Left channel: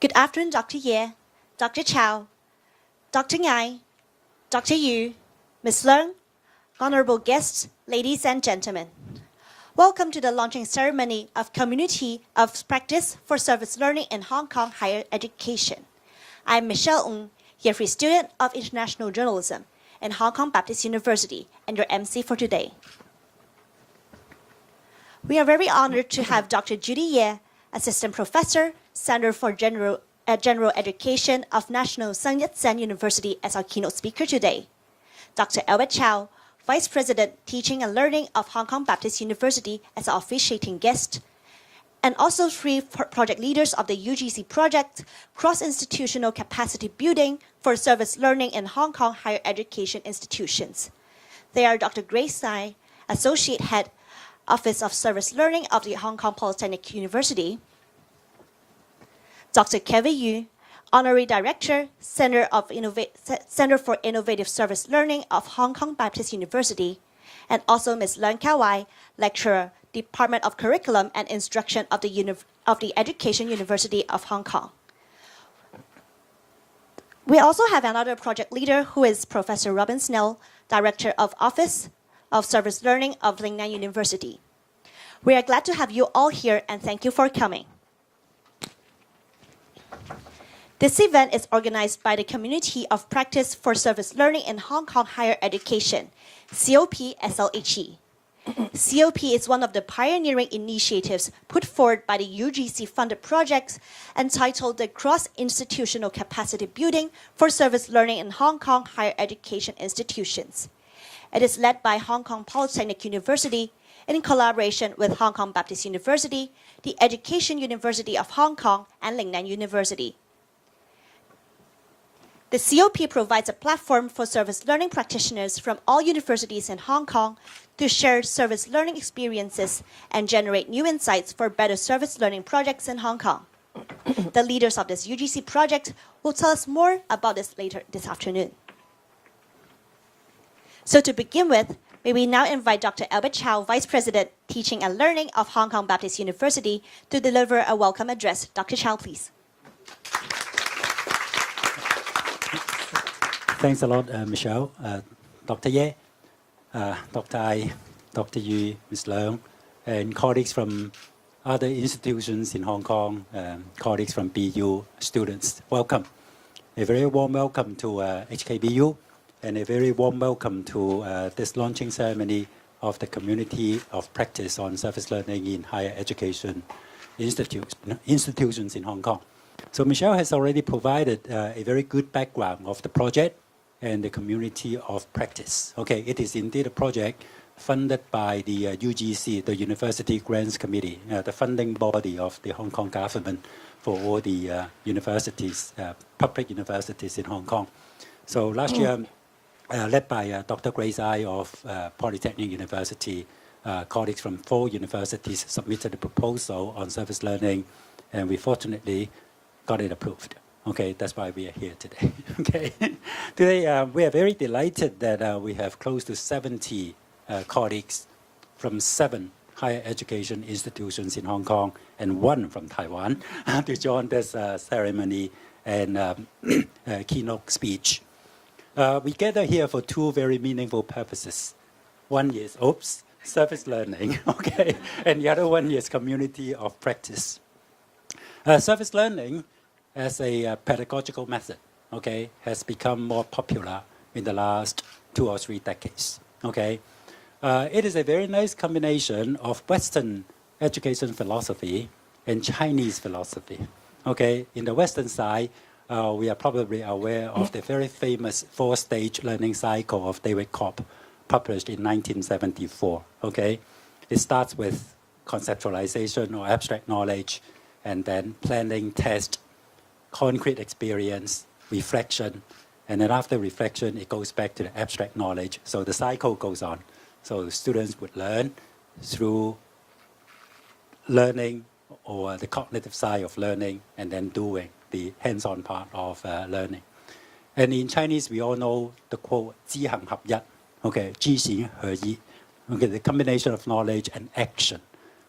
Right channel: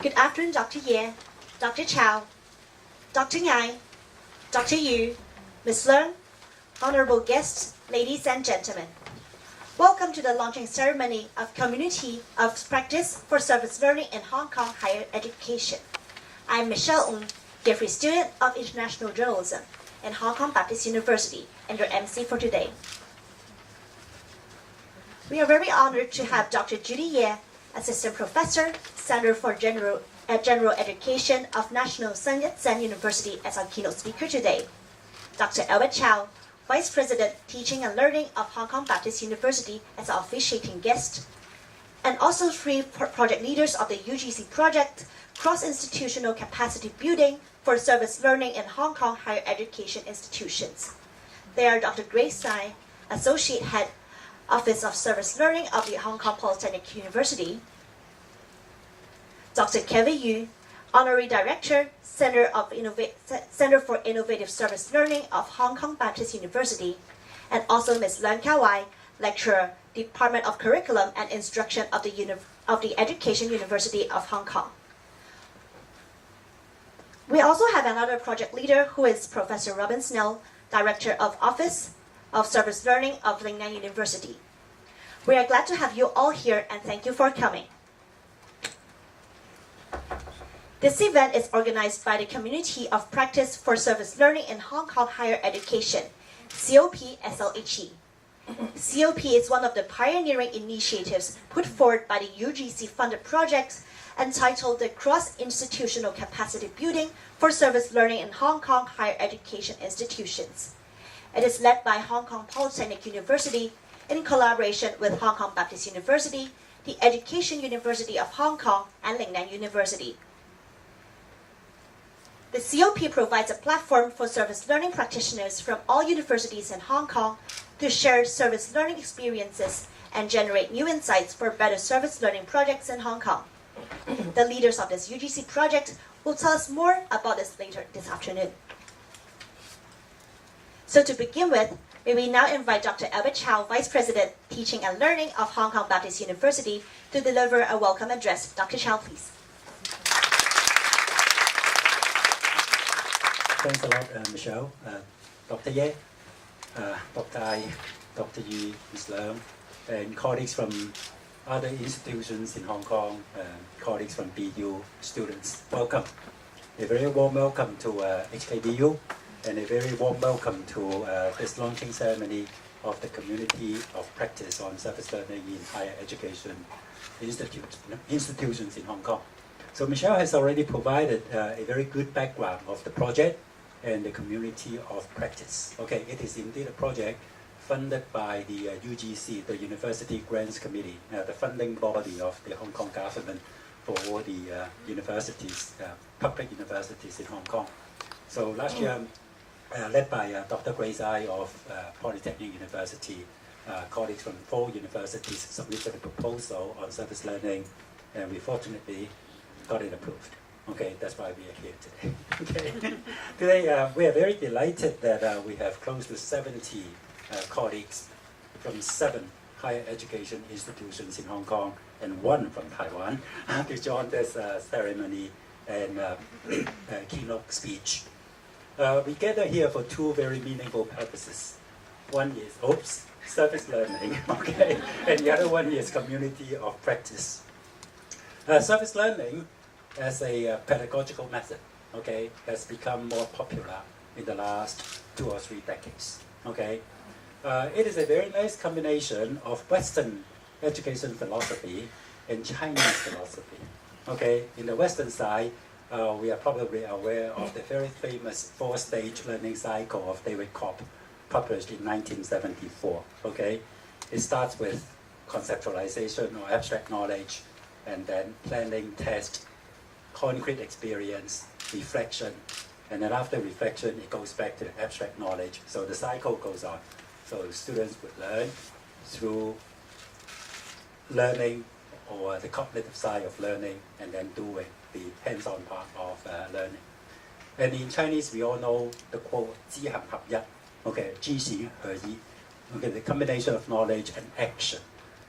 Good afternoon, Dr. Ye, Dr. Chow, Dr. Ngai, Dr. Yu, Ms. Leung, honorable guests, ladies and gentlemen. Welcome to the launching ceremony of Community of Practice for Service Learning in Hong Kong Higher Education. I'm Michelle Ng, Year 3 student of International Journalism in Hong Kong Baptist University and your MC for today. We are very honored to have Dr. Judy Ye, Assistant Professor, Center for General Education of National Sun Yat-sen University as our keynote speaker today. Dr. Albert Chow, Vice President, Teaching and Learning of Hong Kong Baptist University as our officiating guest, and also 3 project leaders of the UGC project, Cross-Institutional Capacity Building for Service Learning in Hong Kong Higher Education Institutions. They are Dr. Grace Tsai, Associate Head, Office of Service Learning of the Hong Kong Polytechnic University, Dr. Kevin Yu, Honorary Director, Center for Innovative Service Learning of Hong Kong Baptist University, and also Ms. Leung Ka-wai, Lecturer, Department of Curriculum and Instruction of the Education University of Hong Kong. We also have another project leader who is Professor Robin Snell, Director of Office of Service Learning of Lingnan University. We are glad to have you all here and thank you for coming. This event is organized by the Community of Practice for Service Learning in Hong Kong Higher Education, COP-SLHE. COP is one of the pioneering initiatives put forward by the UGC-funded project entitled the Cross-Institutional Capacity Building for Service Learning in Hong Kong Higher Education Institutions. It is led by Hong Kong Polytechnic University in collaboration with Hong Kong Baptist University, the Education University of Hong Kong, and Lingnan University. The COP provides a platform for service learning practitioners from all universities in Hong Kong to share service learning experiences and generate new insights for better service learning projects in Hong Kong. The leaders of this UGC project will tell us more about this later this afternoon. So to begin with, may we now invite Dr. Albert Chow, Vice President, Teaching and Learning of Hong Kong Baptist University, to deliver a welcome address. Dr. Chow, please. Thanks a lot, Michelle, Dr. Ye, Dr. Ai, Dr. Yu, Ms. Leung, and colleagues from other institutions in Hong Kong, colleagues from BU, students. Welcome. A very warm welcome to HKBU, and a very warm welcome to this launching ceremony of the Community of Practice on Service Learning in Higher Education institutions in Hong Kong. So Michelle has already provided a very good background of the project and the Community of Practice. Okay, it is indeed a project funded by the UGC, the University Grants Committee, the funding body of the Hong Kong government for all the universities, public universities in Hong Kong. So last year, led by Dr. Grace Tsai of Polytechnic University, colleagues from 4 universities submitted a proposal on service learning, and we fortunately got it approved. Okay, that's why we are here today. Okay, today we are very delighted that we have close to 70 colleagues from 7 higher education institutions in Hong Kong and 1 from Taiwan to join this ceremony and keynote speech. We gather here for 2 very meaningful purposes. One is, service learning, okay, and the other one is community of practice. Service learning as a pedagogical method, okay, has become more popular in the last 2 or 3 decades, okay. It is a very nice combination of Western education philosophy and Chinese philosophy, okay. In the Western side, we are probably aware of the very famous 4-stage learning cycle of David Cobb, published in 1974, okay. It starts with conceptualization or abstract knowledge, and then planning, test, concrete experience, reflection, and then after reflection, it goes back to the abstract knowledge. So the cycle goes on. So the students would learn through learning or the cognitive side of learning, and then doing the hands-on part of learning. And in Chinese, we all know the quote, 知行合一, okay, 知行合一, okay, the combination of knowledge and action.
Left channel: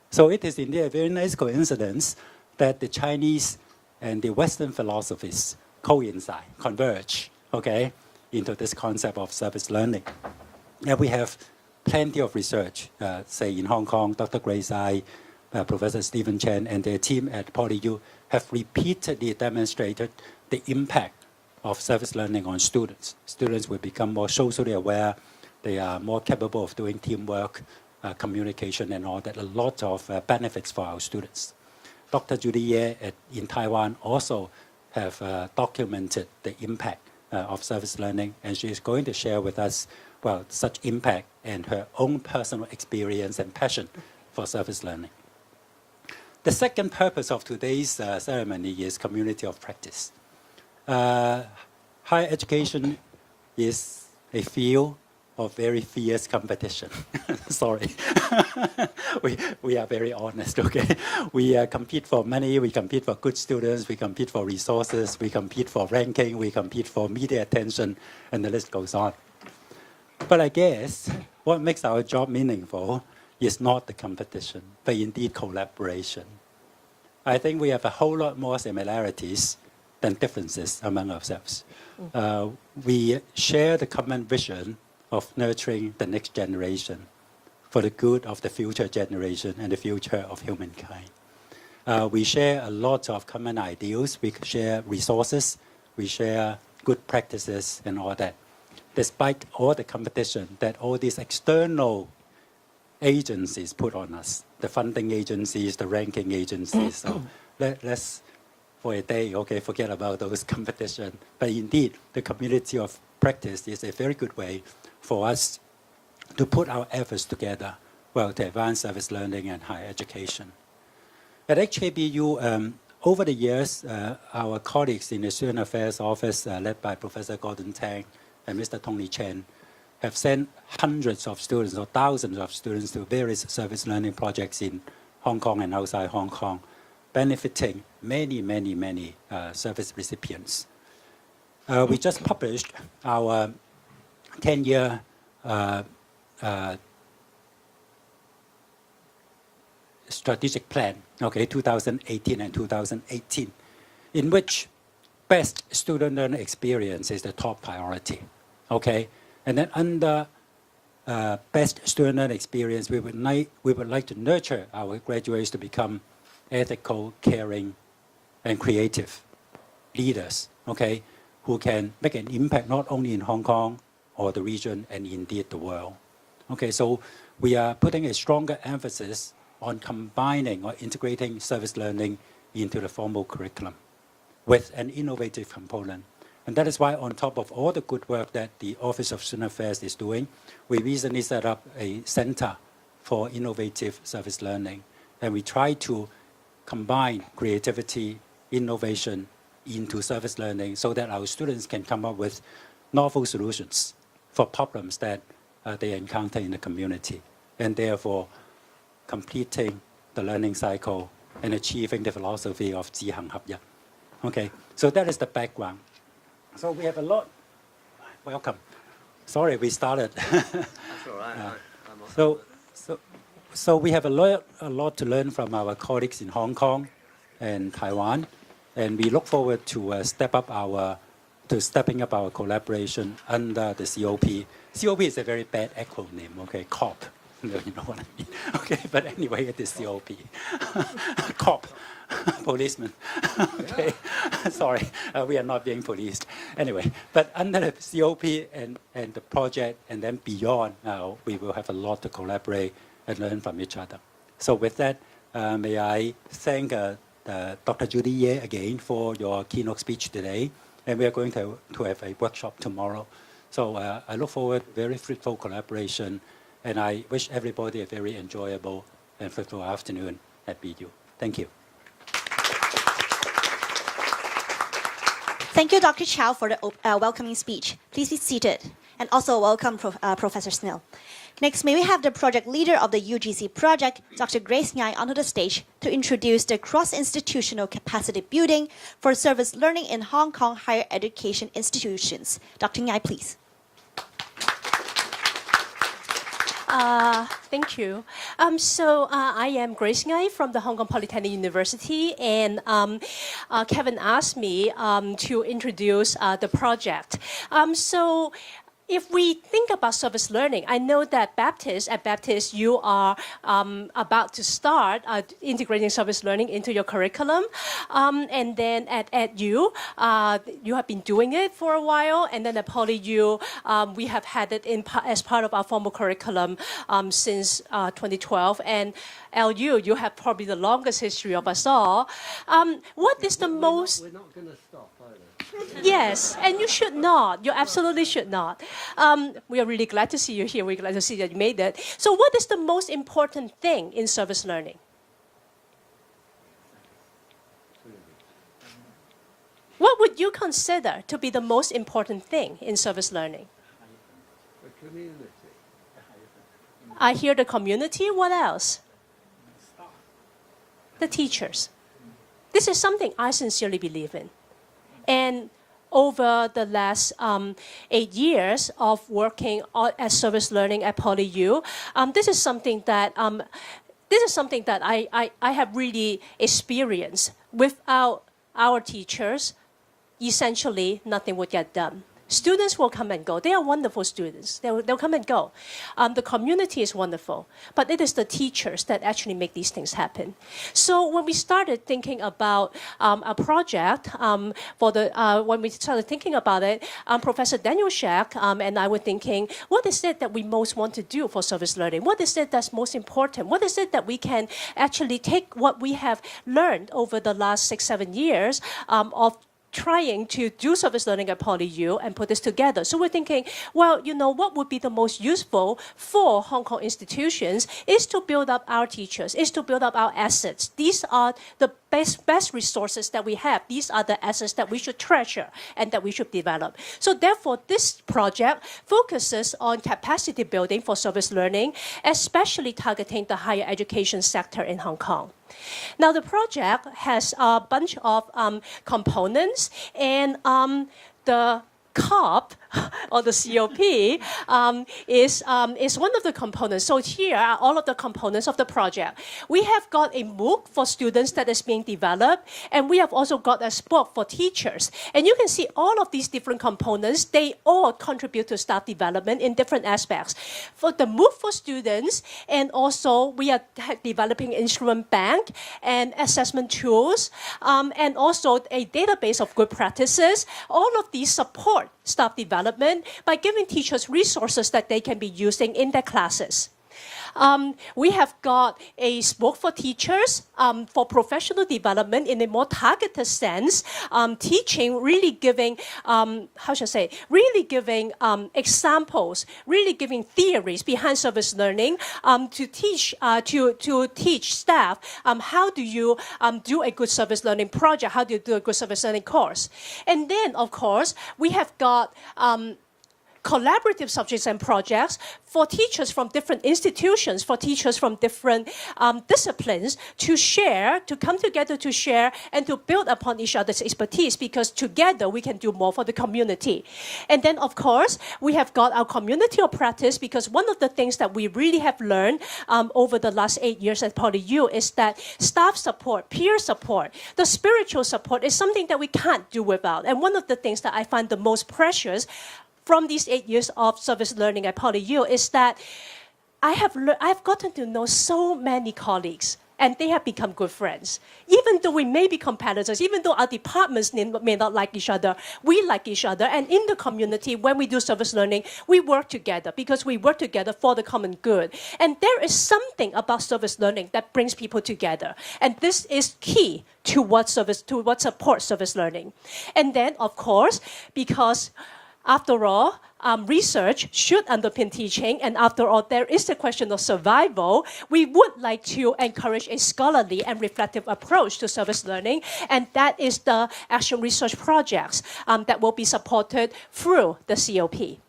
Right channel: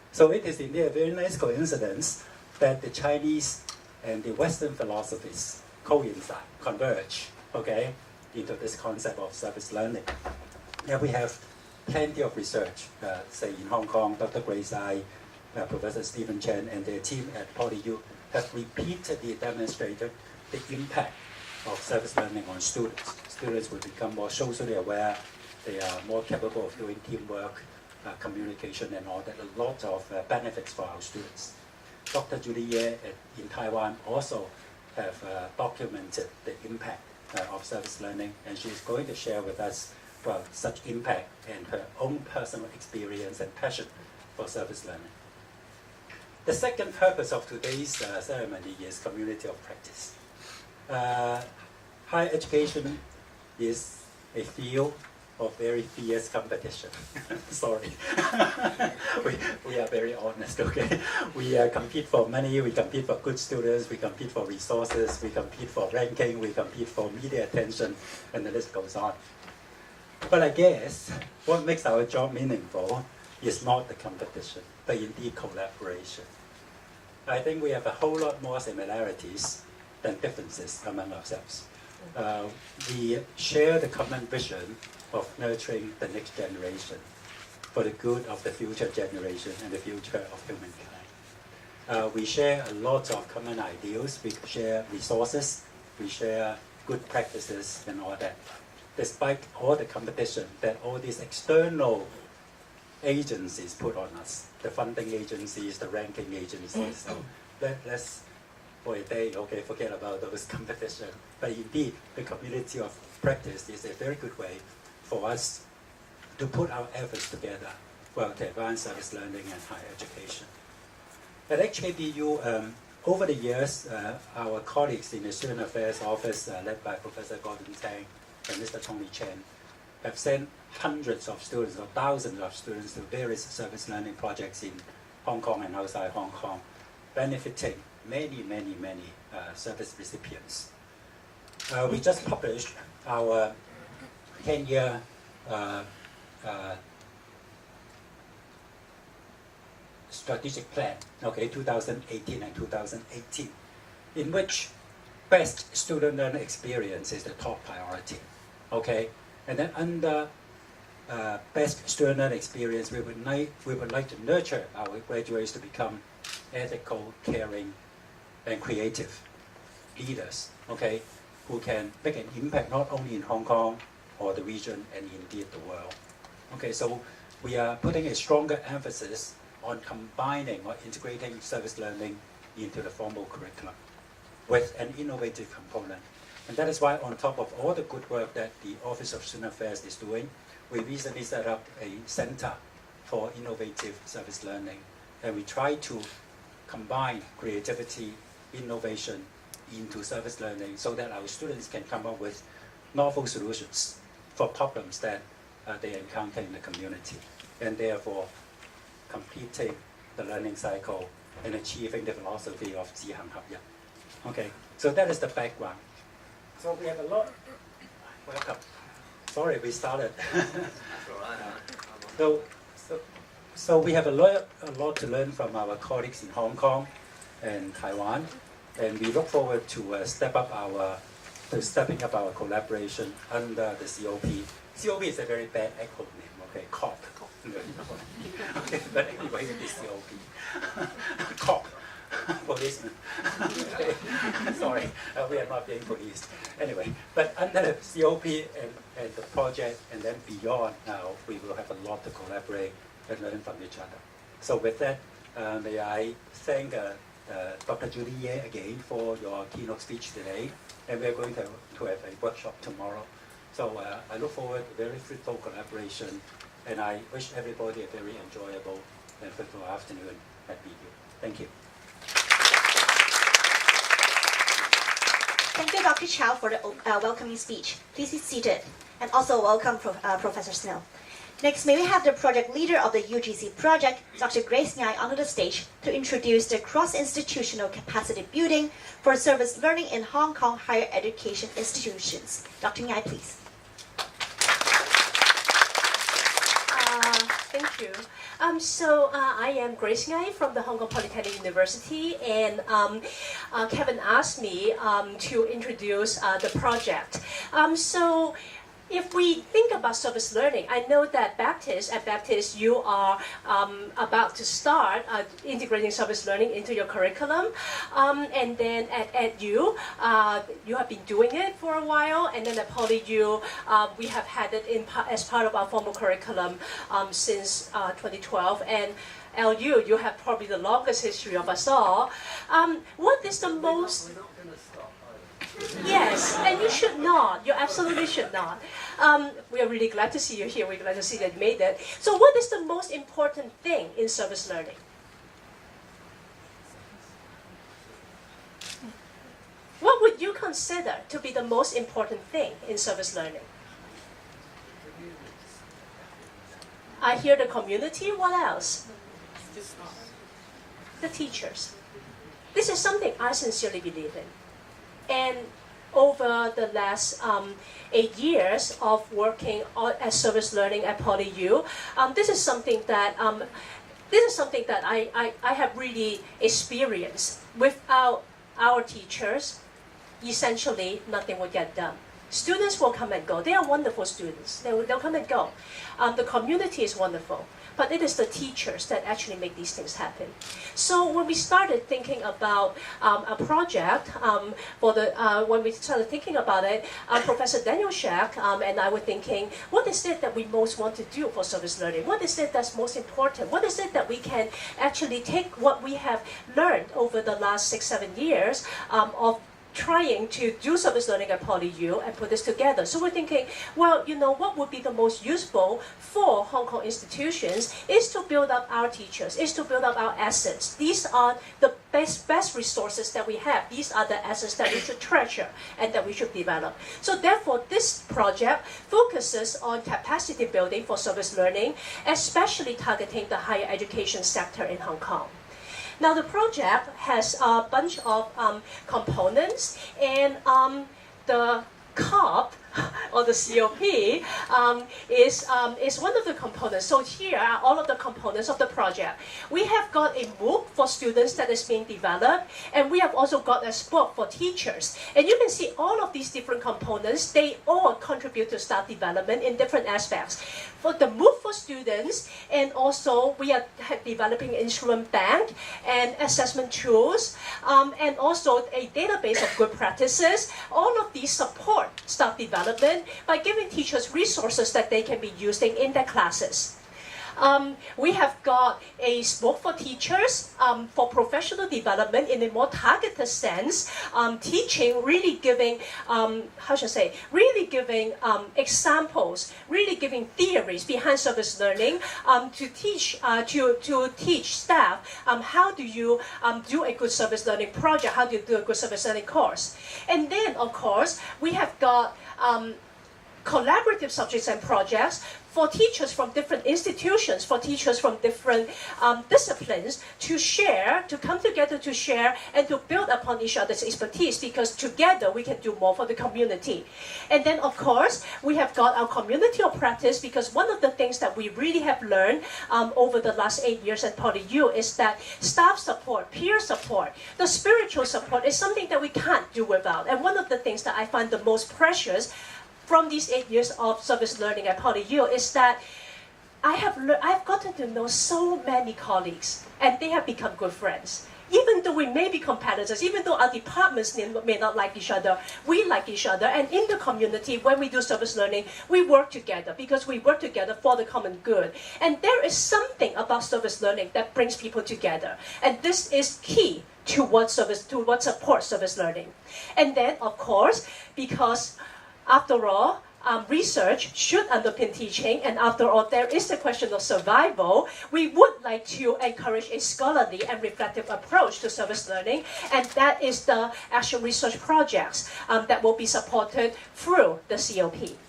So it is indeed a very nice coincidence that the Chinese and the Western philosophies coincide, converge, okay, into this concept of service learning. And we have plenty of research, say in Hong Kong, Dr. Grace Ai, Professor Stephen Chen, and their team at PolyU have repeatedly demonstrated the impact of service learning on students. Students will become more socially aware, they are more capable of doing teamwork, communication and all that, a lot of benefits for our students. Dr. Judy Ye in Taiwan also have documented the impact of service learning, and she is going to share with us such impact and her own personal experience and passion for service learning. The second purpose of today's ceremony is community of practice. Higher education is a field of very fierce competition. Sorry. we are very honest, okay? We compete for money, we compete for good students, we compete for resources, we compete for ranking, we compete for media attention, and the list goes on. But I guess what makes our job meaningful is not the competition, but indeed collaboration. I think we have a whole lot more similarities than differences among ourselves. We share the common vision of nurturing the next generation for the good of the future generation and the future of humankind. We share a lot of common ideals, we share resources, we share good practices and all that. Despite all the competition that all these external agencies put on us, the funding agencies, the ranking agencies. So let's, for a day, okay, forget about those competition. But indeed, the community of practice is a very good way for us to put our efforts together, to advance service learning and higher education. At HKBU, over the years, our colleagues in the Student Affairs Office, led by Professor Gordon Tang and Mr. Tony Chen, have sent hundreds of students or thousands of students to various service learning projects in Hong Kong and outside Hong Kong, benefiting many service recipients. We just published our 10-year strategic plan, 2018 and 2018, in which best student learner experience is the top priority, And then under best student learner experience, we would like to nurture our graduates to become ethical, caring, and creative leaders, who can make an impact not only in Hong Kong or the region and indeed the world. So we are putting a stronger emphasis on combining or integrating service learning into the formal curriculum with an innovative component. And that is why, on top of all the good work that the Office of Student Affairs is doing, we recently set up a center for innovative service learning. And we try to combine creativity, innovation into service learning so that our students can come up with novel solutions for problems that they encounter in the community, and therefore completing the learning cycle and achieving the philosophy of 知行合一. So that is the background. So we have a lot. Welcome. Sorry, we started. So we have a lot to learn from our colleagues in Hong Kong and Taiwan, and we look forward to stepping up our collaboration under the COP. COP is a very bad acronym, COP. You know what I mean. But anyway, it is COP. COP. Policeman. Sorry, we are not being policed. Anyway, but under the COP and the project and then beyond, we will have a lot to collaborate and learn from each other. So with that, may I thank Dr. Judy Ye again for your keynote speech today. And we are going to have a workshop tomorrow. So I look forward to very fruitful collaboration. And I wish everybody a very enjoyable and fruitful afternoon at BU. Thank you. Thank you, Dr. Chow, for the welcoming speech. Please be seated. And also welcome Professor Snell. Next, may we have the project leader of the UGC project, Dr. Grace Ngai, onto the stage to introduce the cross-institutional capacity building for service learning in Hong Kong higher education institutions. Dr. Ngai, please. Thank you. I am Grace Ngai from the Hong Kong Polytechnic University, and Kevin asked me to introduce the project. If we think about service learning, I know that at Baptist, you are about to start integrating service learning into your curriculum. And then at EDU, you have been doing it for a while. And then at PolyU, we have had it as part of our formal curriculum since 2012. And LU, you have probably the longest history of us all. What is the most... Yes, and you should not. You absolutely should not. We are really glad to see you here. We're glad to see that you made it. So what is the most important thing in service learning? What would you consider to be the most important thing in service learning? I hear the community. What else? The teachers. This is something I sincerely believe in. And over the last 8 years of working as service learning at PolyU, this is something that I have really experienced. Without our teachers, essentially nothing would get done. Students will come and go. They are wonderful students. They'll come and go. The community is wonderful. But it is the teachers that actually make these things happen. So when we started thinking about a project, when we started thinking about it, Professor Daniel Shack and I were thinking, what is it that we most want to do for service learning? What is it that's most important? What is it that we can actually take what we have learned over the last 6-7 years of trying to do service learning at PolyU and put this together. So we're thinking, well, what would be the most useful for Hong Kong institutions is to build up our teachers, is to build up our assets. These are the best resources that we have. These are the assets that we should treasure and that we should develop. So therefore, this project focuses on capacity building for service learning, especially targeting the higher education sector in Hong Kong. Now, the project has a bunch of components, and the COP, or the COP, is one of the components. So here are all of the components of the project. We have got a MOOC for students that is being developed, and we have also got a SPOC for teachers. And you can see all of these different components, they all contribute to staff development in different aspects. For the MOOC for students, and also we are developing instrument bank and assessment tools, and also a database of good practices. All of these support staff development by giving teachers resources that they can be using in their classes. We have got a SPOC for teachers for professional development in a more targeted sense, teaching, really giving, really giving examples, really giving theories behind service learning to teach staff how do you do a good service learning project, how do you do a good service learning course. And then, of course, we have got collaborative subjects and projects for teachers from different institutions, for teachers from different disciplines to share, to come together to share and to build upon each other's expertise, because together we can do more for the community. And then, of course, we have got our community of practice, because one of the things that we really have learned over the last 8 years at PolyU is that staff support, peer support, the spiritual support is something that we can't do without. And one of the things that I find the most precious from these 8 years of service learning at PolyU is that I've gotten to know so many colleagues, and they have become good friends. Even though we may be competitors, even though our departments may not like each other, we like each other. And in the community, when we do service learning, we work together because we work together for the common good. And there is something about service learning that brings people together. And this is key to what supports service learning. And then, of course, because after all, research should underpin teaching, and after all, there is the question of survival. We would like to encourage a scholarly and reflective approach to service learning, and that is the actual research projects that will be supported through the COP.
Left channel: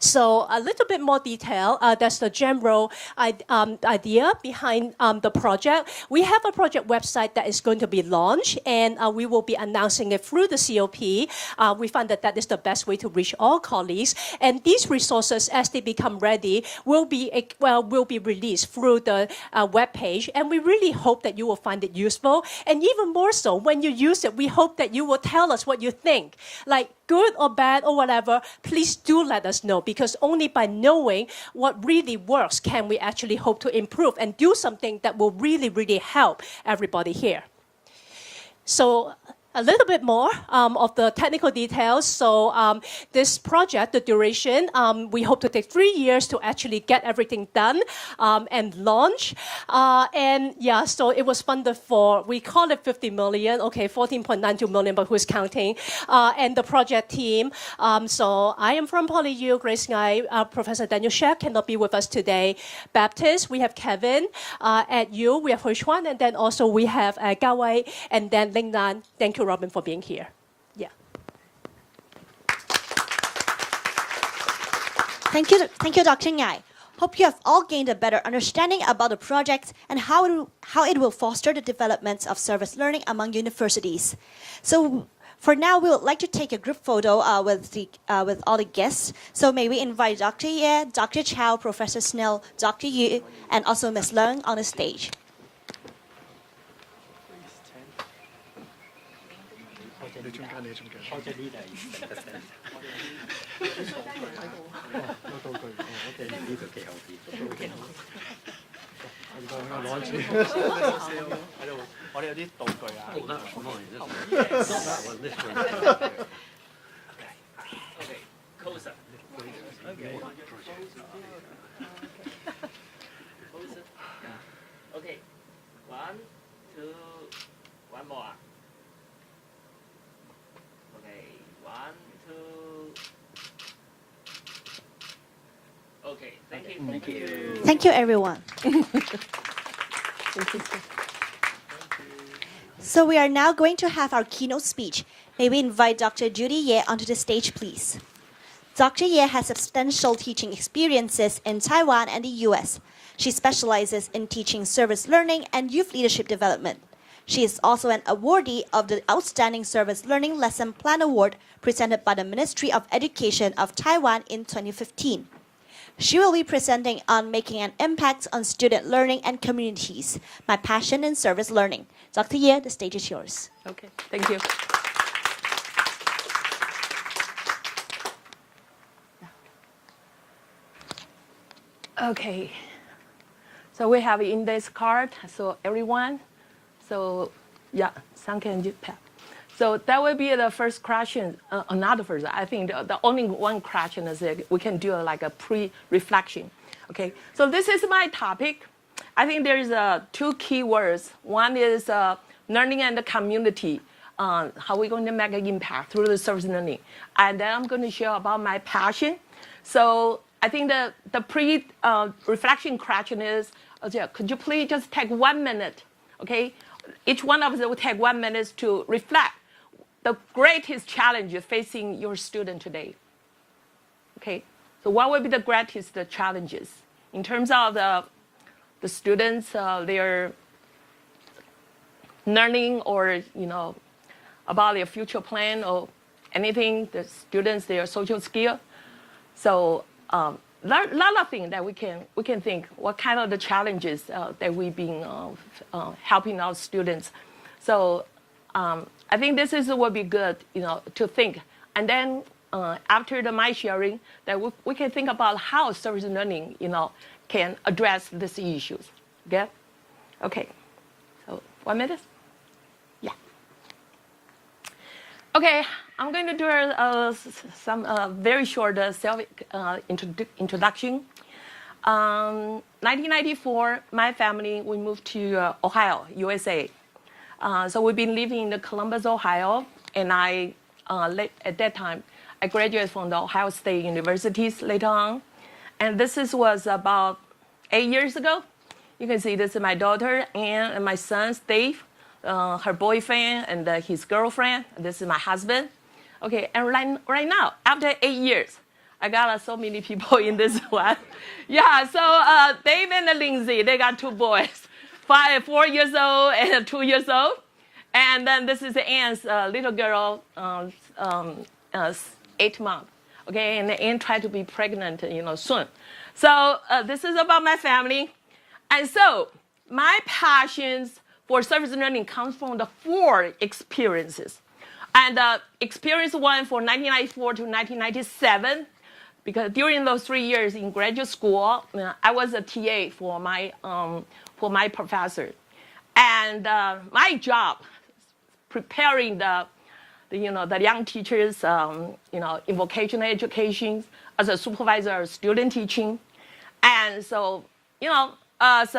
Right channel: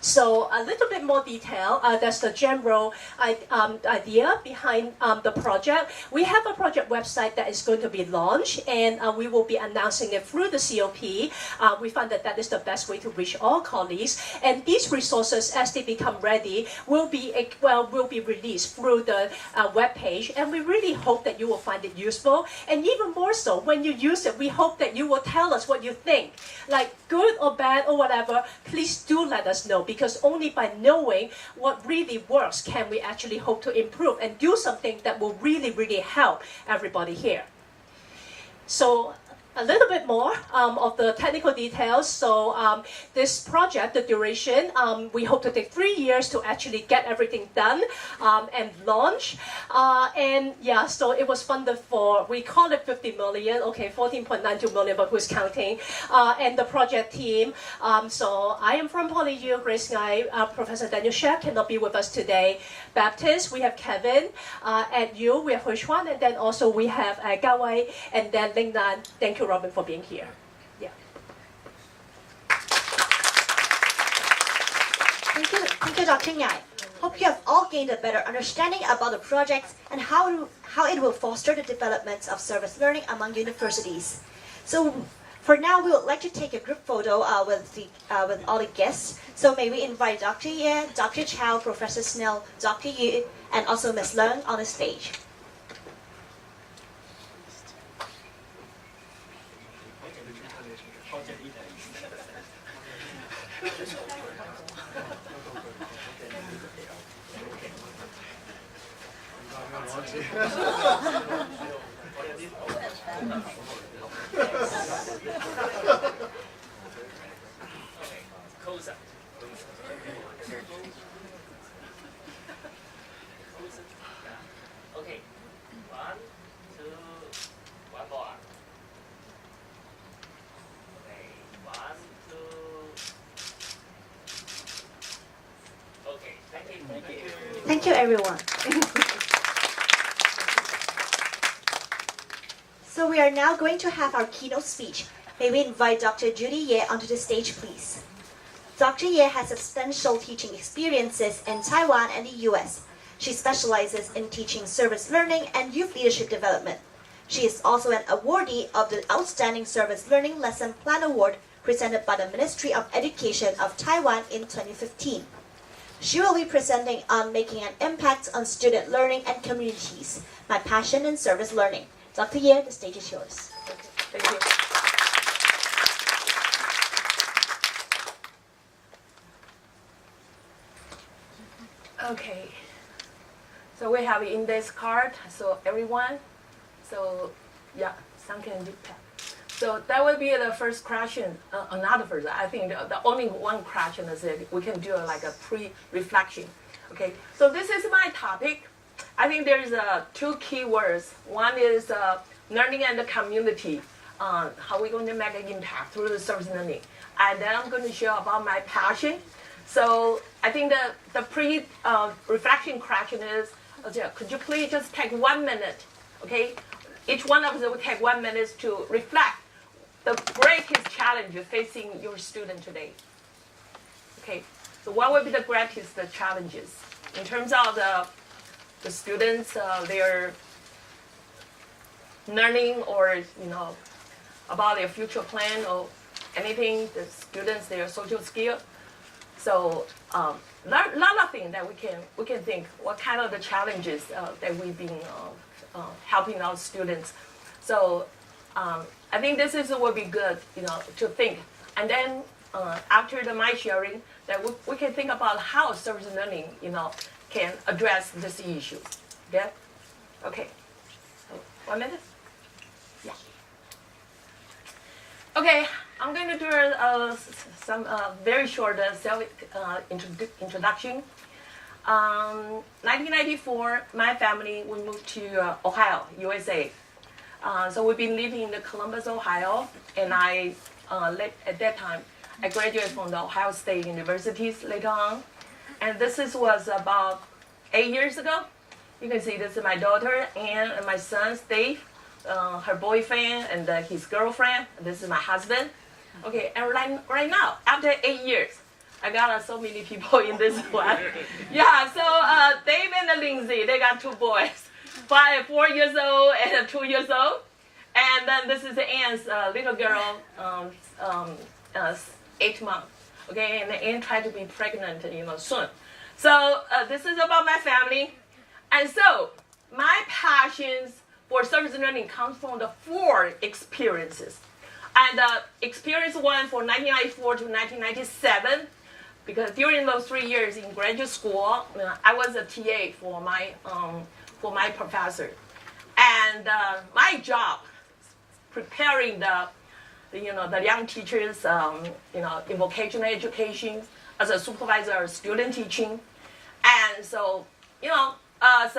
So a little bit more detail, that's the general idea behind the project. We have a project website that is going to be launched, and we will be announcing it through the COP. We found that that is the best way to reach all colleagues, and these resources, as they become ready, will be released through the web page, and we really hope that you will find it useful. And even more so, when you use it, we hope that you will tell us what you think, like good or bad or whatever. Please do let us know, because only by knowing what really works can we actually hope to improve and do something that will really, really help everybody here. So a little bit more of the technical details. So this project, the duration, we hope to take 3 years to actually get everything done and launch. And yeah, so it was funded for, we call it 50 million, okay, 14.92 million, but who's counting? And the project team. So I am from PolyU, Grace Ngai, Professor Daniel Shek cannot be with us today. Baptist, we have Kevin. At U, we have Hui Chuan, and then also we have Gao Wei, and then Ling Nan. Thank you, Robin, for being here. Yeah. Thank you, Dr. Ngai. Hope you have all gained a better understanding about the project and how it will foster the development of service learning among universities. So for now, we would like to take a group photo with all the guests. So may we invite Dr. Ye, Dr. Chow, Professor Snell, Dr. Yu, and also Ms. Leung on the stage. Okay, 1, 2, one more. Okay, 1, 2. Okay, thank you. Thank you. Thank you, everyone. So we are now going to have our keynote speech. May we invite Dr. Judy Ye onto the stage, please. Dr. Ye has substantial teaching experiences in Taiwan and the US. She specializes in teaching service learning and youth leadership development. She is also an awardee of the Outstanding Service Learning Lesson Plan Award presented by the Ministry of Education of Taiwan in 2015. She will be presenting on making an impact on student learning and communities, my passion in service learning. Dr. Ye, the stage is yours. Okay, thank you. Okay, so we have index card, so everyone, so yeah, some can do that. So that will be the first question, another first, I think the only one question is that we can do like a pre-reflection. Okay, so this is my topic. I think there is two key words. One is learning and the community, how we're going to make an impact through the service learning. And then I'm going to share about my passion. So I think the pre-reflection question is, could you please just take 1 minute, okay? Each one of us will take 1 minute to reflect the greatest challenge facing your student today. Okay, so what will be the greatest challenges in terms of the students, their learning, or about their future plan or anything, the students, their social skill. So lot of things that we can think what kind of the challenges that we've been helping our students. So I think this will be good, to think. And then after my sharing, that we can think about how service learning, can address these issues. Okay? Okay. So 1 minute? Yeah. Okay, I'm going to do some very short introduction. 1994, my family, we moved to Ohio, USA. So we've been living in Columbus, Ohio, and at that time, I graduated from the Ohio State Universities later on. And this was about 8 years ago. You can see this is my daughter, Anne, and my son, Dave, her boyfriend, and his girlfriend. And this is my husband. Okay, and right now, after 8 years, I got so many people in this one. Yeah, so Dave and Lindsay, they got 2 boys, 4 years old and 2 years old. And then this is Anne's little girl, 8 months. Okay, and Anne tried to be pregnant, soon. So this is about my family. And so my passions for service learning comes from the 4 experiences. And experience 1 for 1994 to 1997, because during those 3 years in graduate school, I was a TA for my professor. And my job, preparing the young teachers, in vocational education as a supervisor of student teaching. And so, as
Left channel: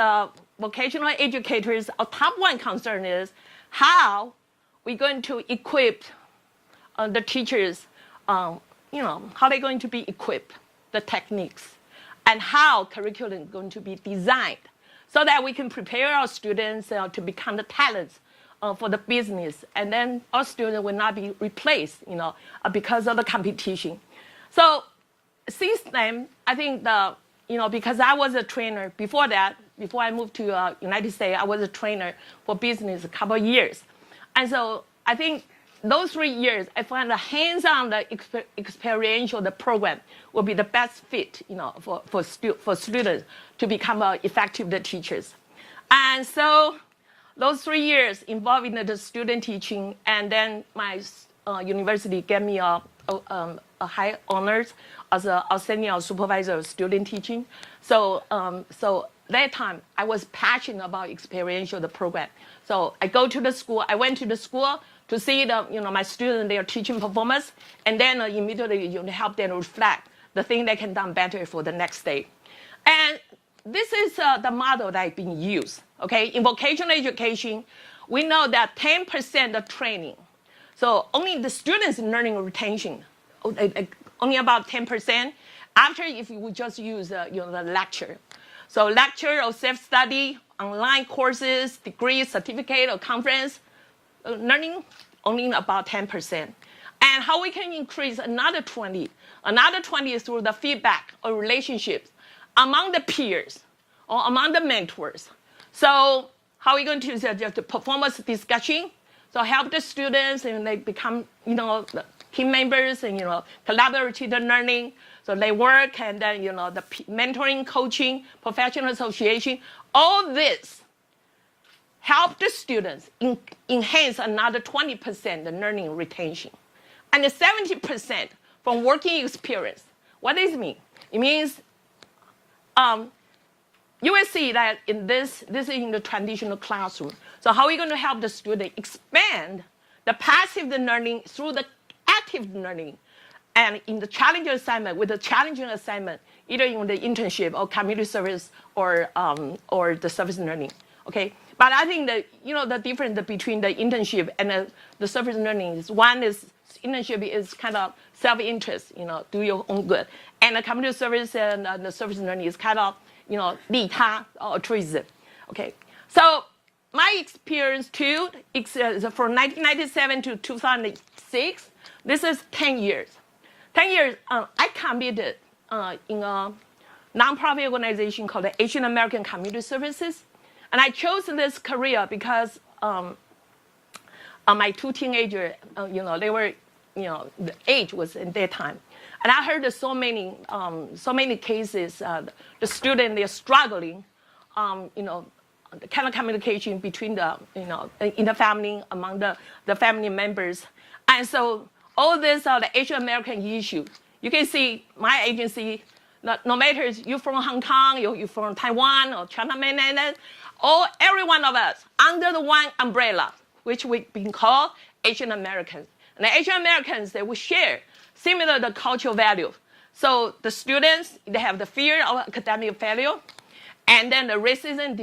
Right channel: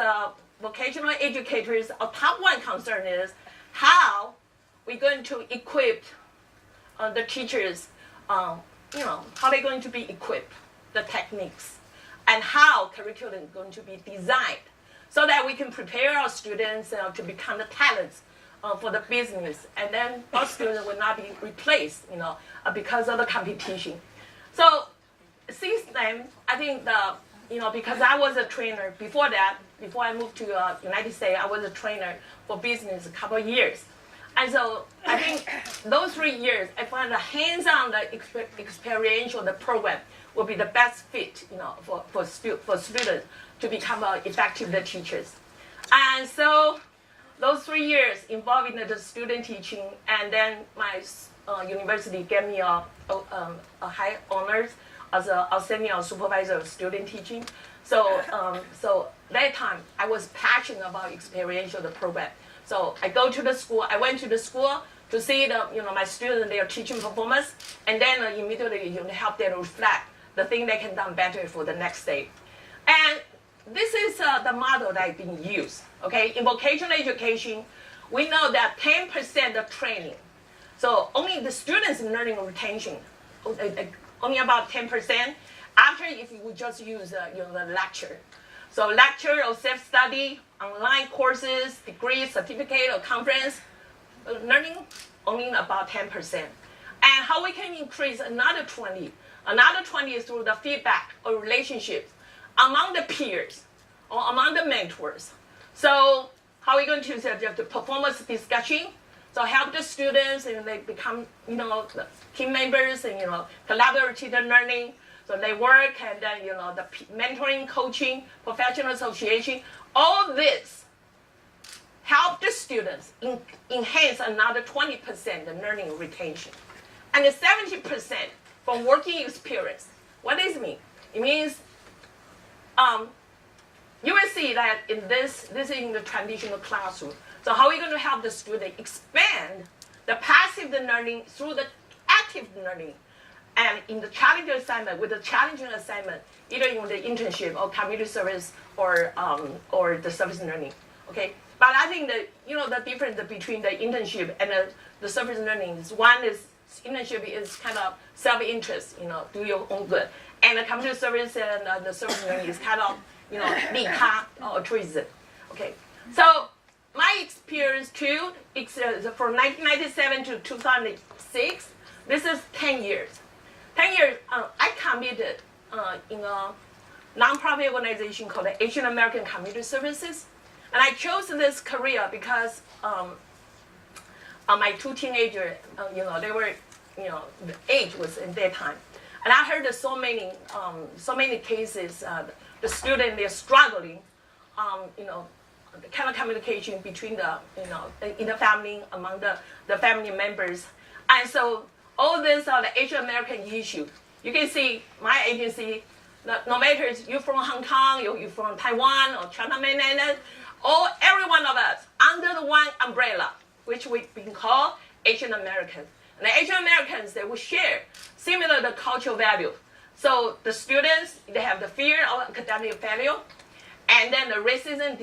vocational educators, our top 1 concern is how we're going to equip the teachers, how they're going to be equipped, the techniques, and how curriculum is going to be designed so that we can prepare our students to become the talents for the business, and then our students will not be replaced, because of the competition. So since then, I think because I was a trainer before that, before I moved to United States, I was a trainer for business a couple of years. And so I think those 3 years, I find the hands-on, the experiential, the program will be the best fit, for students to become effective effective teachers. And so those 3 years involving the student teaching, and then my university gave me a high honors as a senior supervisor of student teaching. So that time I was passionate about experiential the program. So I went to the school to see my students, their teaching performance, and then immediately help them reflect the thing they can do better for the next day. And this is the model that being used. Okay, in vocational education, we know that 10% of training, so only the students' learning retention, only about 10%. After, if you would just use the lecture, so lecture or self-study, online courses, degree, certificate, or conference learning, only about 10%. And how we can increase another 20? Another 20 is through the feedback or relationships among the peers or among the mentors. So how are we going to use the performance discussion? So help the students and they become, team members and, collaborative learning. So they work, and then, the mentoring, coaching, professional association, all this help the students enhance another 20% the learning retention. And the 70% from working experience. What does it mean? It means you will see that in this is in the traditional classroom. So how are we going to help the student expand the passive learning through the active learning? And in the challenging assignment, with the challenging assignment, either in the internship or community service or the service learning, okay? But I think that, the difference between the internship and the service learning is, one is internship is kind of self-interest, do your own good. And the community service and the service learning is kind of, 利他 altruism, okay? So my experience too, from 1997 to 2006, this is 10 years. 10 years, I committed in a nonprofit organization called the Asian American Community Services. And I chose this career because my 2 teenagers, they were, the age was in their time. And I heard so many cases, the students, they're struggling, the kind of communication between the, in the family, among the family members. And so all this are the Asian American issue. You can see my agency, no matter you're from Hong Kong, you're from Taiwan or China Mainland, every one of us under the one umbrella, which we've been called Asian Americans. And the Asian Americans, they will share similar the cultural value. So the students, they have the fear of academic failure, and then the racism,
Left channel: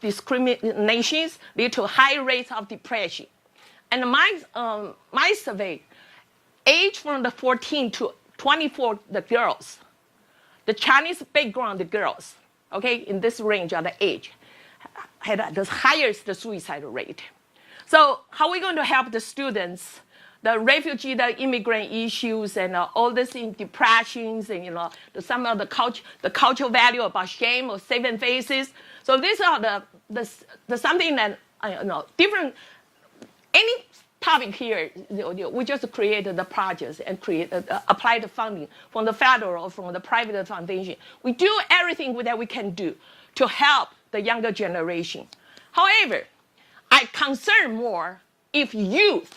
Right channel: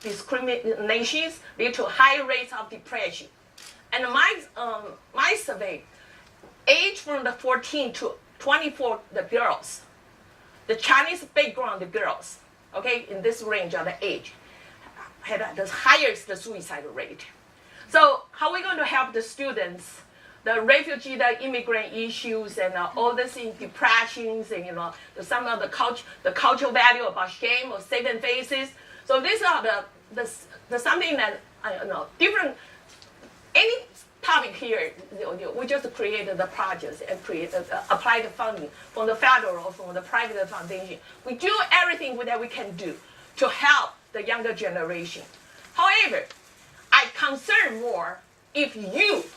discriminations lead to high rates of depression. And my survey, age from the 14 to 24, the girls, the Chinese background, the girls, okay, in this range of the age, had the highest suicide rate. So how are we going to help the students the refugee, the immigrant issues, and all this in depressions, and some of the cultural value about shame or saving faces. So these are the something that different. Any topic here, we just created the projects and apply the funding from the federal or from the private foundation. We do everything that we can do to help the younger generation. However, I concern more if youth,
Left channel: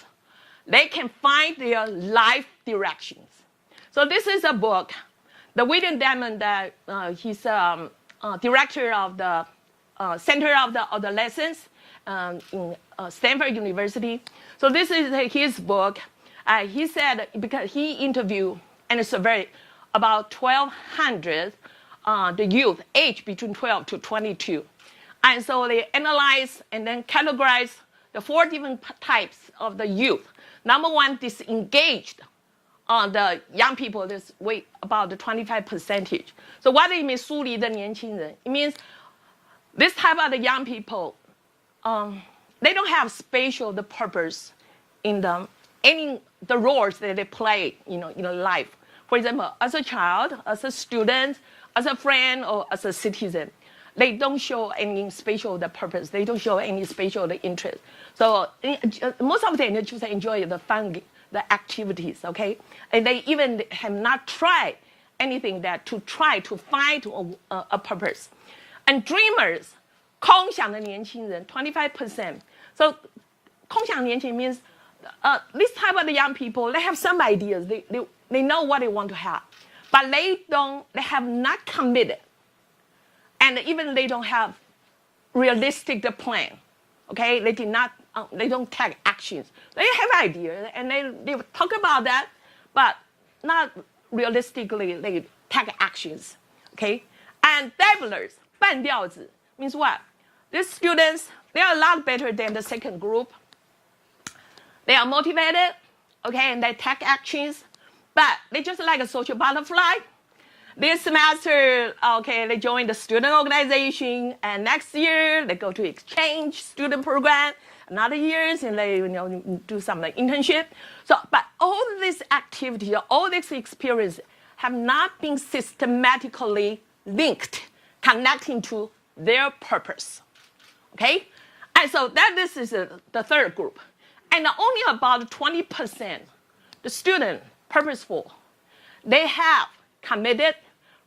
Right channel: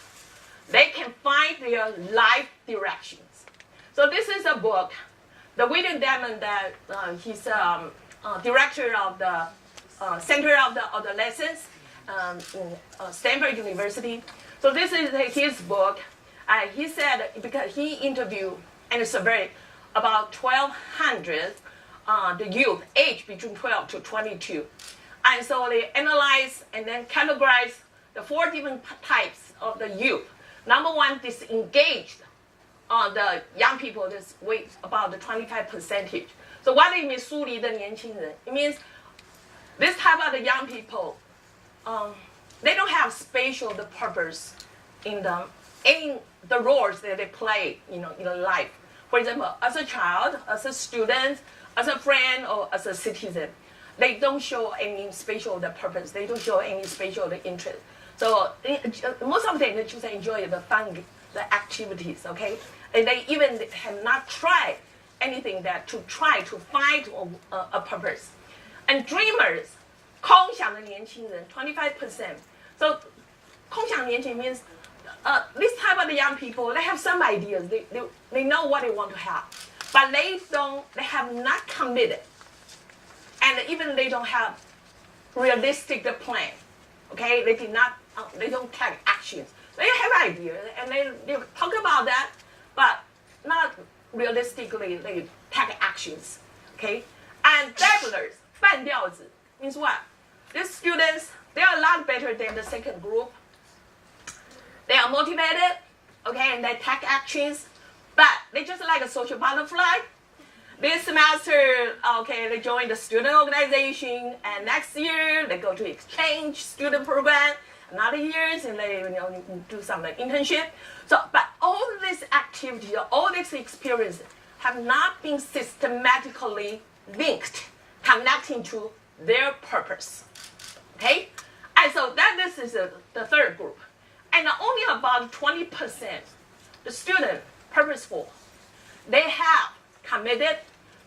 they can find their life directions. So this is a book. The William Diamond, he's director of the Center of the Lessons in Stanford University. So this is his book. He said, because he interviewed and surveyed about 1,200 the youth aged between 12 to 22. And so they analyze and then categorize the 4 different types of the youth. Number one, disengaged the young people, this weight about the 25%. So what it means, 疏离的年轻人? It means this type of the young people, they don't have spatial the purpose in them, the roles that they play, in life. For example, as a child, as a student, as a friend, or as a citizen, they don't show any spatial the purpose. They don't show any spatial the interest. So most of them they just enjoy the fun, the activities, okay? And they even have not tried anything that to try to find a purpose. And dreamers, 空想的年轻人, 25%. So 空想年轻 means this type of the young people, they have some ideas. They know what they want to have, but they have not committed. And even they don't have realistic plan. Okay, they don't take actions. They have ideas and they talk about that, but not realistically they take actions. Okay, and dabblers, 半吊子 means what? These students, they are a lot better than the second group. They are motivated, okay, and they take actions, but they just like a social butterfly. This semester, okay, they join the student organization, and next year they go to exchange student program. Another years, and they do some internship. So, but all this activity, all this experience, have not been systematically linked, connecting to their purpose. Okay, and so this is the third group, and only about 20%, the student purposeful, they have committed.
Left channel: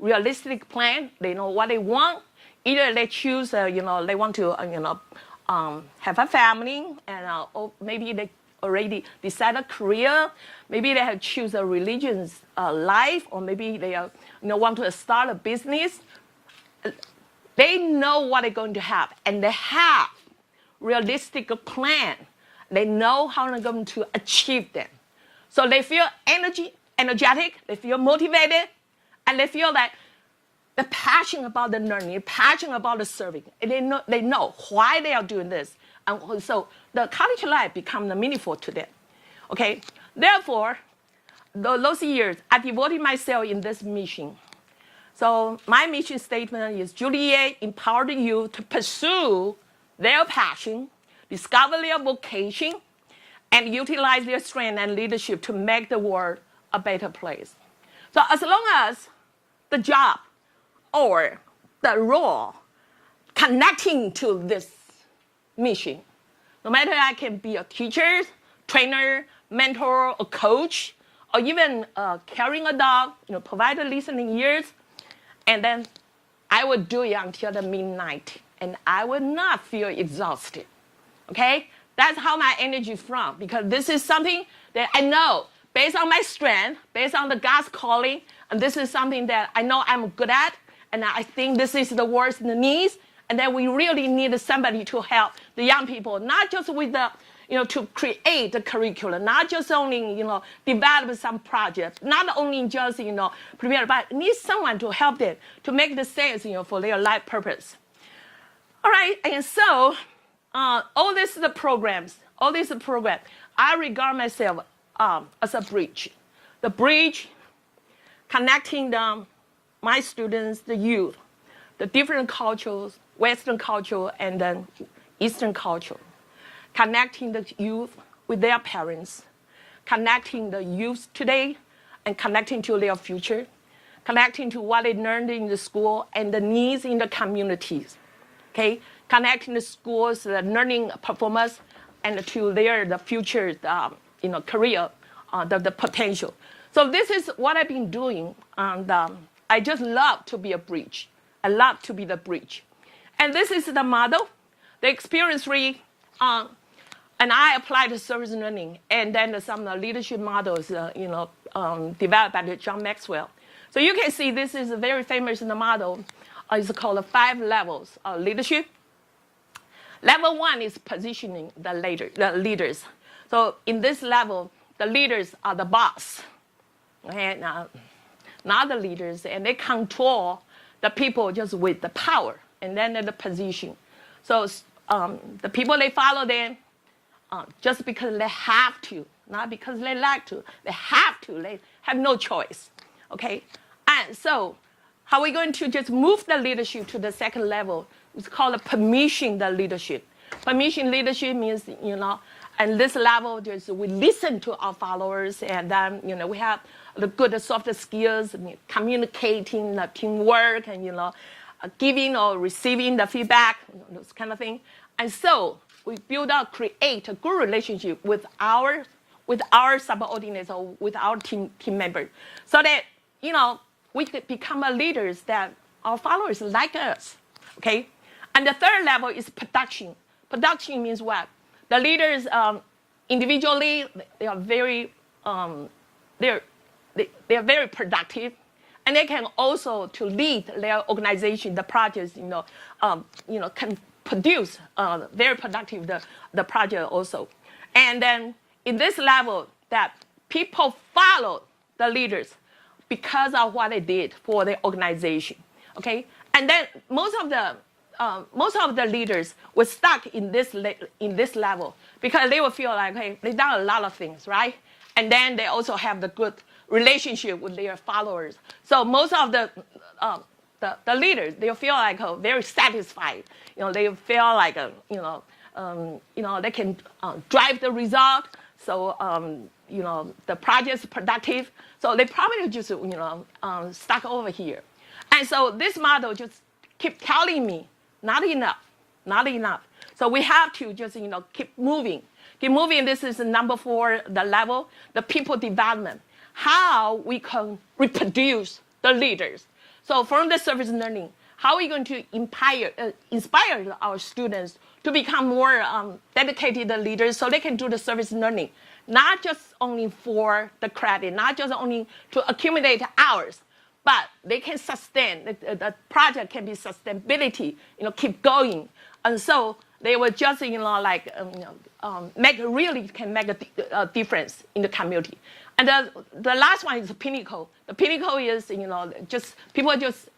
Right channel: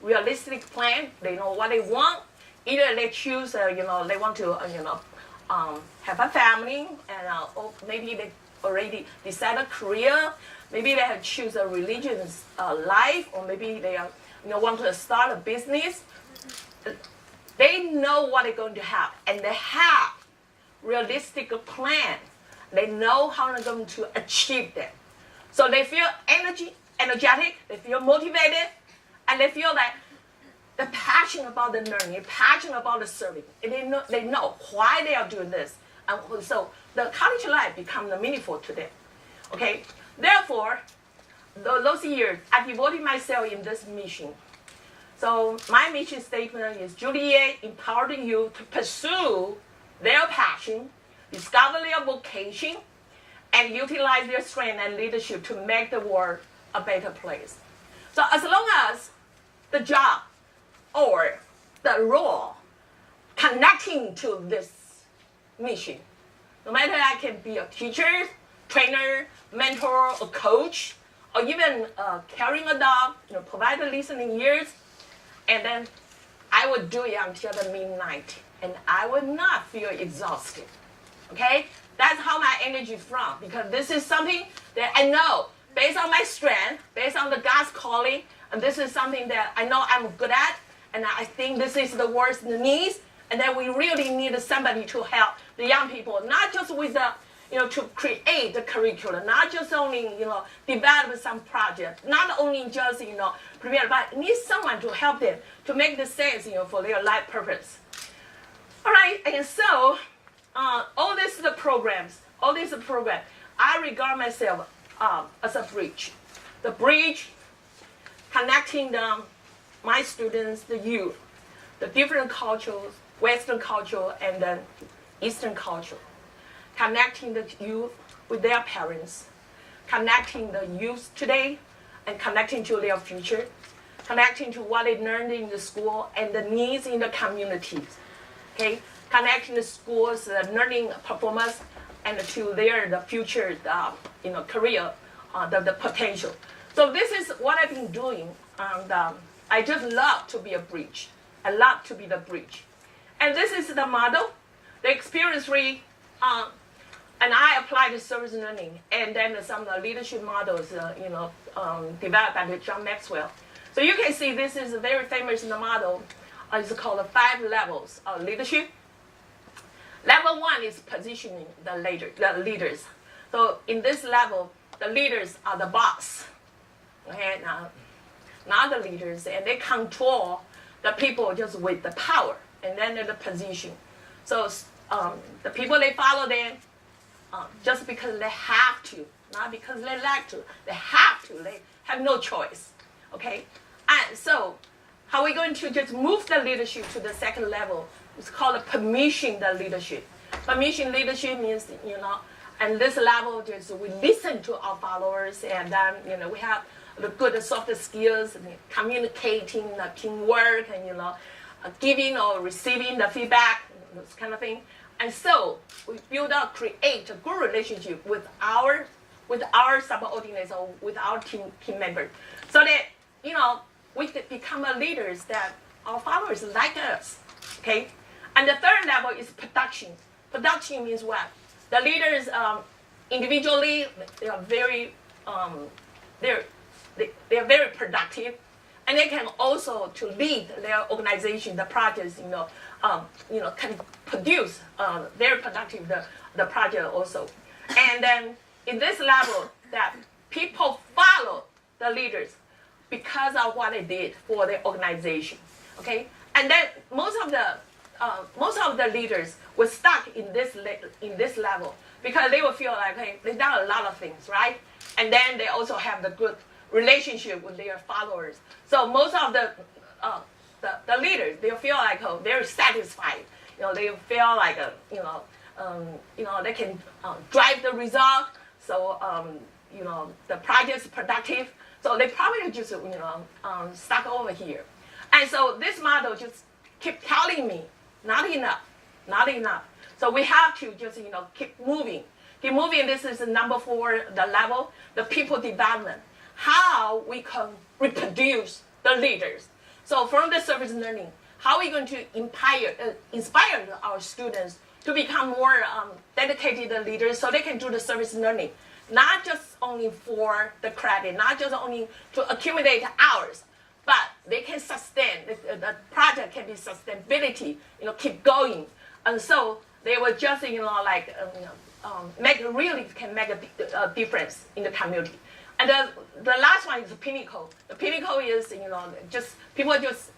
Realistic plan. They know what they want. Either they choose, they want to, have a family, and or maybe they already decide a career. Maybe they have choose a religious life, or maybe they want to start a business. They know what they're going to have, and they have realistic plan. They know how they're going to achieve them. So they feel energetic. They feel motivated. And they feel that the passion about the learning, the passion about the serving, and they know why they are doing this. And so the college life becomes meaningful to them. Okay, therefore, those years, I devoted myself in this mission. So my mission statement is Juliet empowered you to pursue their passion, discover their vocation, and utilize their strength and leadership to make the world a better place. So as long as the job or the role connecting to this mission, no matter I can be a teacher, trainer, mentor, or coach, or even carrying a dog, provide the listening ears, and then I would do it until the midnight, and I would not feel exhausted. Okay, that's how my energy is from, because this is something that I know based on my strength, based on the God's calling, and this is something that I know I'm good at, and I think this is the world's needs, and that we really need somebody to help the young people, not just with the, to create the curriculum, not just only, develop some project, not only just, prepare, but need someone to help them to make the sense, for their life purpose. All right, and so all these programs, I regard myself as a bridge. The bridge connecting my students, the youth, the different cultures, Western culture and then Eastern culture, connecting the youth with their parents, connecting the youth today and connecting to their future, connecting to what they learned in the school and the needs in the communities. Okay, connecting the schools, the learning performance, and to the future, career, the potential. So this is what I've been doing, and I just love to be a bridge. I love to be the bridge, and this is the model, the experience free, and I applied the service learning, and then some of the leadership models, developed by John Maxwell. So you can see this is a very famous model. It's called the 5 levels of leadership. Level 1 is positioning the leaders. So in this level, the leaders are the boss. Okay, now, not the leaders, and they control the people just with the power, and then the position. So the people, they follow them just because they have to, not because they like to. They have to. They have no choice. Okay, and so how are we going to just move the leadership to the second level? It's called permission the leadership. Permission leadership means, and this level just we listen to our followers, and then we have the good soft skills, and communicating, the teamwork, and giving or receiving the feedback, those kind of thing. And so we create a good relationship with our subordinates or with our team members, so that we could become a leaders that our followers like us. Okay, and the third level is production. Production means what? The leaders individually, they are very they are very productive, and they can also to lead their organization, the projects, can produce very productive the project also. And then in this level, that people follow the leaders because of what they did for the organization. Okay, and then most of the leaders were stuck in this level because they will feel like, hey, they've done a lot of things, right? And then they also have the good relationship with their followers. So most of the leaders, they feel like very satisfied. They feel like they can drive the result. So the project is productive. So they probably just stuck over here. And so this model just keep telling me not enough. So we have to just keep moving. This is number 4, the level, the people development. How we can reproduce the leaders. So from the service learning, how are we going to inspire our students to become more dedicated leaders so they can do the service learning, not just only for the credit, not just only to accumulate hours, but they can sustain, the project can be sustainability, keep going. And so they will just, make a difference in the community. And the last one is the pinnacle. The pinnacle is, just people just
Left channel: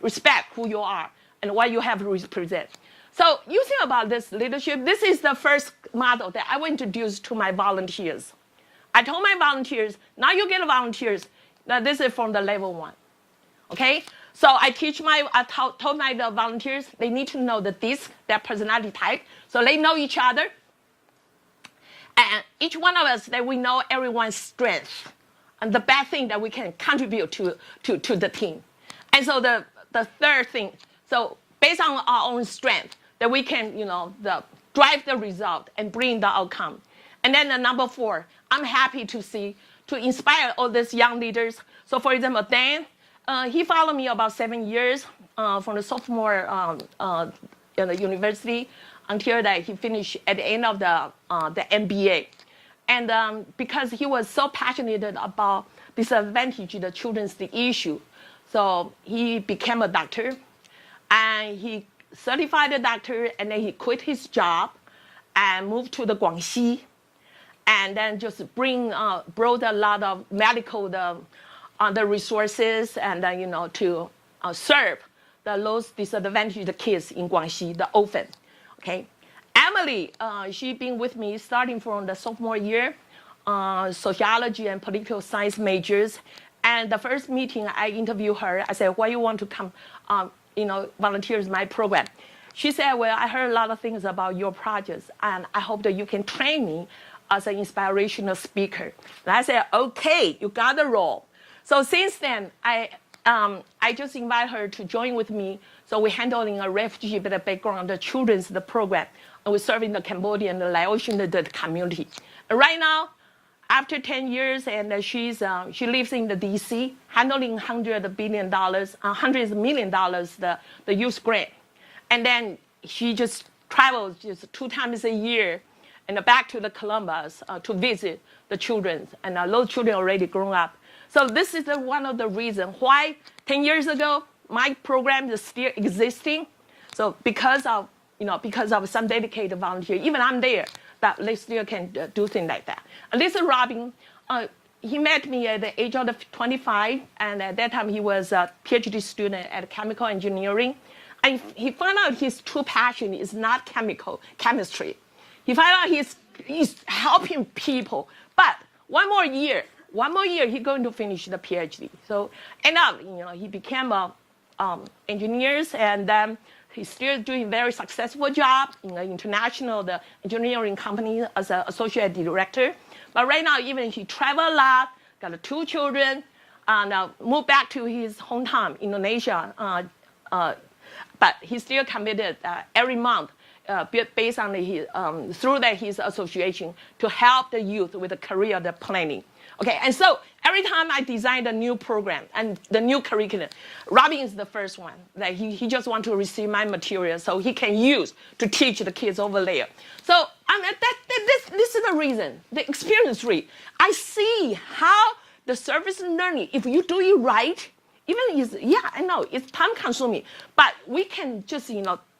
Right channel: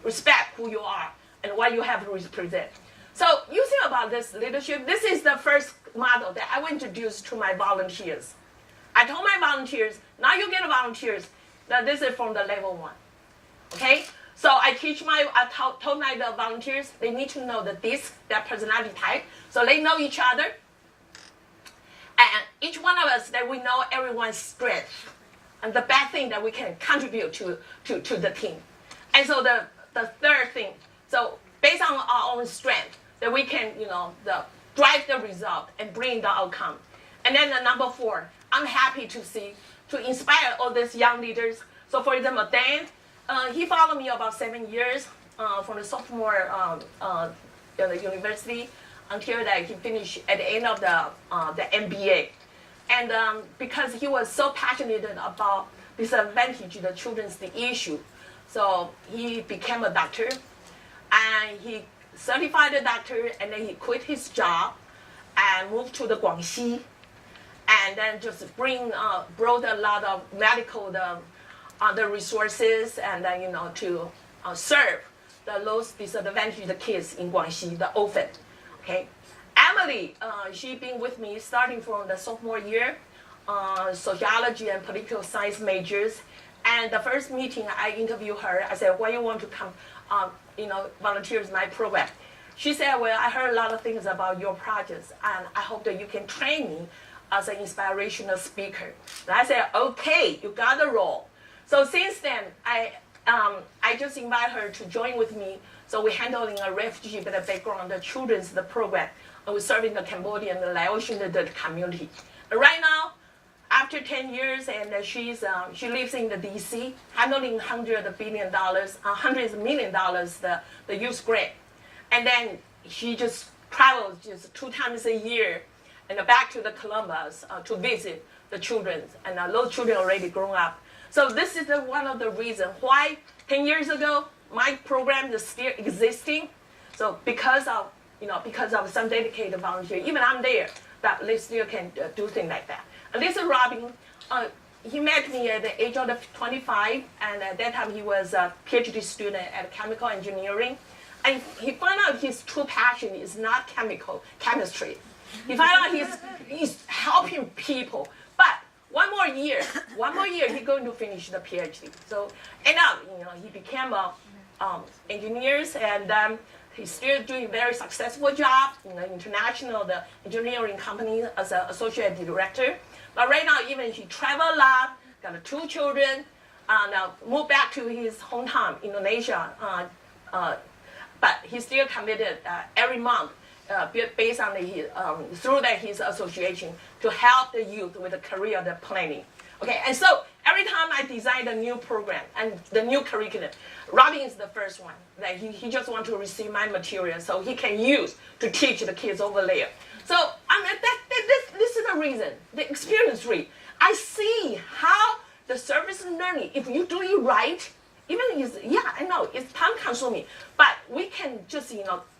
respect who you are and what you have to represent. So you think about this leadership. This is the first model that I will introduce to my volunteers. I told my volunteers, now you get volunteers. Now this is from the level 1. Okay? So I told my volunteers they need to know their personality type, so they know each other. And each one of us, that we know everyone's strength and the best thing that we can contribute to the team. And so the third thing, so based on our own strength, that we can, drive the result and bring the outcome. And then the number 4, I'm happy to inspire all these young leaders. So for example, Dan, he followed me about 7 years from the sophomore at the university until that he finished at the end of the MBA. And because he was so passionate about disadvantaged the children's issue, so he became a doctor, and he certified a doctor, and then he quit his job and moved to the Guangxi, and then just brought a lot of medical the resources and to serve the most disadvantaged kids in Guangxi, the orphan. Okay, Emily, she's been with me starting from the sophomore year, sociology and political science majors. And the first meeting I interviewed her, I said, why you want to come, volunteer in my program? She said, well, I heard a lot of things about your projects, and I hope that you can train me as an inspirational speaker. And I said, okay, you got the role. So since then, I just invite her to join with me. So we're handling a refugee background, the children's the program. And we're serving the Cambodian, the Laotian the community. And right now, after 10 years, and she lives in the DC, handling $100 million, the youth grant. And then she just travels just 2 times a year and back to the Columbus to visit the children. And those children already grown up. So this is one of the reasons why 10 years ago, my program is still existing. So because of some dedicated volunteers, even I'm there, but they still can do things like that. And this is Robin. He met me at the age of 25, and at that time he was a PhD student at chemical engineering. And he found out his true passion is not chemistry. He found out he's helping people. But one more year, he's going to finish the PhD. So, and now, he became a engineer, and he's still doing very successful job in the international engineering company as an associate director. But right now, even he travel a lot, got 2 children, and moved back to his hometown, Indonesia. But he's still committed every month, based on through his association, to help the youth with the career planning. Okay, and so every time I design a new program and the new curriculum, Robin is the first one. Like he just wants to receive my material so he can use to teach the kids over there. So this is the reason, the experience rate. I see how the service learning, if you do it right, even I know it's time consuming, but we can just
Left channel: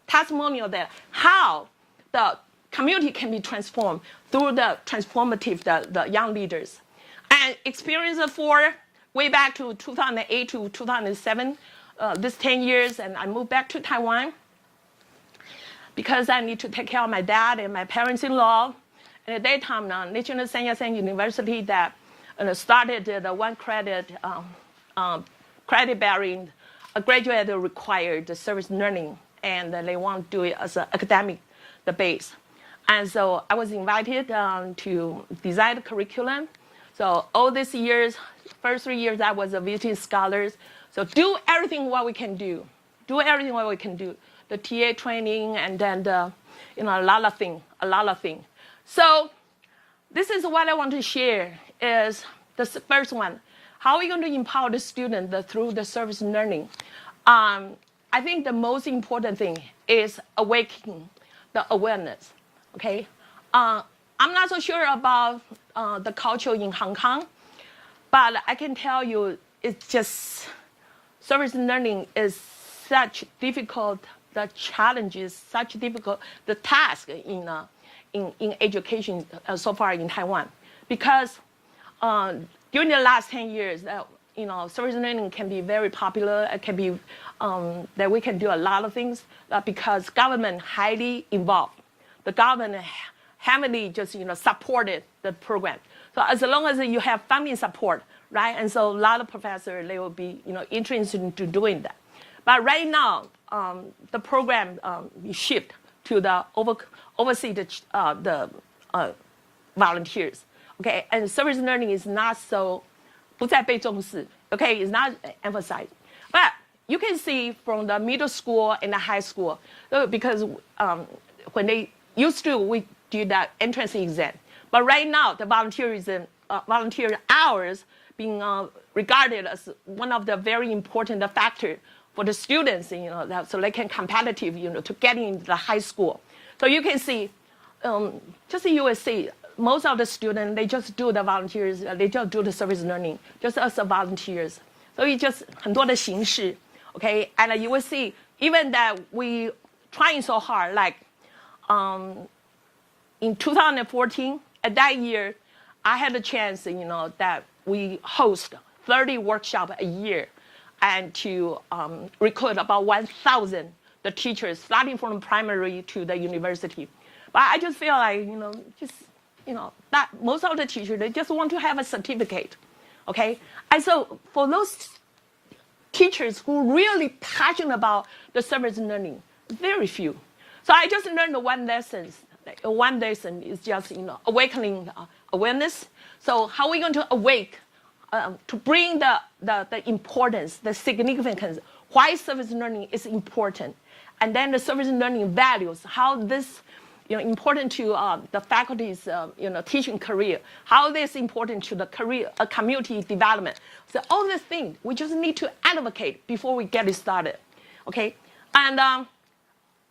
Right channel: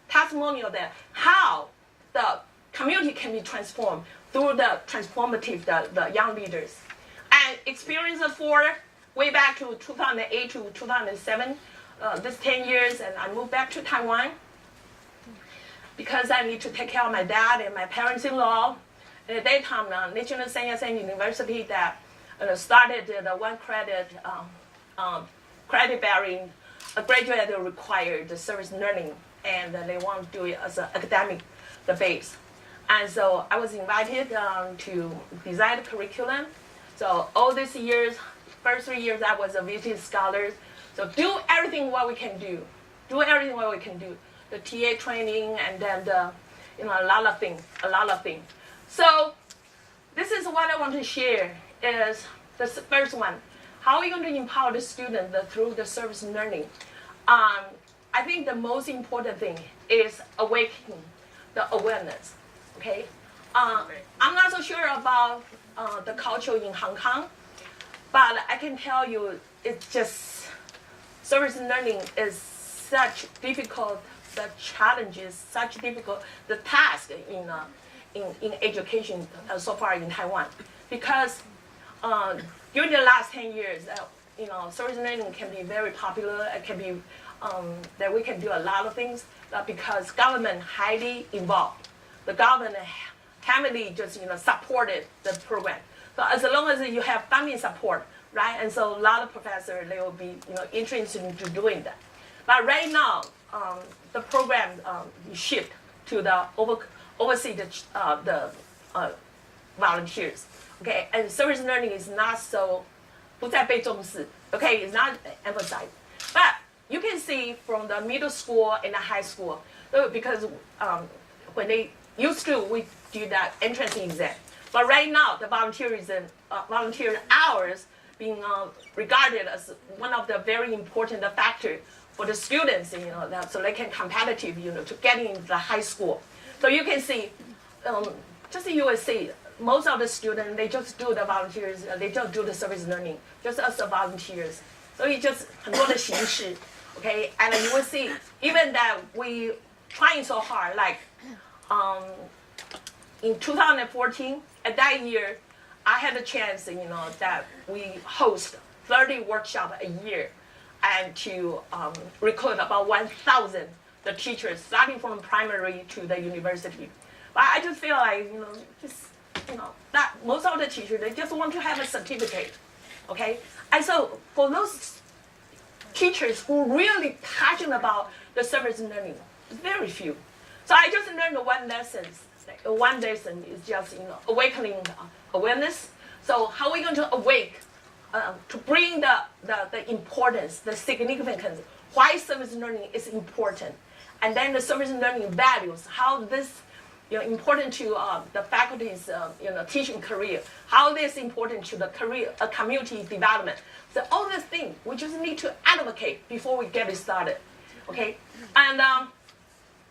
testimonial that how the community can be transformed through the transformative the young leaders. And experience for way back to 2008 to 2007, this 10 years, and I moved back to Taiwan because I need to take care of my dad and my parents-in-law. And at that time, National Sun Yat-sen University that started the one credit bearing graduate required service learning, and they want to do it as an academic base. And so I was invited to design the curriculum. So all these years, first 3 years, I was a visiting scholar. So do everything what we can do. The TA training, and then a lot of things. So this is what I want to share is the first one. How are we going to empower the student through the service learning? I think the most important thing is awakening the awareness. Okay, I'm not so sure about the culture in Hong Kong, but I can tell you it's just service learning is such difficult, the challenges, such difficult the task in education so far in Taiwan, because during the last 10 years, service learning can be very popular. It can be that we can do a lot of things, because government highly involved. The government heavily just supported the program. So as long as you have funding support, right? And so a lot of professors, they will be interested in doing that. But right now, the program shift to the oversee the volunteers. Okay, and service learning is not so 不再被重视. Okay, it's not emphasized. But you can see from the middle school and the high school, because when they used to, we do that entrance exam. But right now, the volunteer hours being regarded as one of the very important factors for the students, so they can competitive, to get in the high school. So you can see, just you will see, most of the students, they just do the volunteers, they just do the service learning, just as volunteers. So it's just 很多的形式, okay? And you will see, even that we trying so hard, like in 2014, at that year, I had a chance, that we host 30 workshops a year, and to recruit about 1,000 the teachers, starting from primary to the university. But I just feel like, that most of the teachers, they just want to have a certificate, okay? And so for those teachers who are really passionate about the service learning, very few. So I just learned one lesson one lesson is just awakening awareness. So how are we going to awake to bring the importance, the significance, why service learning is important, and then the service learning values, how this important to the faculty's teaching career, how this important to the career community development. So all these things we just need to advocate before we get it started. Okay, and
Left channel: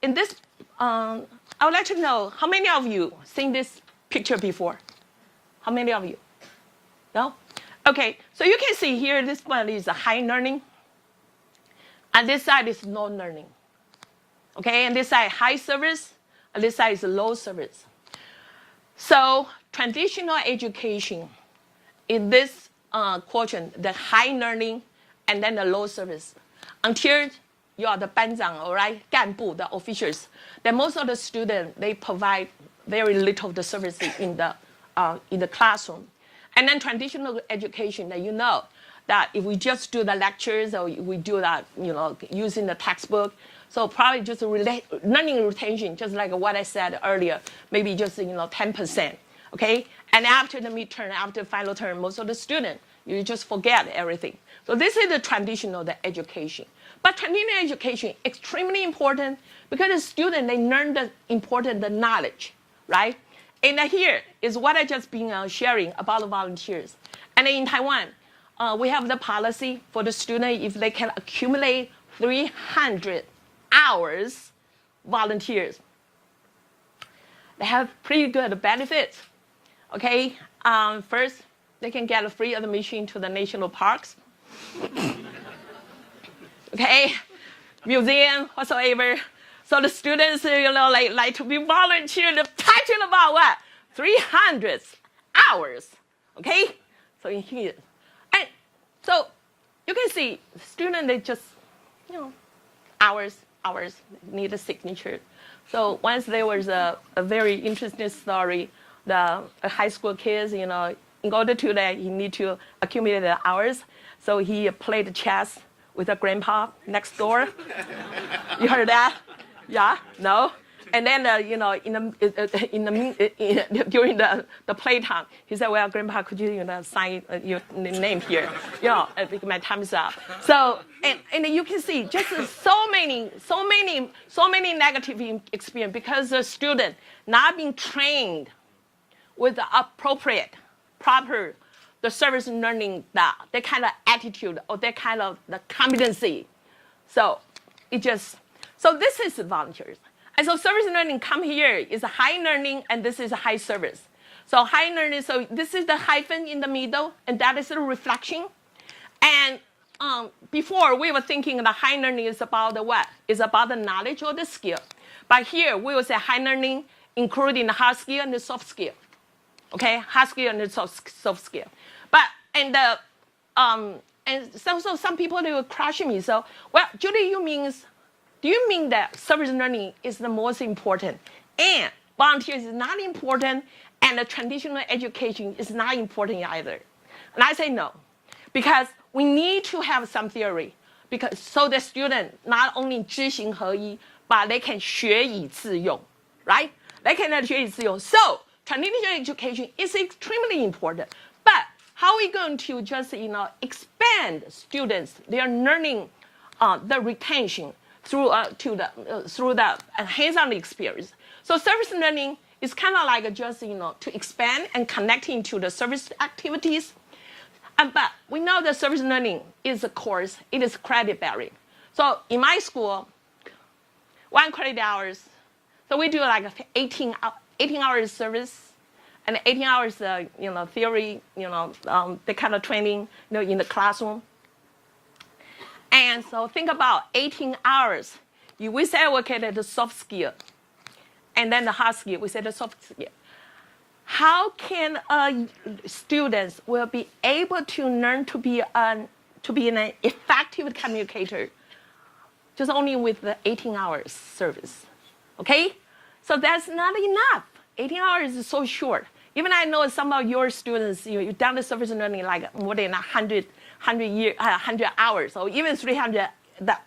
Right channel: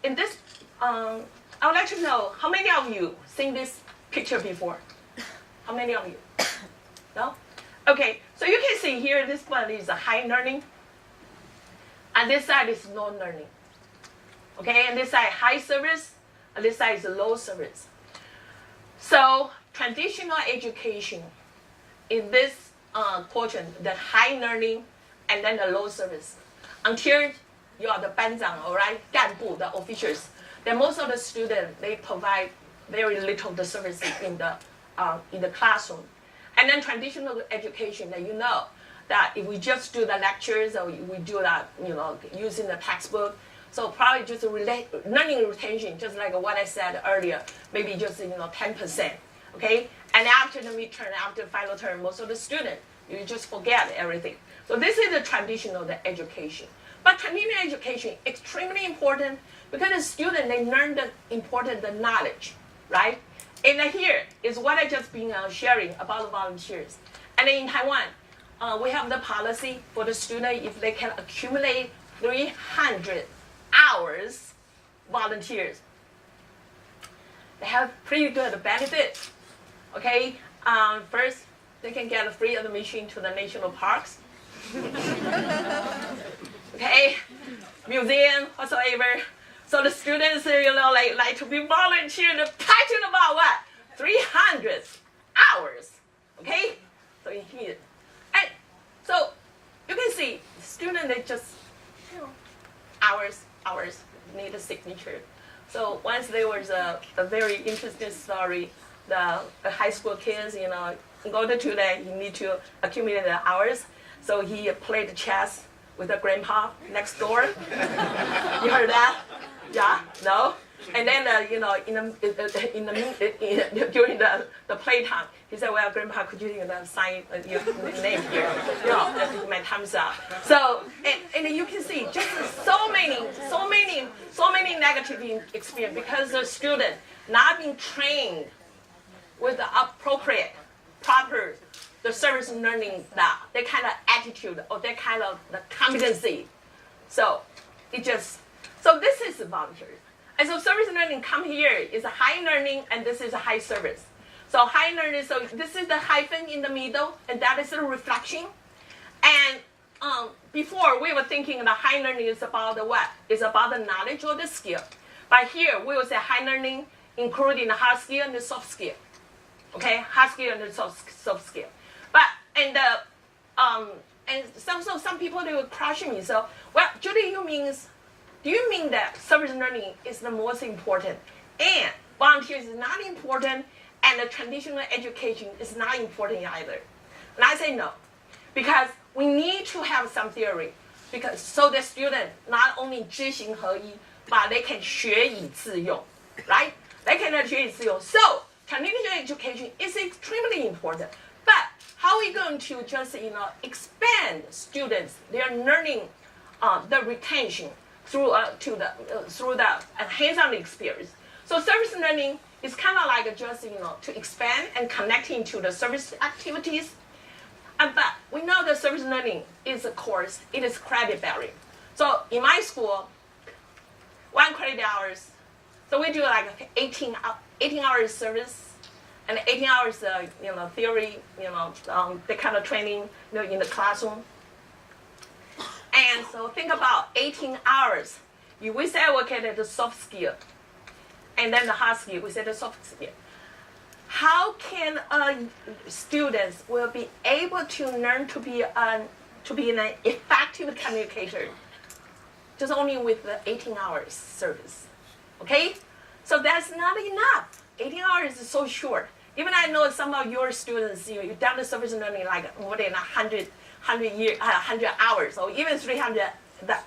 in this, I would like to know how many of you seen this picture before? How many of you? No? Okay, so you can see here this one is a high learning, and this side is low learning. Okay, and this side high service, and this side is low service. So traditional education in this quotient, the high learning and then the low service. Until you are the 班长, all right, 干部, the officials, then most of the students, they provide very little the services in the classroom. And then traditional education, that that if we just do the lectures or we do that, using the textbook, so probably just learning retention, just like what I said earlier, maybe just 10%, okay? And after the midterm, after final term, most of the students, you just forget everything. So this is the traditional education. But traditional education extremely important because the student, they learn the important knowledge, right? And here is what I just been sharing about the volunteers. And in Taiwan, we have the policy for the student if they can accumulate 300 hours volunteers. They have pretty good benefits. Okay, first they can get a free admission to the national parks. Okay, museum whatsoever. So the students, like to be volunteered, passionate about what? 300 hours. Okay, so in here, and so you can see students, they just hours need a signature. So once there was a very interesting story, the high school kids, in order to that, he need to accumulate the hours. So he played chess with a grandpa next door. You heard that? Yeah? No? And then, during the playtime, he said, "Well, Grandpa, could you sign your name here? My time's up." So, and you can see just so many negative experience because the student not being trained with the appropriate, proper, the service learning, that kind of attitude or that kind of the competency. So, so this is volunteers. And so service learning come here is a high learning and this is a high service. So high learning, so this is the hyphen in the middle and that is the reflection. And before we were thinking the high learning is about the what? Is about the knowledge or the skill. But here we will say high learning including the hard skill and the soft skill. Okay, hard skill and the soft skill. But and some people they will crush me. So well, Judy, do you mean that service learning is the most important and volunteers is not important and the traditional education is not important either? And I say no, because we need to have some theory, because so the student not only 知行合一, but they can 学以致用, right? They can 学以致用. So traditional education is extremely important, but how are we going to just expand students their learning, the retention through the hands-on experience? So service learning is kind of like just to expand and connecting to the service activities. But we know that service learning is a course, it is credit bearing. So in my school, 1 credit hours. So we do like 18 hours service and 18 hours theory, the kind of training in the classroom. And so think about 18 hours. We say okay, the soft skill, and then the hard skill. We say the soft skill. How can students will be able to learn to be an effective communicator? Just only with the 18 hours service, okay? So that's not enough. 18 hours is so short. Even I know some of your students, you've done the service learning like more than 100 hours, or even 300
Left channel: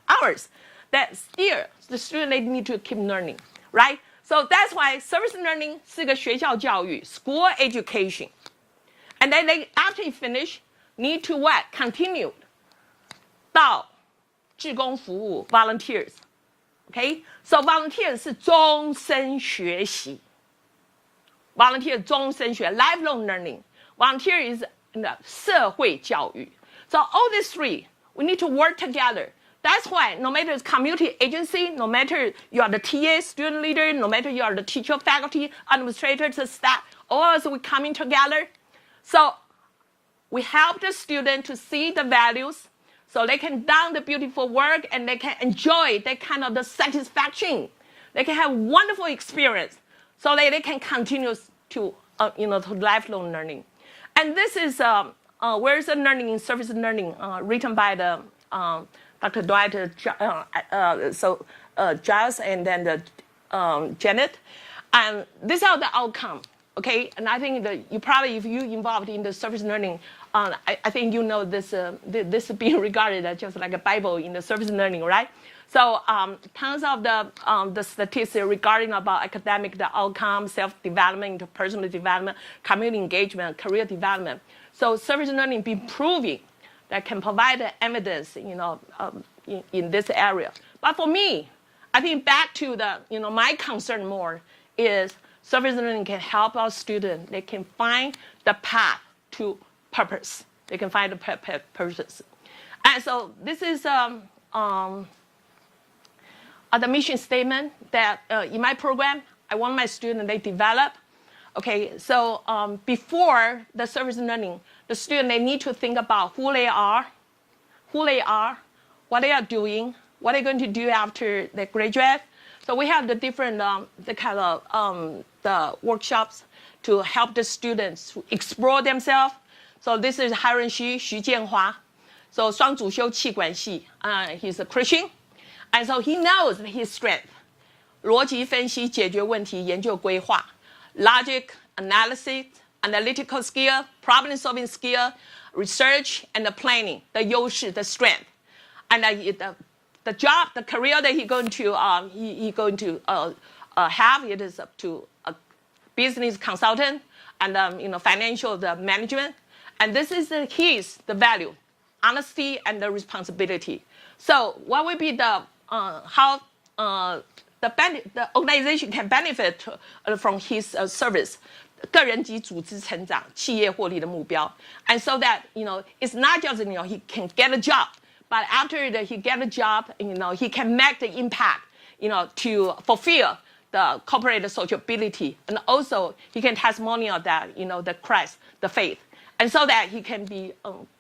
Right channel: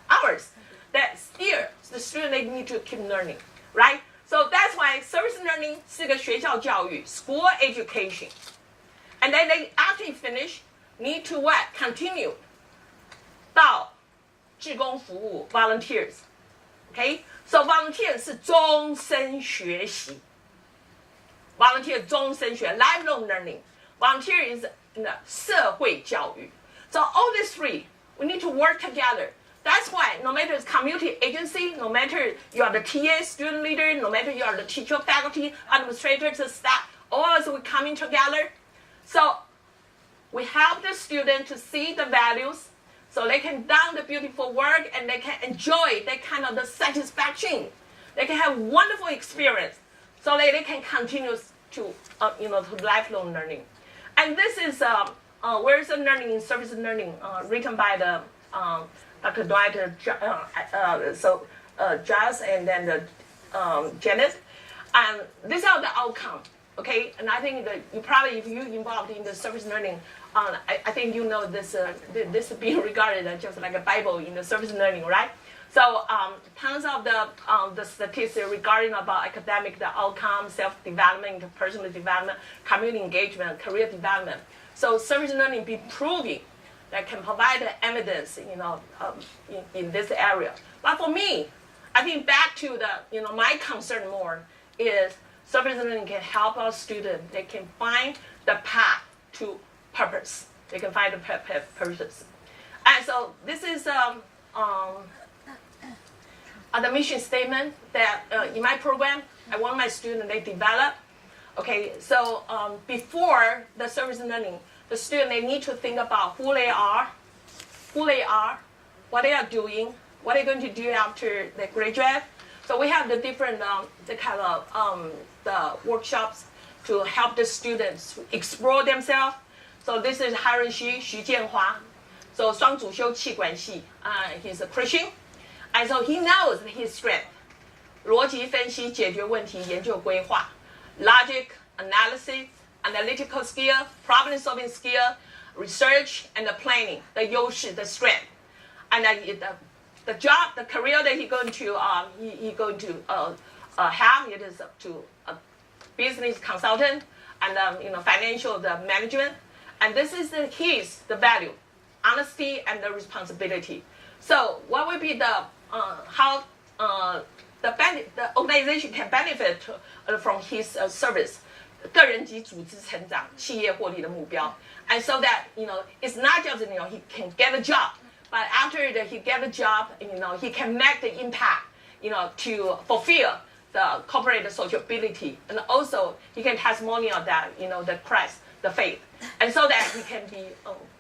hours. That still the student they need to keep learning, right? So that's why service learning 是个学校教育 school education. And then they after you finish need to what? Continue 到志工服务 volunteers. Okay? So volunteer 是终身学习 volunteer 终身学 lifelong learning. Volunteer is 社会教育. So all these three, we need to work together. That's why no matter the community agency, no matter you are the TA, student leader, no matter you are the teacher, faculty, administrators, staff, all of us we coming together. So we help the student to see the values so they can do the beautiful work and they can enjoy that kind of the satisfaction. They can have wonderful experience so that they can continue to, to lifelong learning. And this is Where's the Learning in Service Learning, written by the Dr. Dwight Giles and then Janet. And these are the outcomes, okay? And I think that you probably, if you're involved in the service learning, I think you know this is being regarded as just like a Bible in the service learning, right? So tons of the statistics regarding about academic, the outcomes, self-development, personal development, community engagement, career development. So service learning be proving that can provide the evidence, in this area. But for me, I think back to the, my concern more is service learning can help our students. They can find the path to purpose. They can find the purpose. And so this is the mission statement that in my program, I want my students, they develop. Okay, so before the service learning, the student, they need to think about who they are, what they are doing, what they're going to do after they graduate. So we have the different, the kind of the workshops to help the students to explore themselves. So this is Han Renxu, Xu Jianhua. So 双主修气管系, he's a Christian. And so he knows his strength. 逻辑分析、解决问题、研究规划 logic, analysis, analytical skill, problem solving skill, research, and the planning, the 优势, the strength. And the job, the career that he going to have, it is up to a business consultant and financial the management. And this is the value, honesty and the responsibility. So what would be the how the organization can benefit from his service? 个人及组织成长、企业获利的目标 and so that it's not just he can get a job, but after he get a job, he can make the impact, to fulfill the corporate sociability, and also he can testimonial that the Christ, the faith, and so that he can be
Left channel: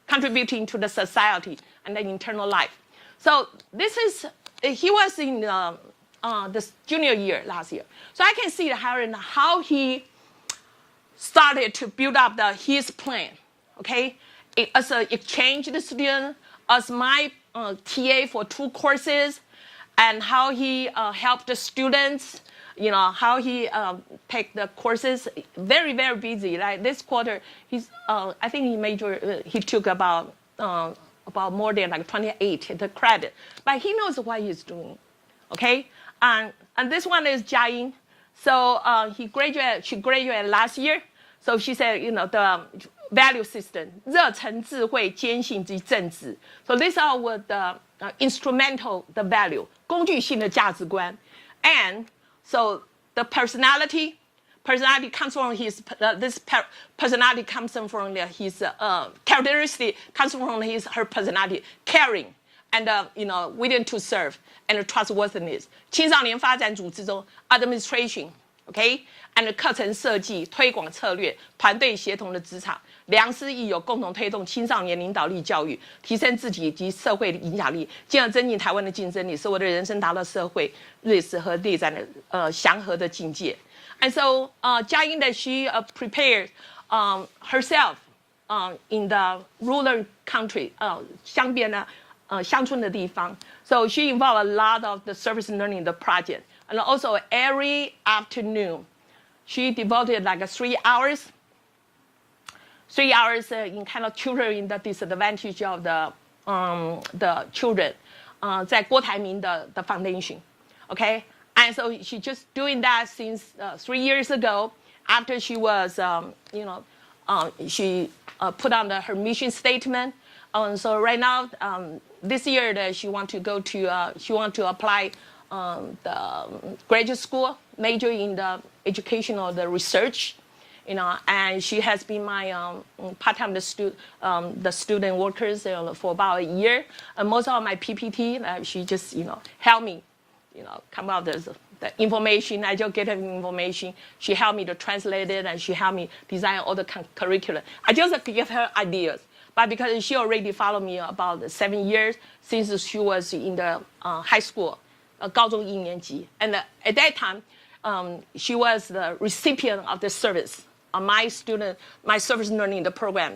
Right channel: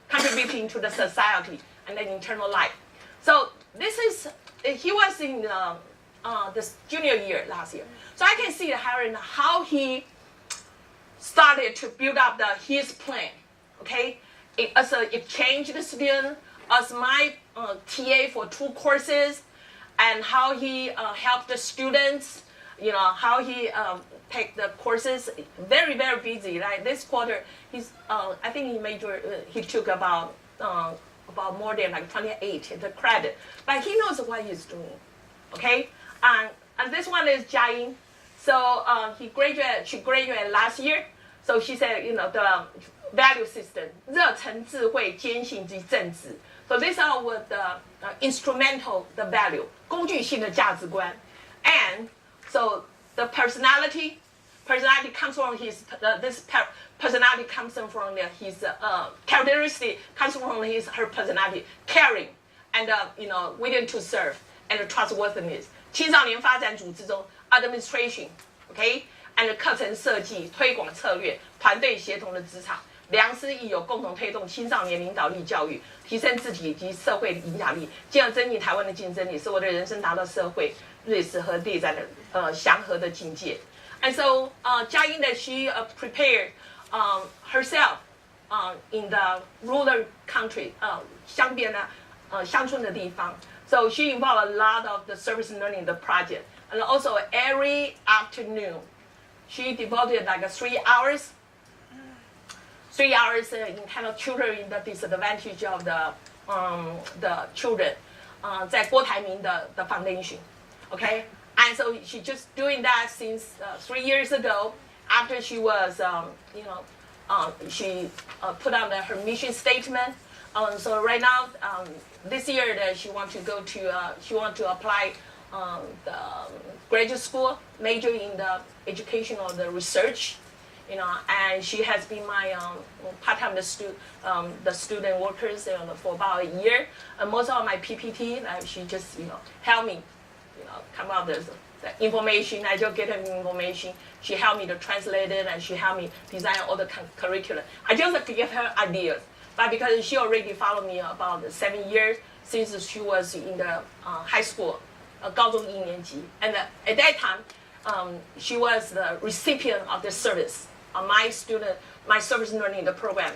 contributing to the society and the internal life. So this is he was in this junior year last year, so I can see how he started to build up his plan, okay? As an exchange student, as my TA for 2 courses, and how he helped the students, how he take the courses, very, very busy. Like this quarter, he's, I think he took about more than like 28 the credit, but he knows what he's doing, okay? And this one is Jiaying. So she graduated last year. So she said, the value system, 热忱、智慧、坚信及正直. So these are what the instrumental, the value, 工具性的价值观. And so the personality comes from his, personality comes from his characteristic, comes from her personality, caring, and willing to serve, and trustworthiness. 青少年发展组织中 administration, okay, and 课程设计、推广策略、团队协同的职场，良师益友共同推动青少年领导力教育，提升自己以及社会的影响力，进而增进台湾的竞争力，使我的人生达到社会瑞士和内在的祥和的境界。And so, Jiaying that she prepared herself in the rural country, 乡边的乡村的地方。So she involved a lot of the service learning the project, and also every afternoon, she devoted like 3 hours. 3 hours in kind of tutoring the disadvantage of the children, 在郭台铭的 foundation, okay? And And so she's just doing that since 3 years ago, after she was, she put on her mission statement. So right now, this year that she want to apply the graduate school, major in the educational, the research, and she has been my part-time the student workers for about a year. And most of my PPT, she just helped me, come out the information. I just get her information. She helped me to translate it, and she helped me design all the curriculum. I just give her ideas, but because she already followed me about 7 years since she was in the high school, 高中一年级, and at that time, she was the recipient of the service. My service learning the program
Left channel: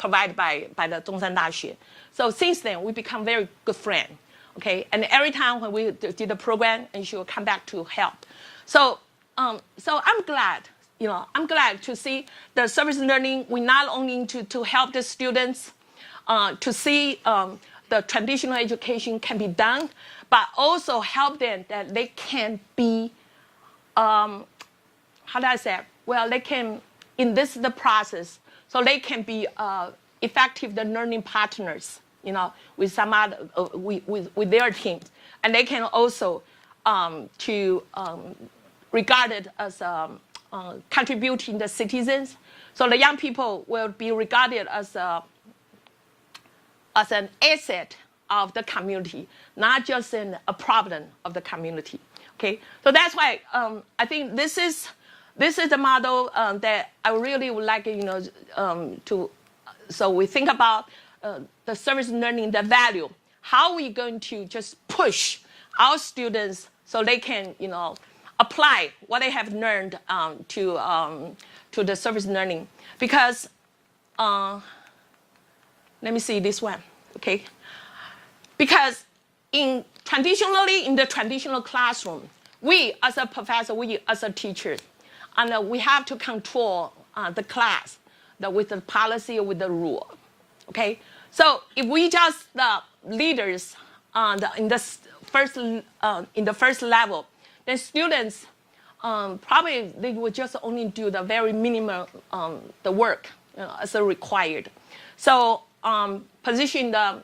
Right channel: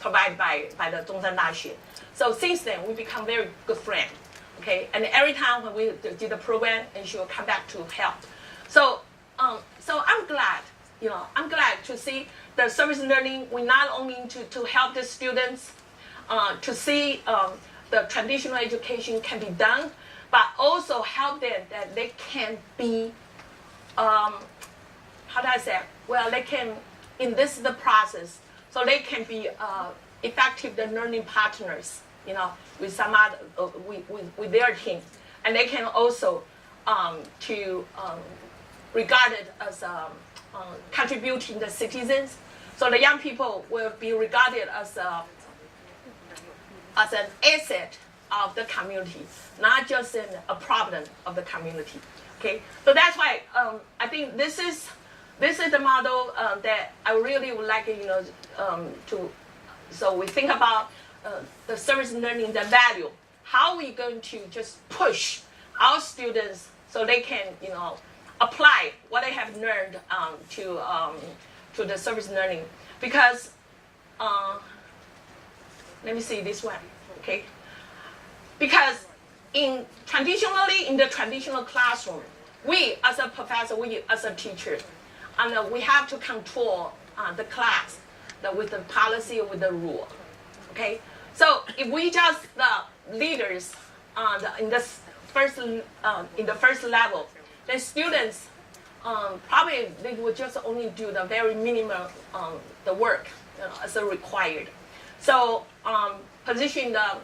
provided by the Zhongshan Daxue. So since then, we become very good friends. Okay, and every time when we did the program, and she will come back to help. So I'm glad, I'm glad to see the service learning. We not only to help the students to see the traditional education can be done, but also help them that they can be, how do I say? Well, they can, in the process, so they can be effective the learning partners, with some other, with their team, and they can also regarded as contributing the citizens. So the young people will be regarded as an asset of the community, not just a problem of the community. Okay, so that's why I think this is the model that I really would like to. So we think about the service learning, the value. How are we going to just push our students so they can apply what they have learned to the service learning? Because let me see this one, okay? Because traditionally in the traditional classroom, we as a professor, we as a teacher, and we have to control the class with the policy, with the rule, okay? So if we just the leaders in the first level, the students probably they will just only do the very minimal the work as required. So position the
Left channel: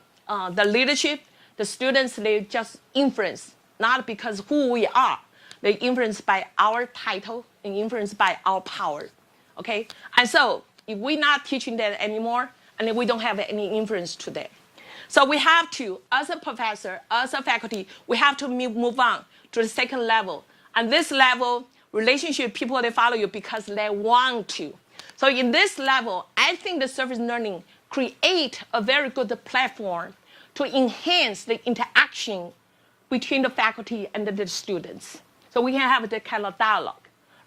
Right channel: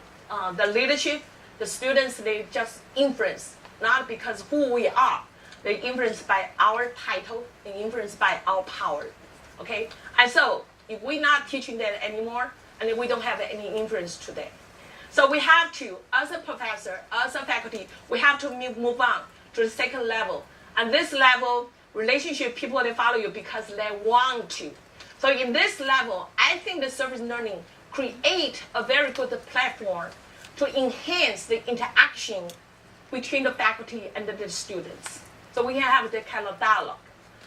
leadership, the students they just influence, not because who we are, they influenced by our title and influenced by our power, okay? And so if we're not teaching them anymore, and we don't have any influence today. So we have to, as a professor, as a faculty, we have to move on to the second level. And this level, relationship, people, they follow you because they want to. So in this level, I think the service learning create a very good platform to enhance the interaction between the faculty and the students. So we can have the kind of dialogue,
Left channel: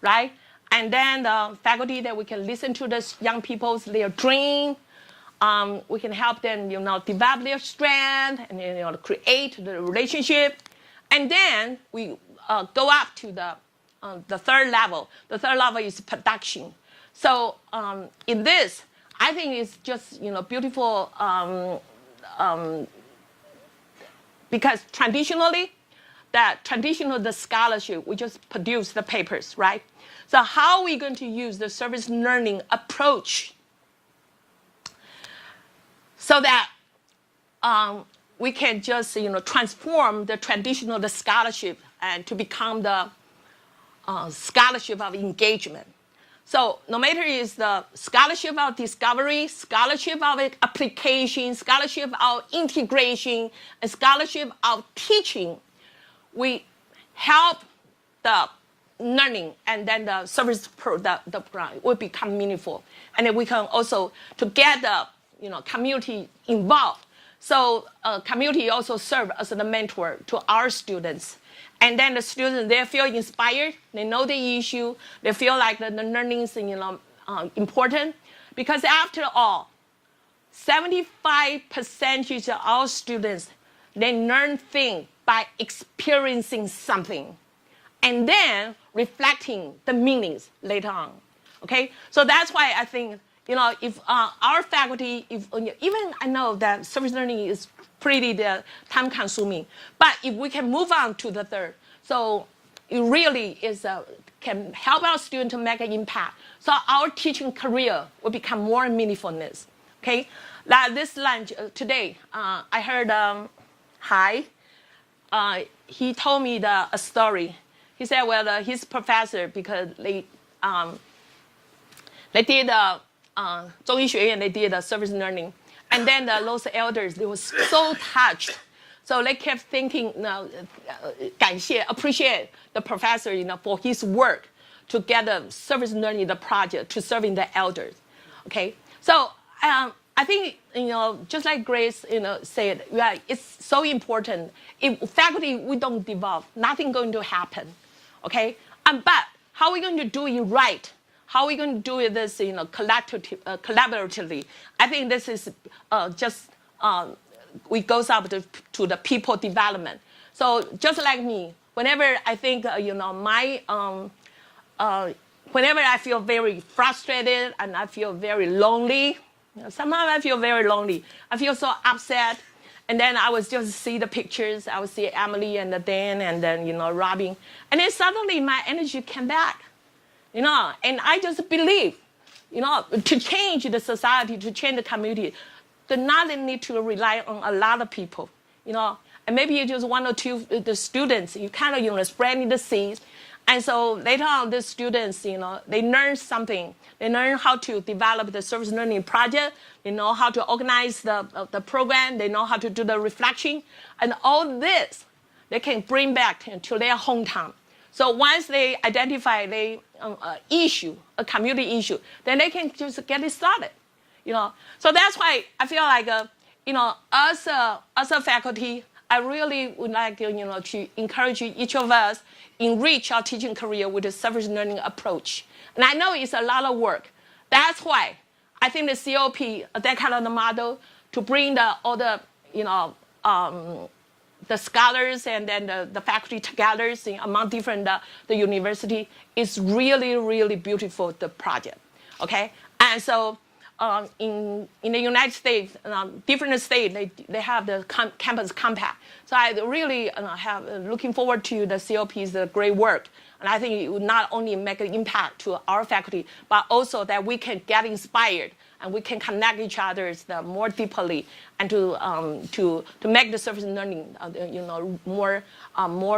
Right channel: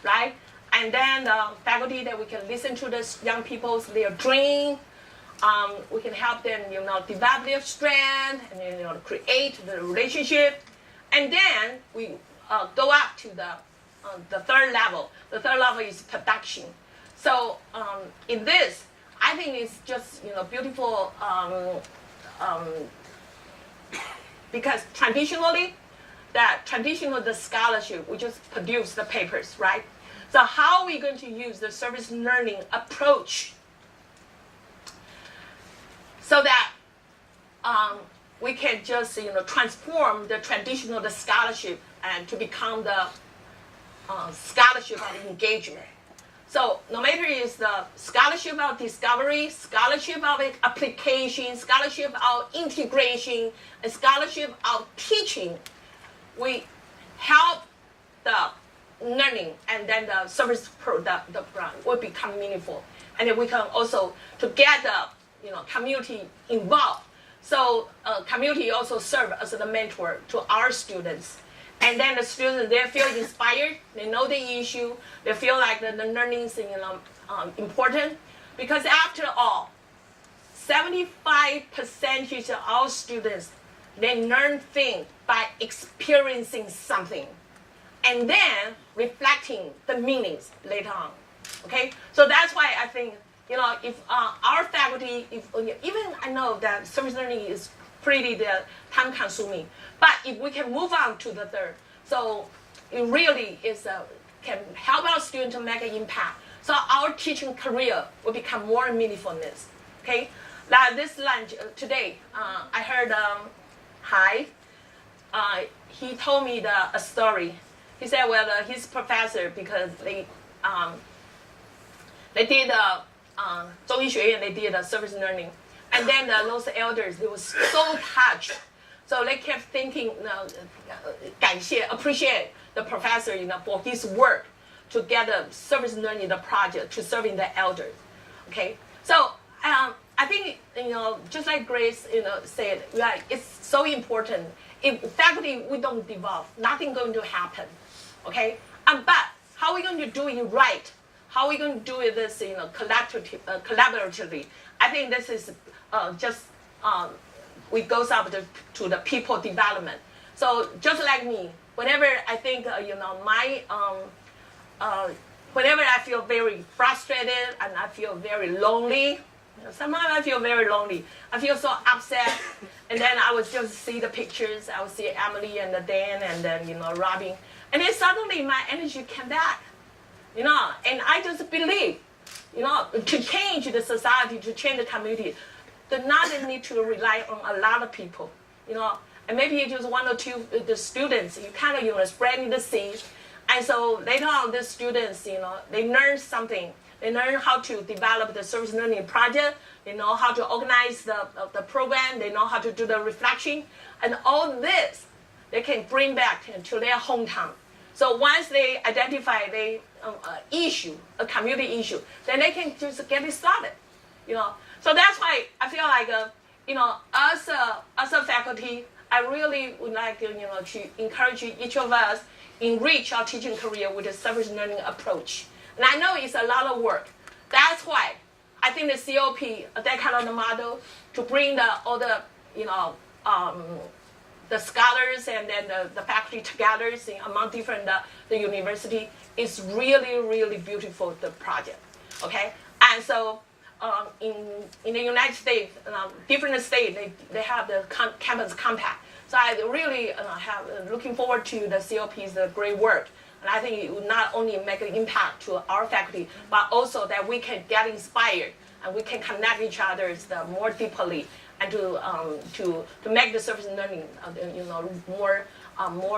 right? And then the faculty that we can listen to the young people's their dream. We can help them, develop their strength and create the relationship, and then we go up to the third level. The third level is production. So in this, I think it's just beautiful because traditionally, the scholarship we just produce the papers, right? So how are we going to use the service learning approach? So that we can just transform the traditional the scholarship and to become the scholarship of engagement. So no matter is the scholarship of discovery, scholarship of application, scholarship of integration, and scholarship of teaching, we help the learning, and then the service program will become meaningful, and then we can also to get the community involved. So community also serve as the mentor to our students. And then the students, they feel inspired, they know the issue, they feel like the learning is important. Because after all, 75% of our students, they learn things by experiencing something and then reflecting the meanings later on. Okay? So that's why I think if our faculty, even I know that service learning is pretty time consuming, but if we can move on to the third, so it really is can help our students to make an impact. So our teaching career will become more meaningfulness. Okay, like this lunch today, I heard he told me a story. He said, well, his professor, because they did 中医学院 they did service learning, and then those elders, they were so touched. So they kept thinking, appreciate the professor, for his work to get a service learning the project to serving the elders. Okay, so I think just like Grace said, yeah, it's so important. If faculty we don't develop, nothing going to happen. Okay, but how are we going to do it right? How are we going to do this collaboratively? I think this is we goes up to the people development. So just like me, whenever I think whenever I feel very frustrated and I feel very lonely, sometimes I feel very lonely. I feel so upset, and then I would just see the pictures. I would see Emily and Dan and then Robin, and then suddenly my energy came back, and I just believe, to change the society, to change the community, do not need to rely on a lot of people, and maybe you just one or two the students. You kind of spreading the seeds, and so later on the students, they learn something. They learn how to develop the service learning project. They know how to organize the program. They know how to do the reflection, and all this they can bring back to their hometown. So once they identify issue, a community issue, then they can just get it started. So that's why I feel like as a faculty, I really would like to encourage each of us enrich our teaching career with a service learning approach. And I know it's a lot of work. That's why I think the COP, that kind of the model, to bring all the the scholars and then the faculty together among different the university is really, really beautiful, the project. Okay, and so in the United States, different states they have the campus compact. So I really have looking forward to the COP's great work. And I think it will not only make an impact to our faculty, but also that we can get inspired and we can connect each other more deeply, and to make the service learning more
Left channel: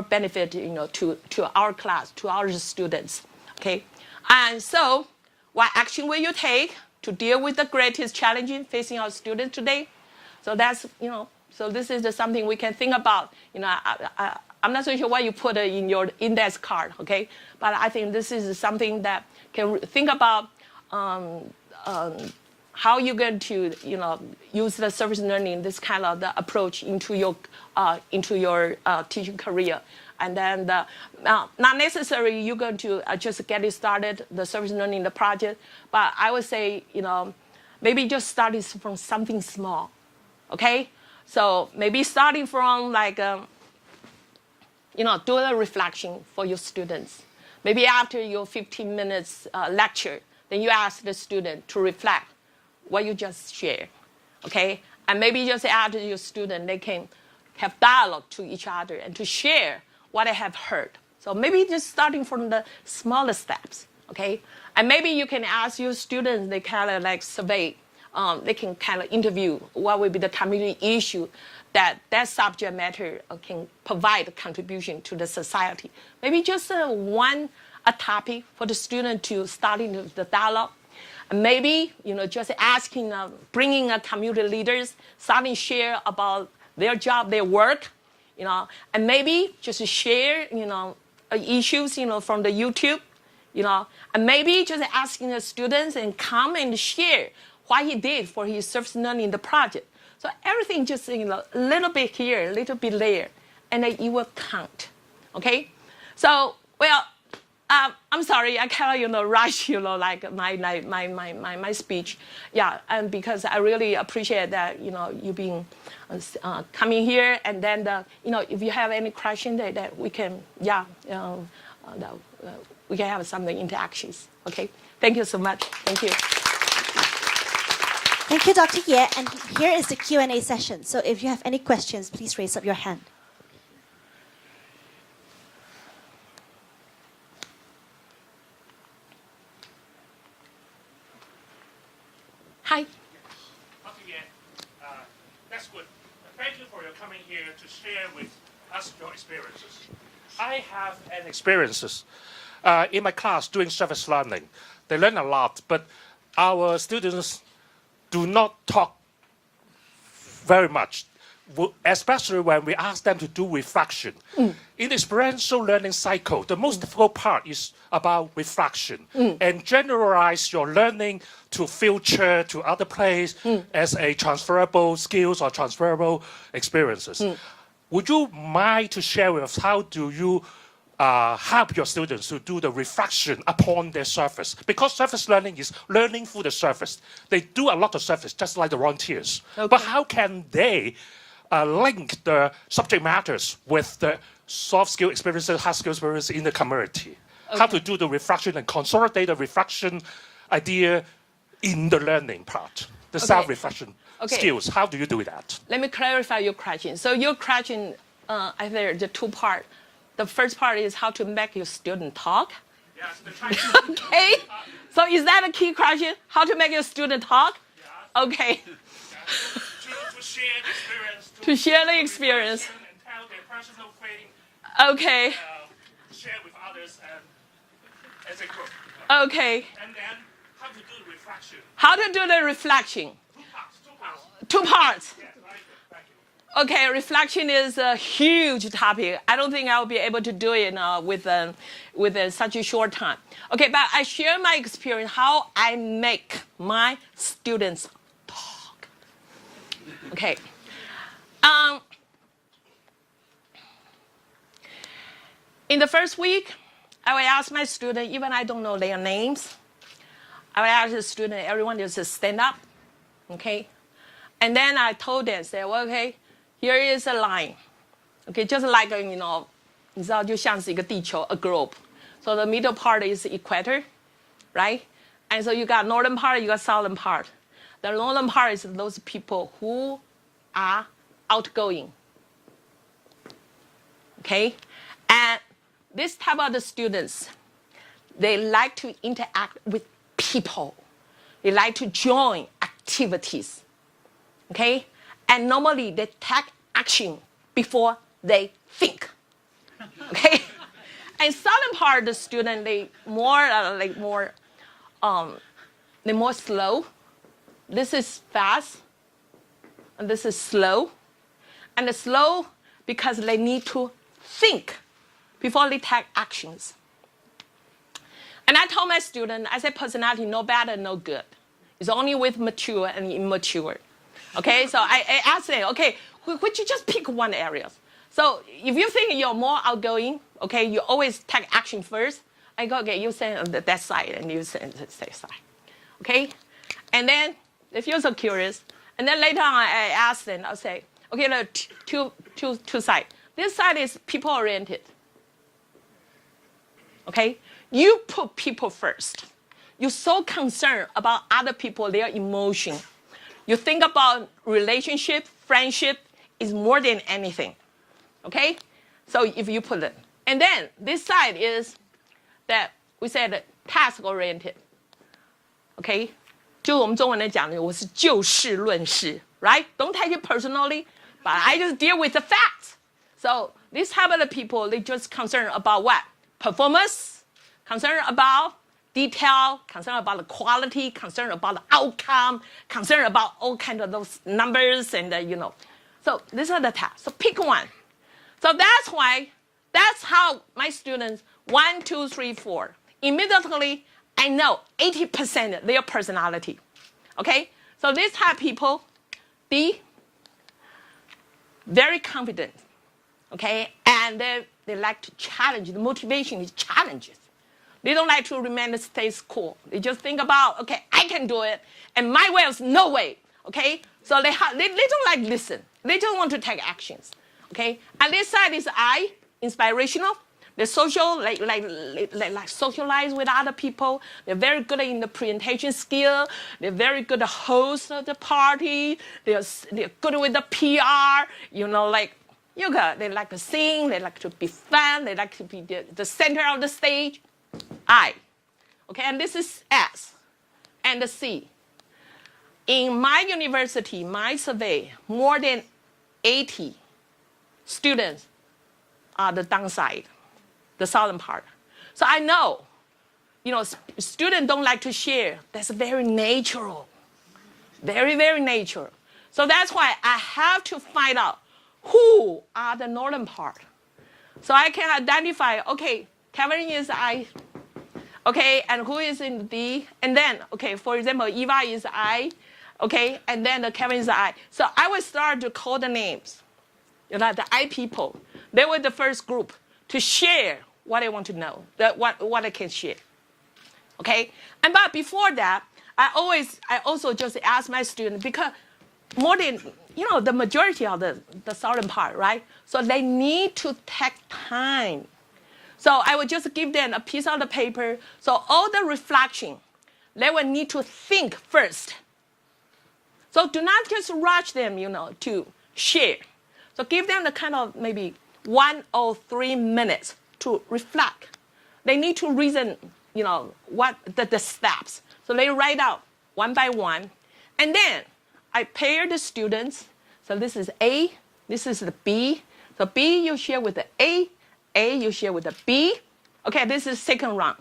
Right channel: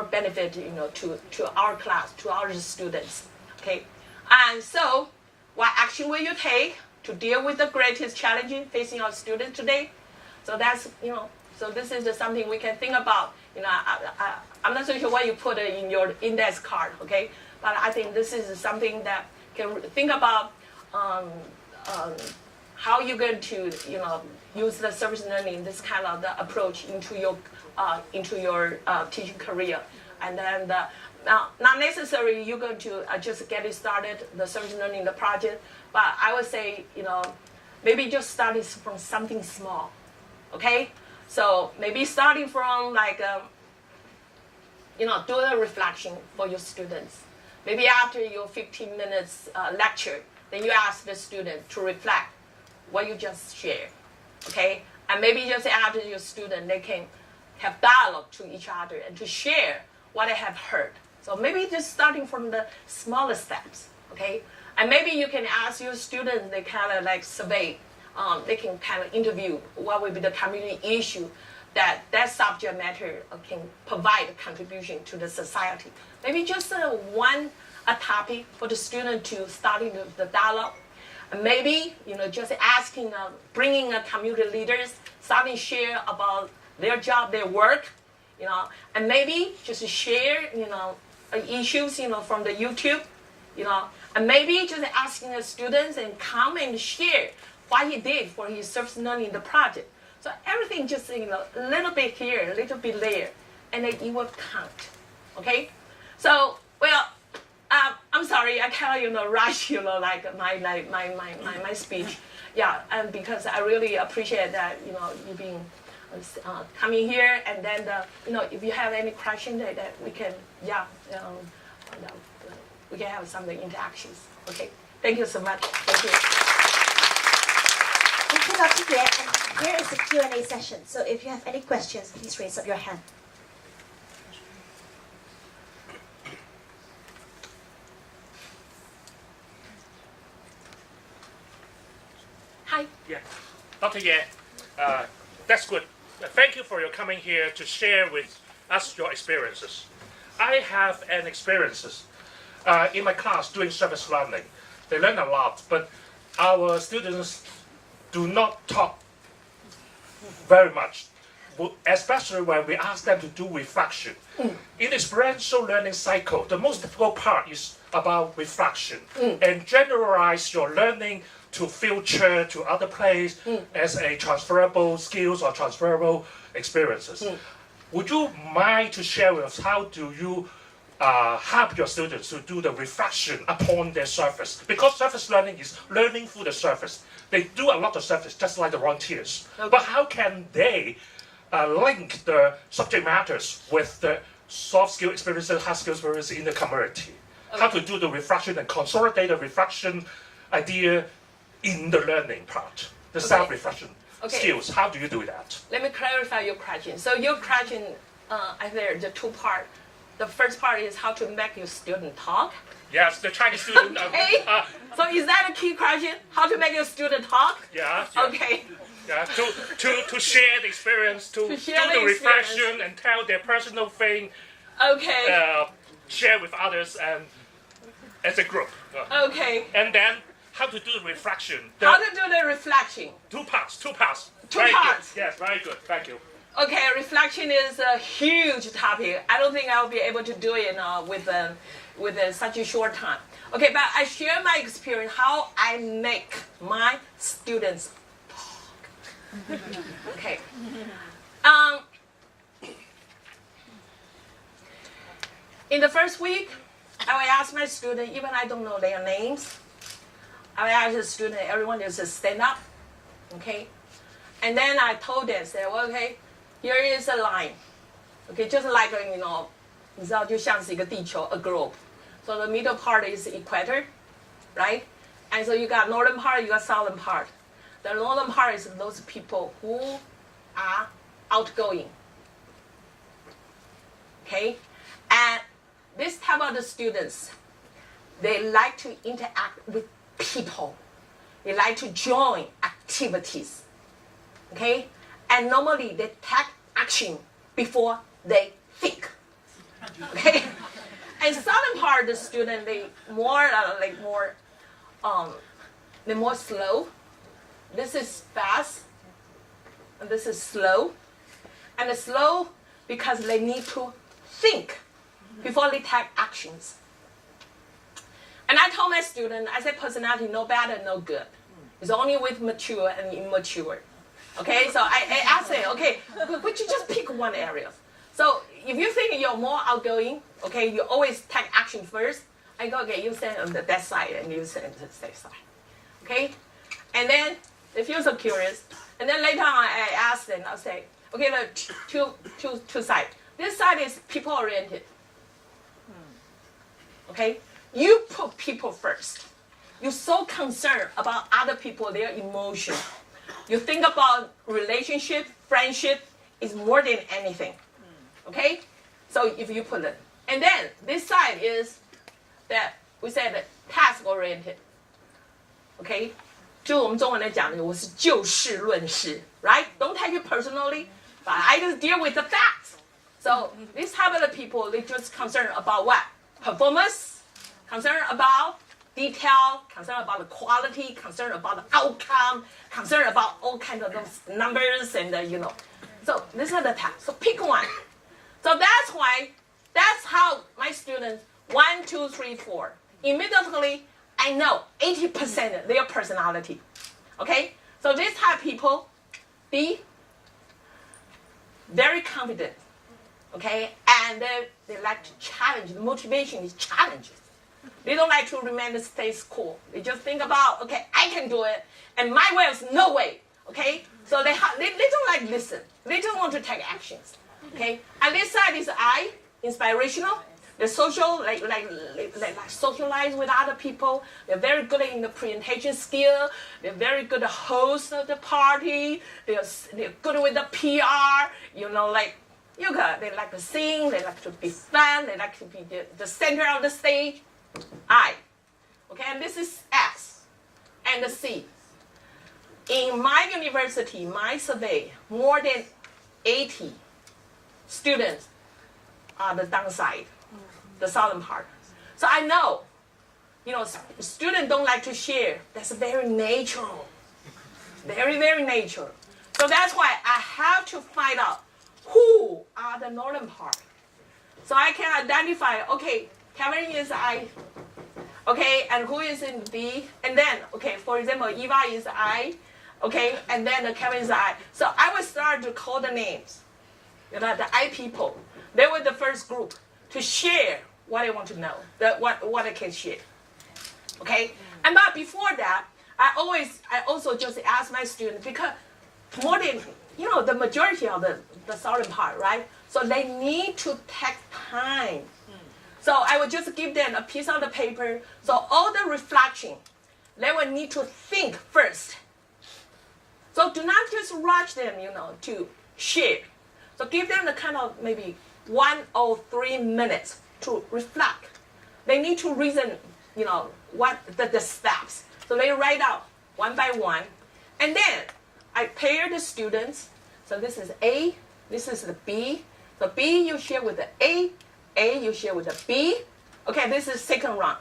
benefit to our class, to our students. Okay, and so what action will you take to deal with the greatest challenges facing our students today? So that's so this is just something we can think about. I'm not so sure what you put in your index card, okay? But I think this is something that can think about how you're going to, use the service learning, this kind of the approach into your teaching career, and then not necessarily you're going to just get it started, the service learning, the project, but I would say, maybe just starting from something small, okay? So maybe starting from do a reflection for your students. Maybe after your 15 minutes lecture, then you ask the student to reflect what you just shared, okay? And maybe just after your student, they can have dialogue to each other and to share what they have heard. So maybe just starting from the smaller steps, okay? And maybe you can ask your students, they kind of survey, they can kind of interview what will be the community issue that subject matter can provide contribution to the society. Maybe just a topic for the student to start into the dialogue. And maybe, just asking, bringing community leaders, starting to share about their job, their work, and maybe just share, issues, from the YouTube, and maybe just asking the students and come and share what he did for his service learning the project. So everything just a little bit here, a little bit there, and then it will count. Okay, so I'm sorry, I kind of rush my speech. Yeah, and because I really appreciate that you being coming here, and then if you have any question that we can we can have some interactions. Okay, thank you so much. Thank you. Thank you, Dr. Ye. And here is the Q&A session. So if you have any questions, please raise up your hand. Hi. Yeah, Dr. Ye, that's good. Thank you for your coming here to share with us your experiences. I have an experiences in my class doing service learning. They learn a lot, but our students do not talk very much, especially when we ask them to do reflection. In experiential learning cycle, the most difficult part is about reflection and generalize your learning to future, to other place as a transferable skills or transferable experiences. Would you mind to share with us how do you help your students to do the reflection upon their surface? Because surface learning is learning through the surface. They do a lot of surface, just like the volunteers. Okay. But how can they link the subject matters with the soft skill experiences, hard skill experiences in the community? How to do the reflection and consolidate the reflection idea in the learning part, the self-reflection skills. How do you do that? Let me clarify your question. So your question, I think the two part. The first part is how to make your student talk. Yes, the Chinese student. Okay. So is that a key question? How to make your student talk? Yeah. Okay. Yeah, to share the experience, to share do the experience. reflection and tell their personal thing, Okay. share with others and as a group. Okay. And then how to do the reflection. How to do the reflection? Two parts. Two parts. Two Very parts. Good. Yes, very good. Thank you. Okay, reflection is a huge topic. I don't think I'll be able to do it with such a short time. Okay, but I share my experience how I make my students talk. Okay. In the first week, I will ask my student, even I don't know their names, I will ask the student, everyone just stand up, okay? And then I told them, say, well, okay, here is a line, okay, just like, 你知道就像是一个地球, a globe. So the middle part is equator, right? And so you got northern part, you got southern part. The northern part is those people who are outgoing, okay? And this type of the students, they like to interact with people. They like to join activities, okay? And normally they take action before they think, okay? And southern part of the student, they more they're more slow. This is fast, and this is slow. And it's slow because they need to think before they take actions. And I told my student, I said personality no bad, no good. It's only with mature and immature. Okay, so I asked them, okay, would you just pick one area? So if you think you're more outgoing, okay, you always take action first. I go, okay, you stand on that side and you stand on that side. Okay? And then they feel so curious. And then later on, I ask them, I'll say, okay, there are two sides. This side is people-oriented. Okay? You put people first. You're so concerned about other people, their emotion. You think about relationship, friendship is more than anything. Okay? So if you put it. And then this side is that we said task-oriented. Okay? 就我们中文来讲的，我是就事论事, right? Don't take it personally, but I just deal with the facts. So this type of the people, they just concerned about what? Performance, concerned about detail, concerned about the quality, concerned about the outcome, concerned about all kinds of those numbers and So these are the tasks. So pick one. So that's how my students 1, 2, 3, 4 immediately I know 80% their personality. Okay? So this type of people be very confident. Okay? And they like to challenge. The motivation is challenges. They don't like to remain the status quo. They just think about, okay, I can do it, and my way is no way. Okay? So they don't like listen. They just want to take actions. Okay? And this side is I, inspirational. They're social, like socialize with other people. They're very good in the presentation skill. They're very good host of the party. They're good with the PR. They like to sing. They like to be fun. They like to be the center of the stage. I. Okay, and this is S and the C. In my university, my survey, more than 80 students are the downside, the southern part. So I know, students don't like to share. That's very natural, very, very natural. So that's why I have to find out who are the northern part. So I can identify, okay, Kevin is I, okay, and who is in D, and then, okay, for example, Eva is I, okay, and then Kevin is I. So I will start to call the names, the I people. They were the first group to share what I want to know, what I can share, okay? And but before that, I also just ask my students, because more than, the majority of the southern part, right? So they need to take time. So I will just give them a piece of the paper. So all the reflection, they will need to think first. So do not just rush them, to share. So give them the kind of maybe 1 or 3 minutes to reflect. They need to reason, what the steps. So they write out one by one. And then I pair the students. So this is A, this is the B. So B you share with the A you share with the B. Okay, this is second round.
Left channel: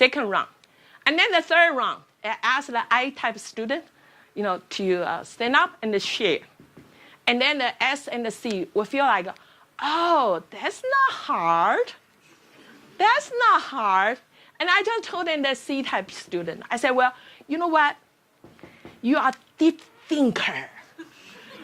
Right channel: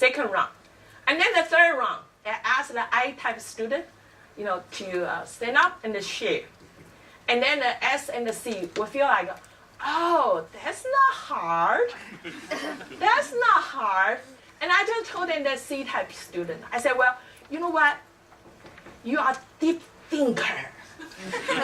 And then the third round, I ask the I-type student, to stand up and share. And then the S and the C will feel like, oh, that's not hard. That's not hard. And I just told them the C-type student. I said, well, you know what? You are deep thinker.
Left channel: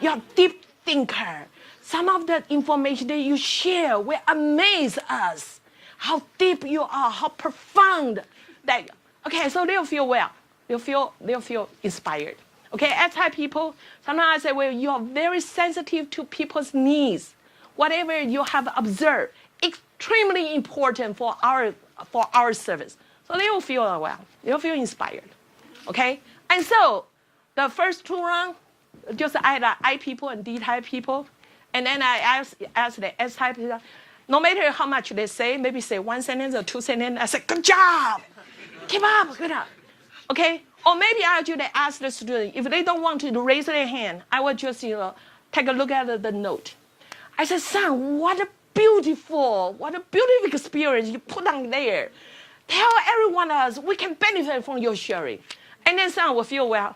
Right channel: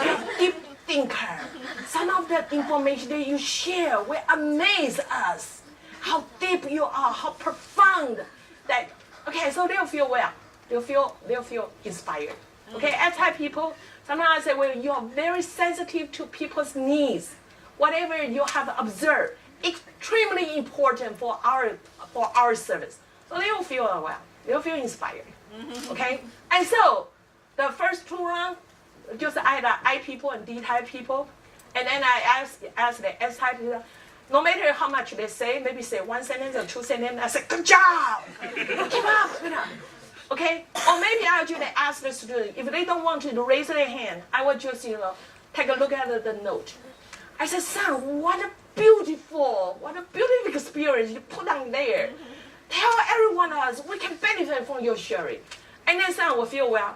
You're a deep thinker. Some of the information that you share will amaze us. How deep you are, how profound. That okay, so they'll feel well. They'll feel inspired. Okay, S-type people, sometimes I say, well, you are very sensitive to people's needs. Whatever you have observed, extremely important for our service. So they will feel well. They'll feel inspired. Okay, and so the first 2 rounds, just either I people and D-type people, and then I ask the S-type people. No matter how much they say, maybe say 1 sentence or 2 sentences, I say, good job, keep up. Okay, or maybe I'll just ask the student, if they don't want to raise their hand, I will just take a look at the note. I said, son, what a beautiful experience you put on there. Tell everyone else we can benefit from your sharing. And then son will feel, well,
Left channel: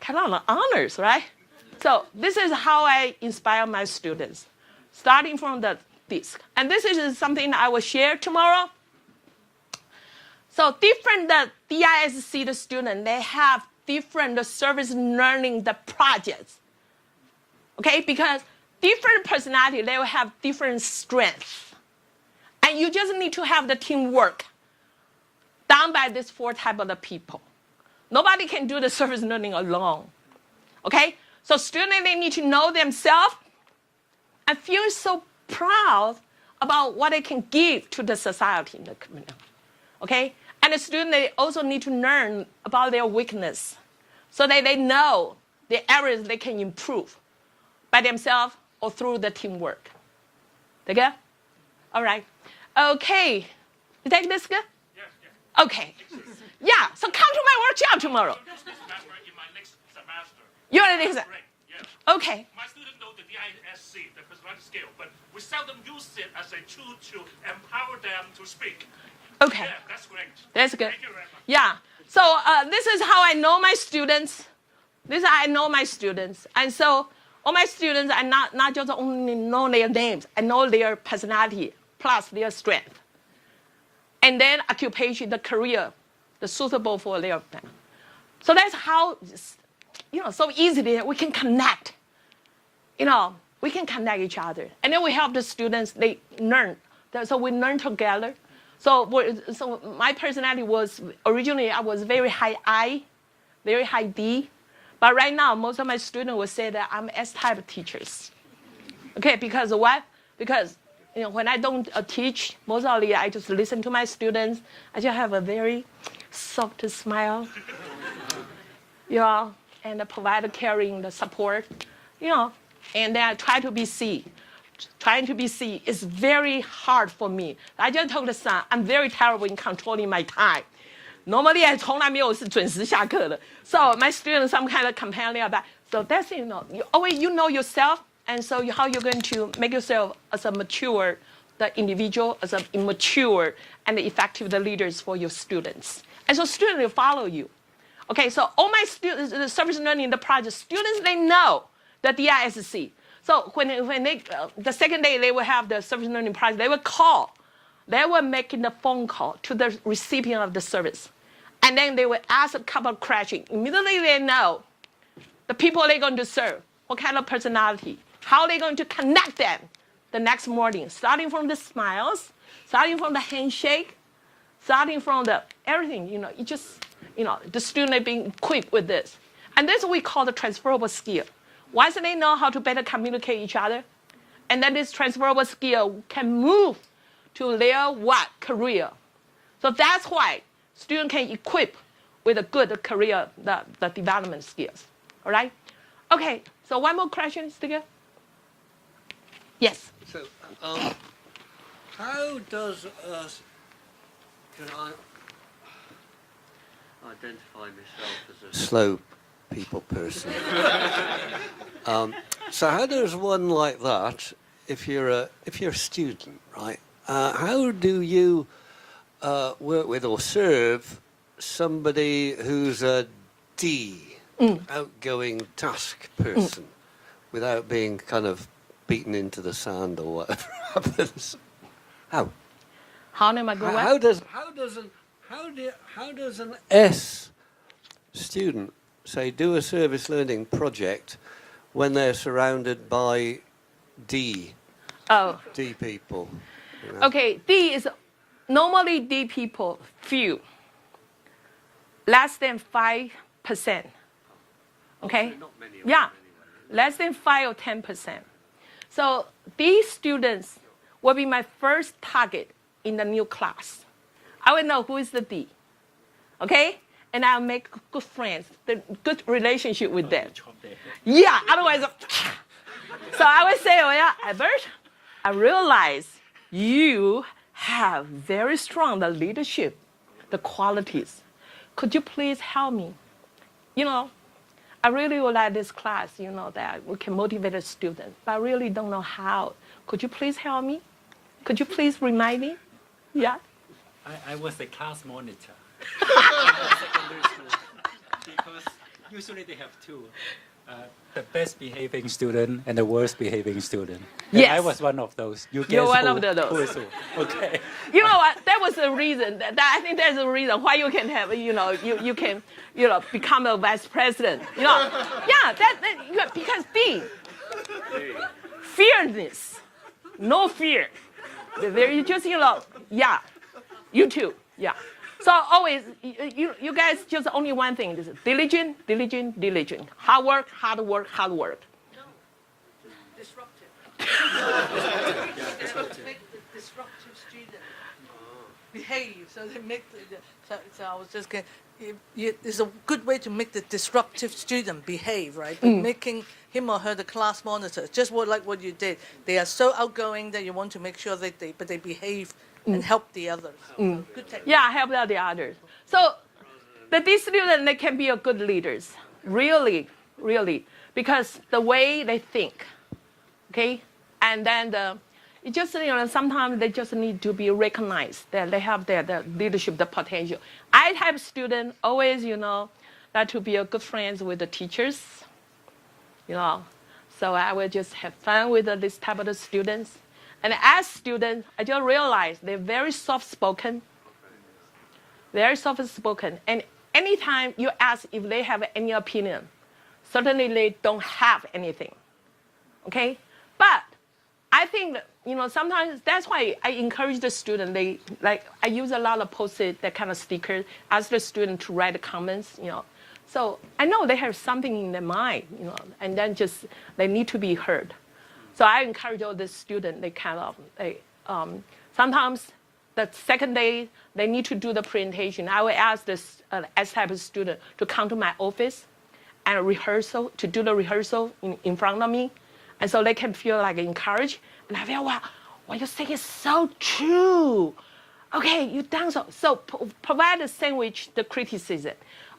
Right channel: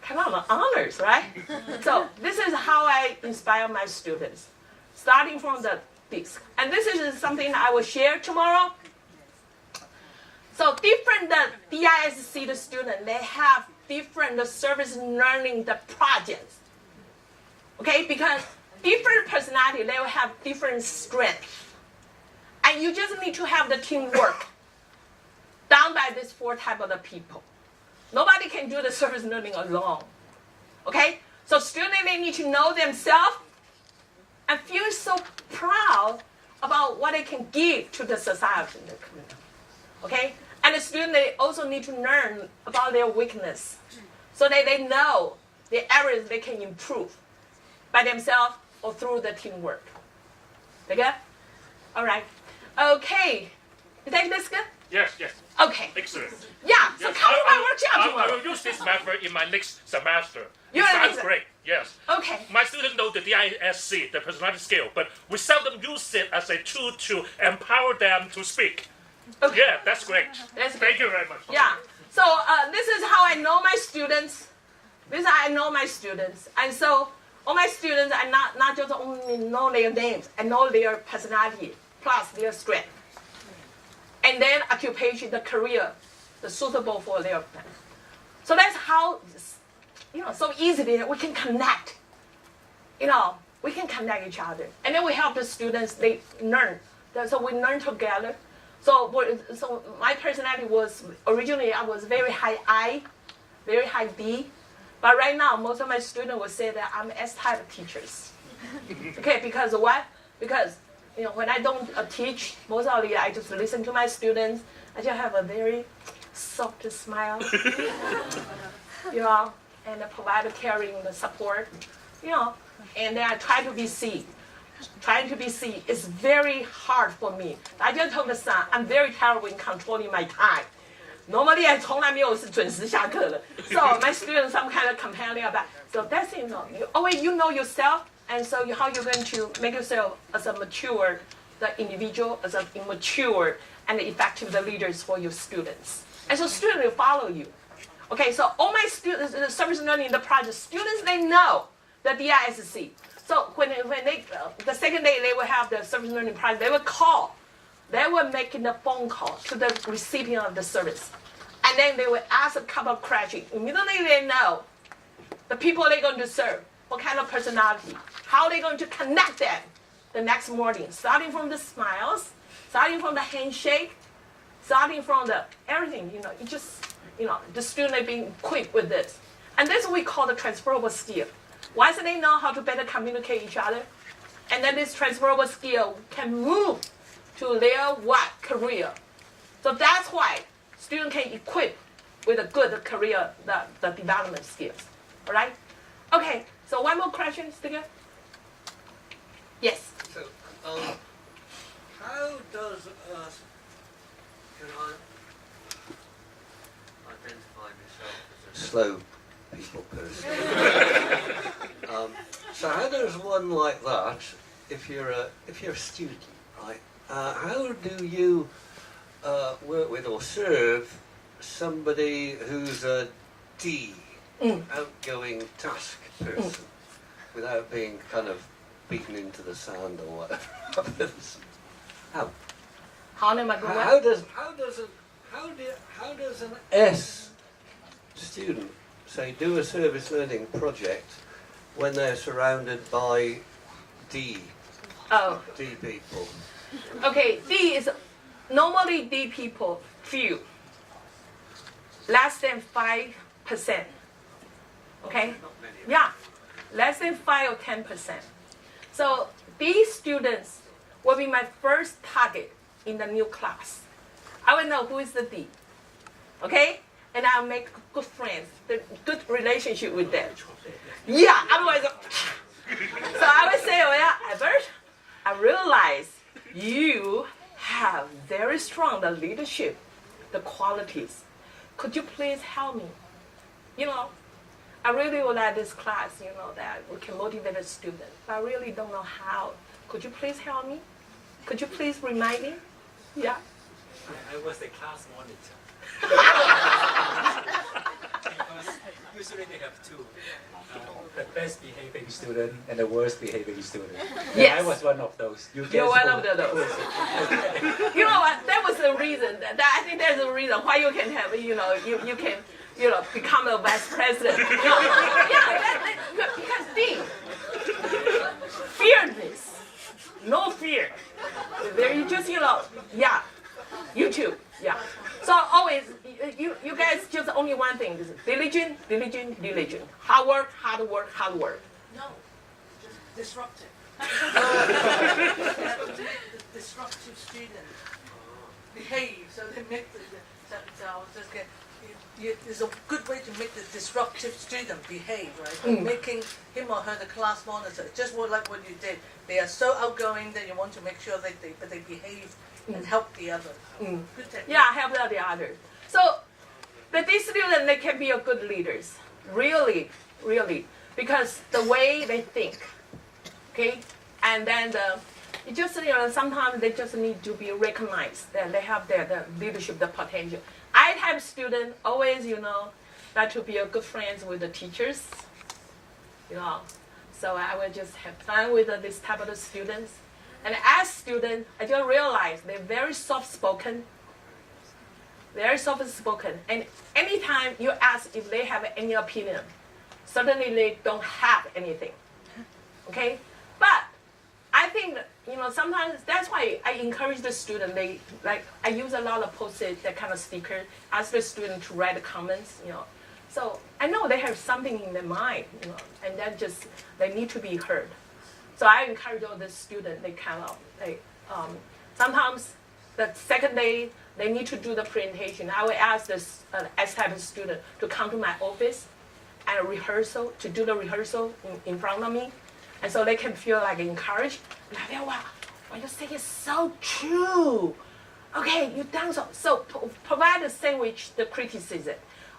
kind of honors, right? So this is how I inspire my students, starting from this. And this is something I will share tomorrow. So different DISC the students, they have different service learning the projects. Okay, because different personality, they will have different strengths. And you just need to have the teamwork done by these 4 types of the people. Nobody can do the service learning alone. Okay? So students, they need to know themselves and feel so proud about what they can give to the society and the community. Okay? And the students, they also need to learn about their weakness so that they know the areas they can improve by themselves or through the teamwork. They good? All right. Okay. You think this good? Yes. Okay. Excellent. Yeah, so come to my workshop I tomorrow. will use this method in my next semester. You Sounds understand? great. Yes. Okay. My students know the DISC, the personality scale, but we seldom use it as a tool to empower them to speak. Okay. Yeah, that's great. That's good. Thank you very much. Yeah. So this is how I know my students. And so all my students, I not just only know their names, I know their personality plus their strength. And then occupation, the career, the suitable for their plan. So that's how, so easily we can connect. We can connect each other. And then we help the students, they learn. So we learn together. So my personality was, originally I was very high I, very high D. But right now, most of my students will say that I'm S-type teachers. Okay, because what? Because when I don't teach, mostly I just listen to my students. I just have a very soft smile, and provide caring the support, and then I try to be C. Trying to be C is very hard for me. I just told the son, I'm very terrible in controlling my time. Normally I 从来没有是准时下课的。So my students some kind of companion about. So that's you always you know yourself, and so how you're going to make yourself as a mature, the individual as an immature and effective the leaders for your students. And so students will follow you. Okay, so all my students, the service learning, the project students, they know the DISC. So when they the second day they will have the service learning project, they will call. They were making a phone call to the recipient of the service. And then they will ask a couple of questions. Immediately they know the people they're going to serve, what kind of personality, how they're going to connect them the next morning, starting from the smiles, starting from the handshake, starting from the everything, you just, the student are being equipped with this. And this is what we call the transferable skill. Once they know how to better communicate each other, and then this transferable skill can move to their career. So that's why students can equip with a good career, the development skills. All right? Okay, so one more question, Studio? Yes. So, how does can I identify myself as a slow people person? So how does one like that, if you're a student, right? How do you work with or serve somebody who's a D, outgoing task person, without being kind of beaten into the sand or whatever happens? How? How does an S student say do a service learning project when they're surrounded by D people? Okay, D is normally D people few, less than 5%. Okay? Yeah, less than 5 or 10%. So these students will be my first target in the new class. I will know who is the D. Okay? And I'll make good friends, the good relationship with them. Yeah, otherwise, so I will say, oh yeah, Albert, I realize you have very strong the leadership, the qualities. Could you please help me? I really would like this class, that we can motivate a student, but I really don't know how. Could you please help me? Could you please remind me? Yeah. I was a class monitor. Because usually they have two. The best behaving student and the worst behaving student. And Yes. I was one of those. You're guess one who- of those. Who is it? Okay. You know what? That was the reason. I think that's the reason why you can have, you can, become a vice president. Because fearless, no fear. There just, YouTube, yeah. So always, you guys just only one thing, this is diligent, diligent, diligent. Hard work, hard work, hard work. No, disruptive. To make the disruptive student behave, so they make so I was just going. It's a good way to make the disruptive student behave, right? By making him or her the class monitor, just like what you did. They are so outgoing that you want to make sure that they behave and help the other. Good technique. Yeah, help out the others. So, but these students, they can be a good leaders. Really, really. Because the way they think, okay? And then it just, sometimes they just need to be recognized that they have the leadership, the potential. I type student always, like to be a good friends with the teachers, So I will just have fun with this type of students. And as students, I just realized they're very soft-spoken. Very soft-spoken. And anytime you ask if they have any opinion, certainly they don't have anything. Okay? But I think, sometimes that's why I encourage the student. I use a lot of post-it, that kind of sticker, ask the student to write comments, So I know they have something in their mind, and then just they need to be heard. So I encourage all the students, sometimes the second day they need to do the presentation. I will ask this S-type student to come to my office and to do the rehearsal in front of me. And so they can feel like encouraged. And I feel, wow, what you say is so true. Okay, you done so. So provide a sandwich the criticism.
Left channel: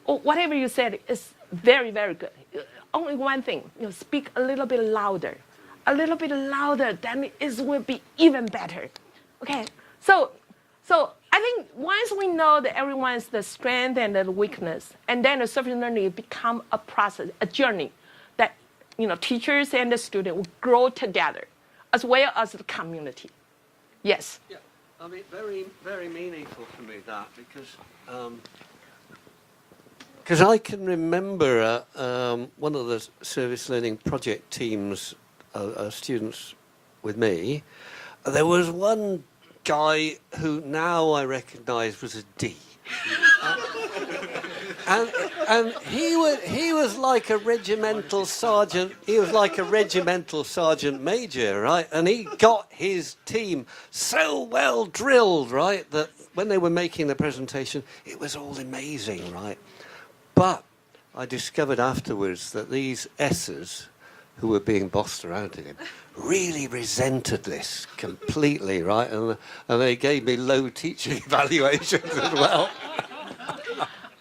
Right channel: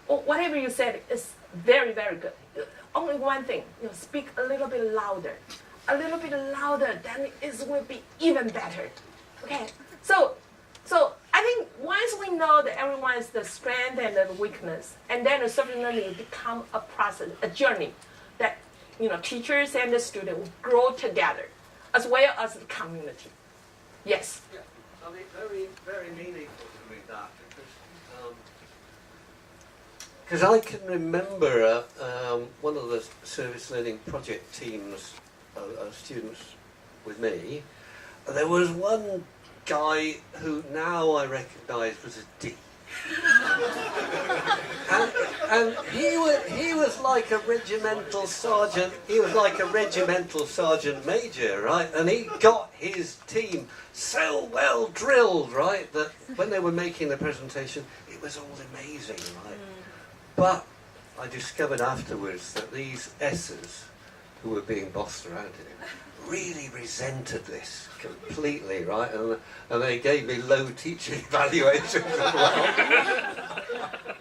Or whatever you said is very, very good. Only one thing, speak a little bit louder. A little bit louder, then it will be even better. Okay, so I think once we know that everyone's the strength and the weakness, and then the service learning become a process, a journey that teachers and the student will grow together, as well as the community. Yes. Yeah, I mean, very, very meaningful for me that because I can remember one of the service learning project teams, students with me. There was one guy who now I recognise was a D, and he was like a regimental sergeant. He was like a regimental sergeant major, right? And he got his team so well drilled, right, that when they were making the presentation, it was all amazing, right? But I discovered afterwards that these S's, who were being bossed around in him, really resented this completely, right? And they gave me low teaching evaluations as well.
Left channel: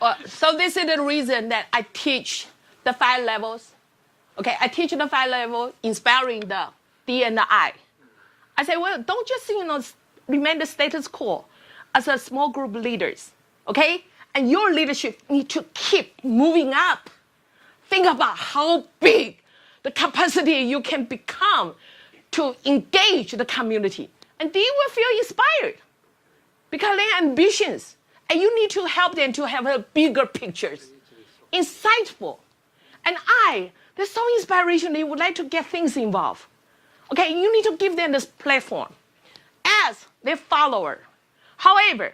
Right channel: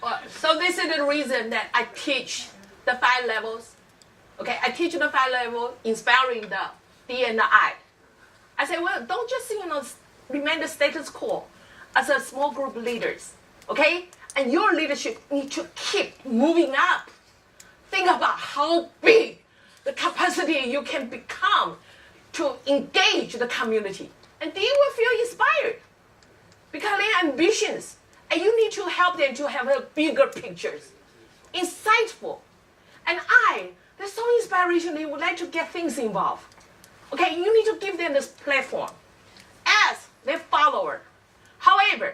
Well, so this is the reason that I teach the 5 levels. Okay, I teach the 5 levels, inspiring the D and the I. I say, well, don't just remain the status quo as a small group leaders, okay? And your leadership need to keep moving up. Think about how big the capacity you can become to engage the community. And they will feel inspired because they have ambitions. And you need to help them to have a bigger pictures, insightful. And they're so inspirational, they would like to get things involved. Okay, you need to give them this platform as their follower. However,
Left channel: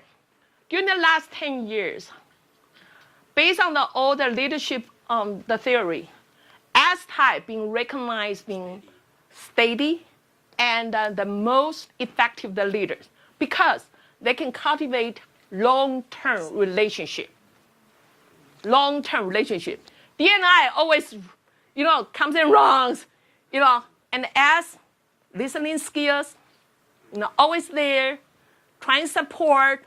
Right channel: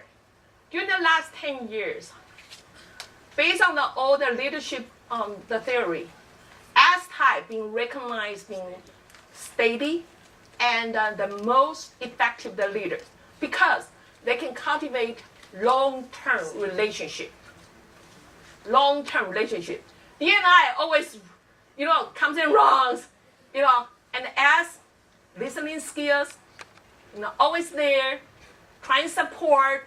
during the last 10 years, based on all the leadership, the theory, S-type being recognized in steady and the most effective the leaders because they can cultivate long-term relationship. Long-term relationship. D and I always, comes in wrongs, and S, listening skills, always there, trying to support,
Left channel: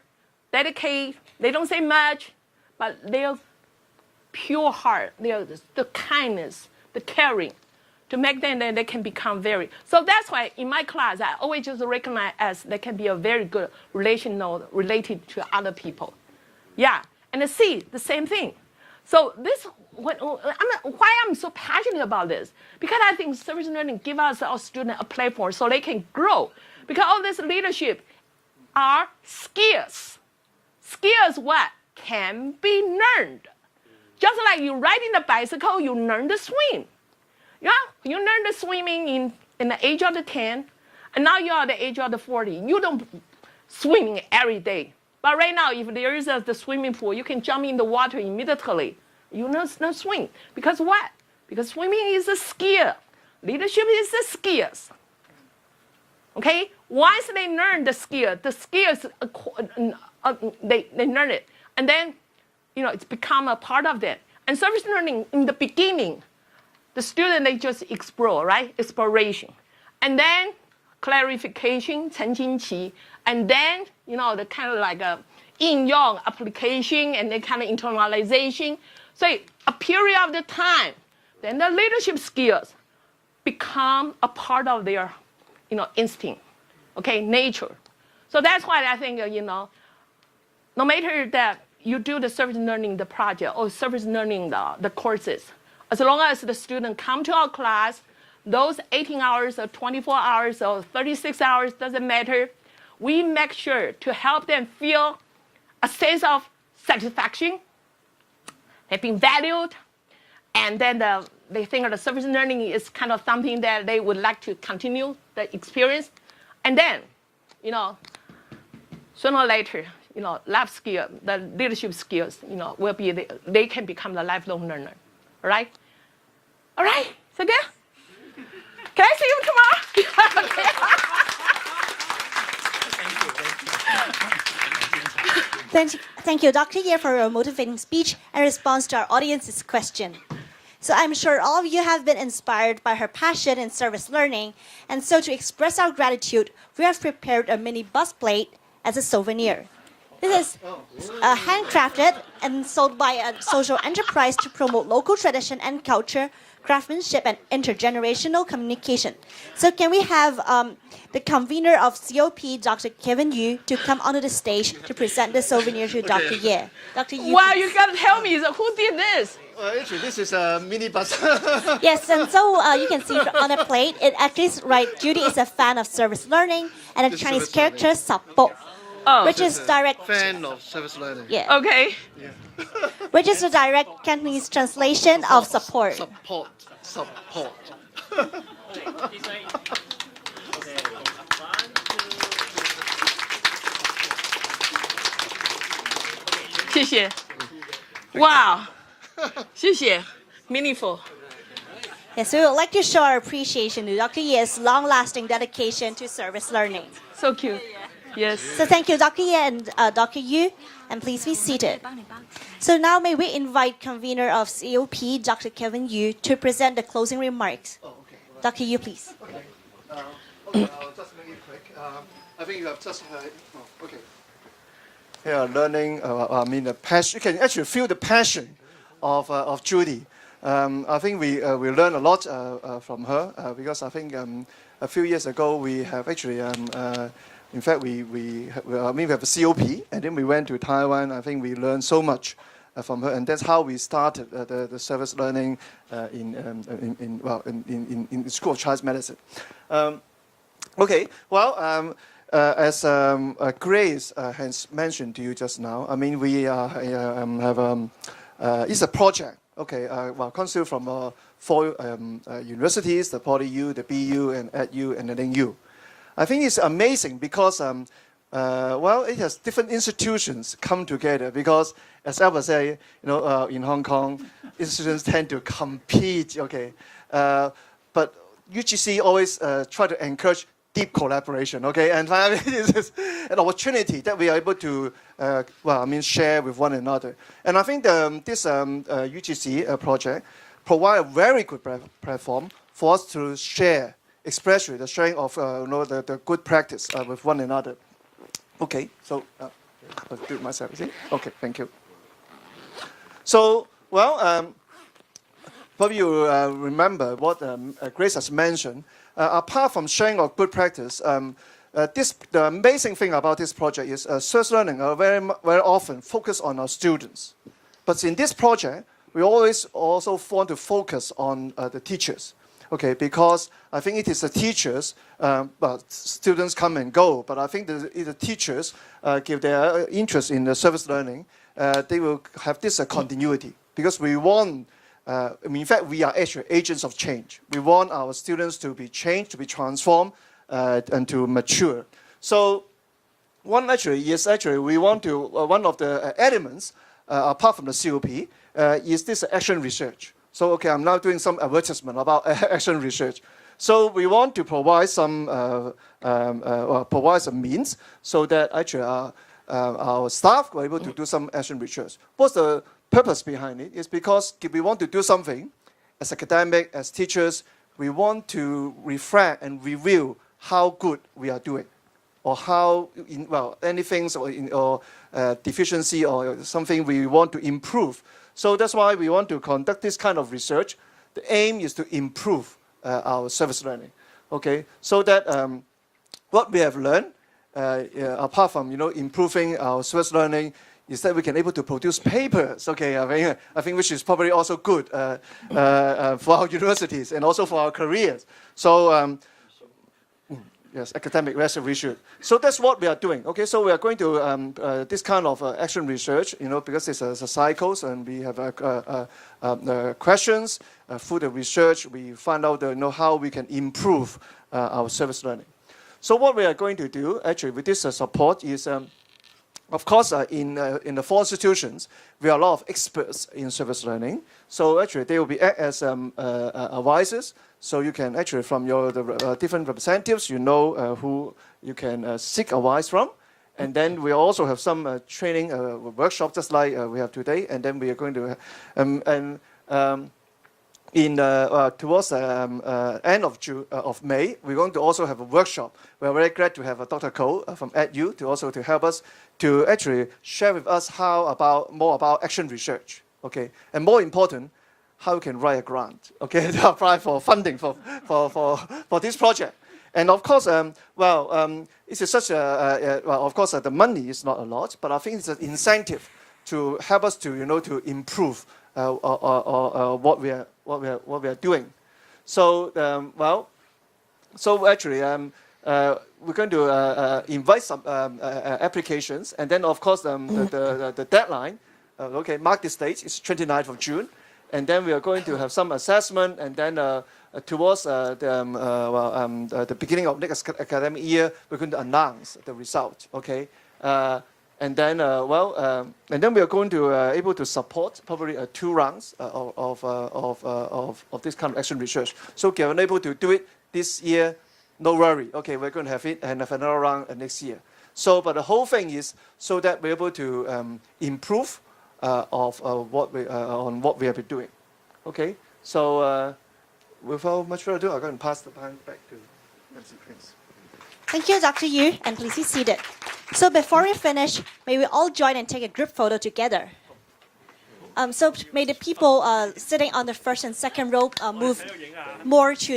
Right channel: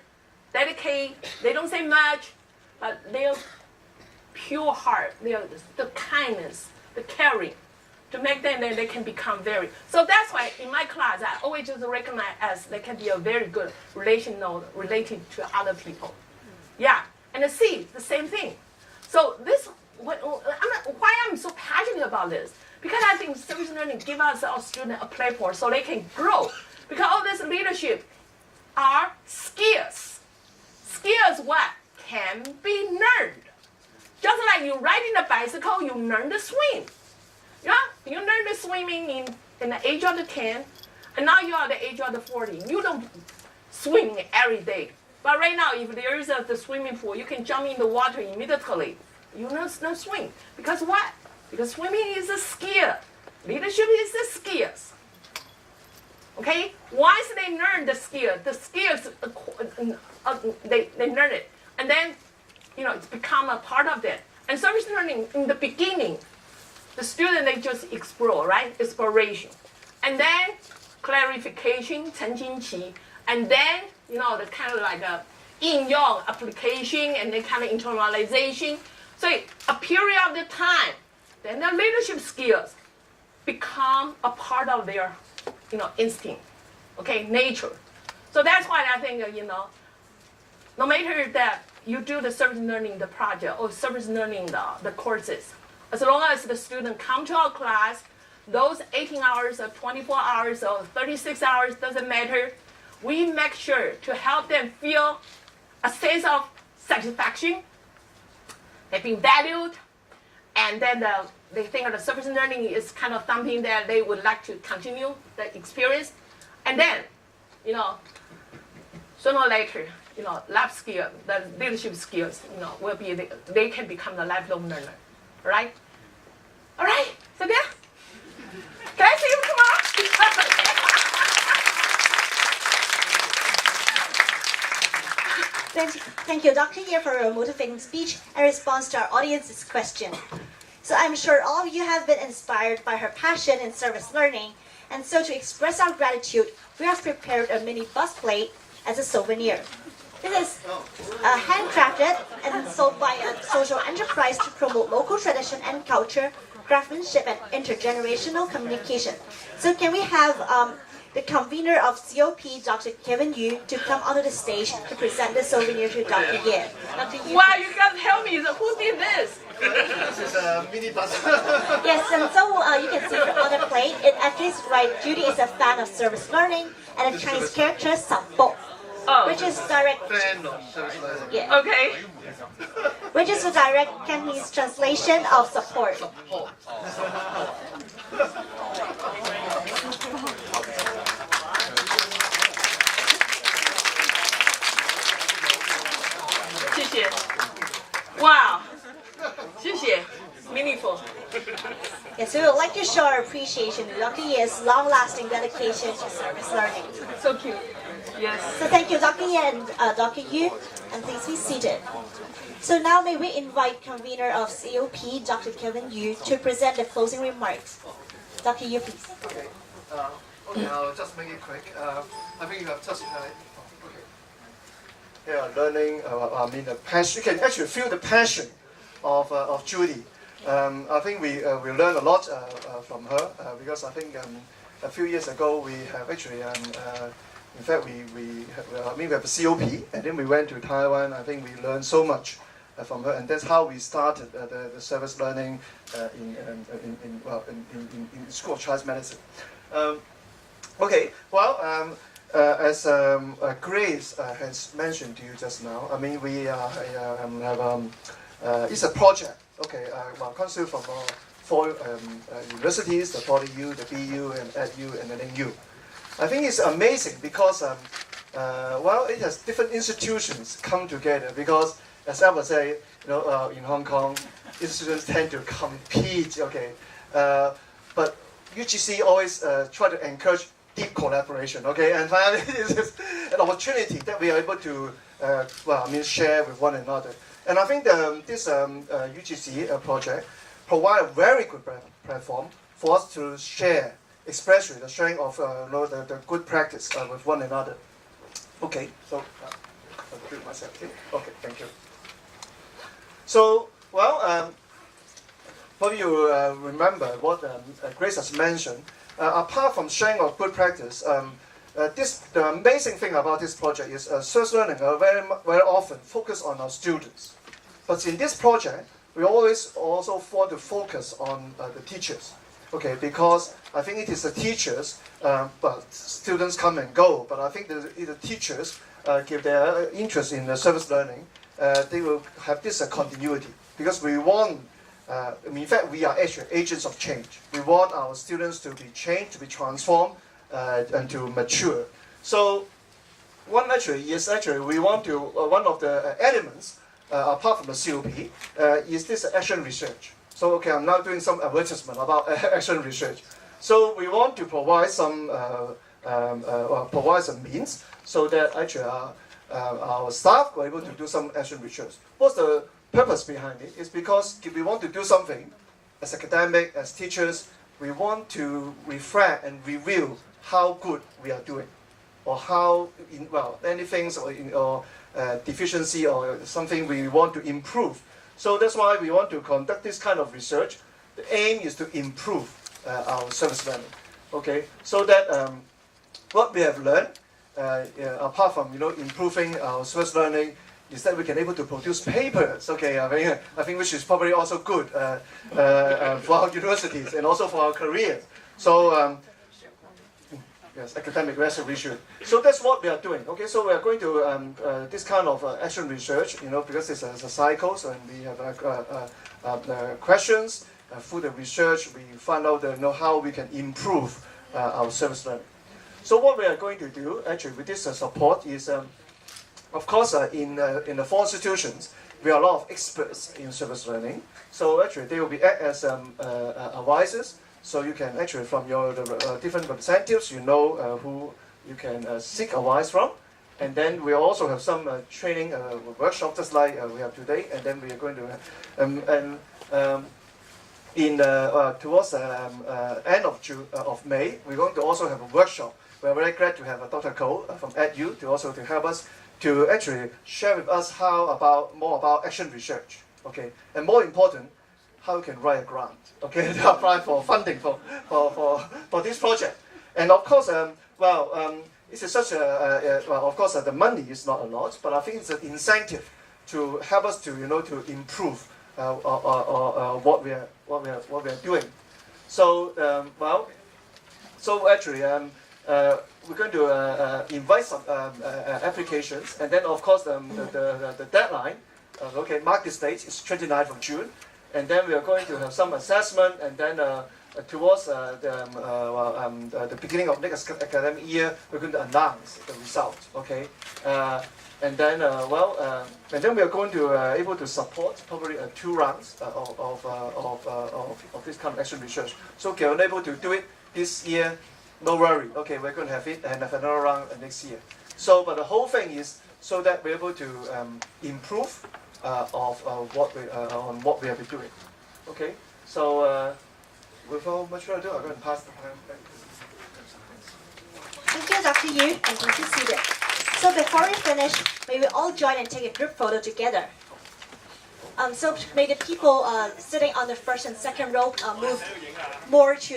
dedicate. They don't say much, but they're pure heart. They're the kindness, the caring, to make them that they can become very. So that's why in my class I always just recognize as they can be a very good related to other people. Yeah, and the C, the same thing. So this, why I'm so passionate about this, because I think service learning give us our students a platform so they can grow. Because all this leadership are skills. Skills what can be learned. Just like you riding the bicycle, you learn to swim. Yeah, you learn the swimming in the age of the 10, and now you are the age of the 40. You don't swim every day. But right now, if there is the swimming pool, you can jump in the water immediately. You know not swim. Because what? Because swimming is a skill. Leadership is the skills. Okay? Once they learn the skills, they learn it. And then, it's become a part of them. And service learning, in the beginning, the student, they just explore, right? Exploration. And then clarification, 澄清期. And then, the kind of like a 应用 application and then kind of internalization. So a period of the time, then the leadership skills become a part of their, instinct, okay, nature. So that's why I think, no matter that you do the service learning, the project, or service learning, the courses, as long as the student come to our class, those 18 hours or 24 hours or 36 hours, doesn't matter. We make sure to help them feel a sense of satisfaction, they've been valued, and then they think the service learning is kind of something that they would like to continue the experience. And then, sooner or later, life skill, the leadership skills, will be, they can become the lifelong learner, right? All right, so good? Can I see you tomorrow? Thank you, Dr. Ye, for your motivating speech and response to our audience's question. So I'm sure all of you have been inspired by her passion in service learning, and so to express our gratitude, we have prepared a mini bus plate as a souvenir. This is handcrafted and sold by a social enterprise to promote local tradition and culture, craftsmanship, and intergenerational communication. So can we have the convener of COP, Dr. Kevin Yu, to come onto the stage to present the souvenir to Dr. Ye. Dr. Yu. Wow, you gotta tell me, so who did this? Actually, this is a mini bus. Yes, and so you can see on the plate, it actually is right. Judy is a fan of service learning and a Chinese character Sappo, Oh, which is direct. Fan of service learning. Yeah, okay. which is a direct Cantonese translation of support. Support. Support. 谢谢。Wow，谢谢 ，meaningful。 Yes, we would like to show our appreciation to Dr. Ye's long-lasting dedication to service learning. So cute. Yes. So thank you, Dr. Ye and Dr. Yu, and please be seated. So now may we invite convener of COP, Dr. Kevin Yu, to present the closing remarks. Dr. Yu, please. Okay, I'll just make it quick. I think you have just okay. Yeah, learning. I mean, the passion. You can actually feel the passion of Judy. I think we learned a lot from her because I think a few years ago we have actually in fact we have a COP and then we went to Taiwan. I think we learned so much from her, and that's how we started the service learning in the School of Chinese Medicine. Okay, well, as Grace has mentioned to you just now, I mean we have it's a project. Okay, well, constituted from 4 universities: the PolyU, the BU, and EdU, and the LingU. I think it's amazing because well, it has different institutions come together because, as Albert said, in Hong Kong, institutions tend to compete. Okay, but UGC always try to encourage deep collaboration. Okay, and finally, this is an opportunity that we are able to share with one another. And I think this UGC project provide a very good platform for us to share, especially the sharing of the good practice with one another. Okay, so I'll do it myself. See? Okay, thank you. So, well, probably you remember what Grace has mentioned. Apart from sharing of good practice, the amazing thing about this project is service learning are very often focused on our students. But in this project, we always also want to focus on the teachers. Okay, because I think it is the teachers, but students come and go, but I think the teachers give their interest in the service learning, they will have this continuity. Because we want, in fact, we are actually agents of change. We want our students to be changed, to be transformed, and to mature. So one we want to, one of the elements, apart from the COP, is this action research. So okay, I'm now doing some advertisement about action research. So we want to provide some means so that actually our staff were able to do some action research. What's the purpose behind it? Is because if we want to do something, as academic, as teachers, we want to reflect and review how good we are doing, or how anything or deficiency or something we want to improve. So that's why we want to conduct this kind of research. The aim is to improve our service learning. Okay, so that what we have learned, apart from improving our service learning, is that we can able to produce papers. Okay, I think which is probably also good for our universities and also for our careers. So yes, academic research. So that's what we are doing. Okay, so we are going to this kind of action research, because it's a cycles, and we have the questions through the research. We find out how we can improve our service learning. So what we are going to do actually with this support is, of course, in the 4 institutions, we are a lot of experts in service learning. So actually, they will be act as advisors. So you can actually, from the different representatives, who you can seek advice from. And then we also have some training workshop, just like we have today. And then we are going to, towards the end of May, we're going to also have a workshop we're very glad to have Dr. Ko from EDU to also to help us to actually share with us more about action research, okay, and more important, how we can write a grant, okay, to apply for funding for this project. And of course, it's such of course, the money is not a lot, but I think it's an incentive to help us to to improve what we are doing. So so actually we're going to invite some applications, and then of course the deadline, mark this date, is 29th of June, and then we are going to have some assessment, and then towards the beginning of next academic year, we're going to announce the result. Okay, and then we are going to able to support probably 2 rounds of this kind of action research. So if you're unable to do it this year, no worry. Okay, we're going to have it and have another round next year. So, but the whole thing is so that we're able to improve what we have been doing. Okay, so without much further ado, I'm going to pass the time back to. Thank you, Dr. Yu, and please be seated. So before we finish, may we all join and take a group photo together. So may the people sitting on the first and second row move more to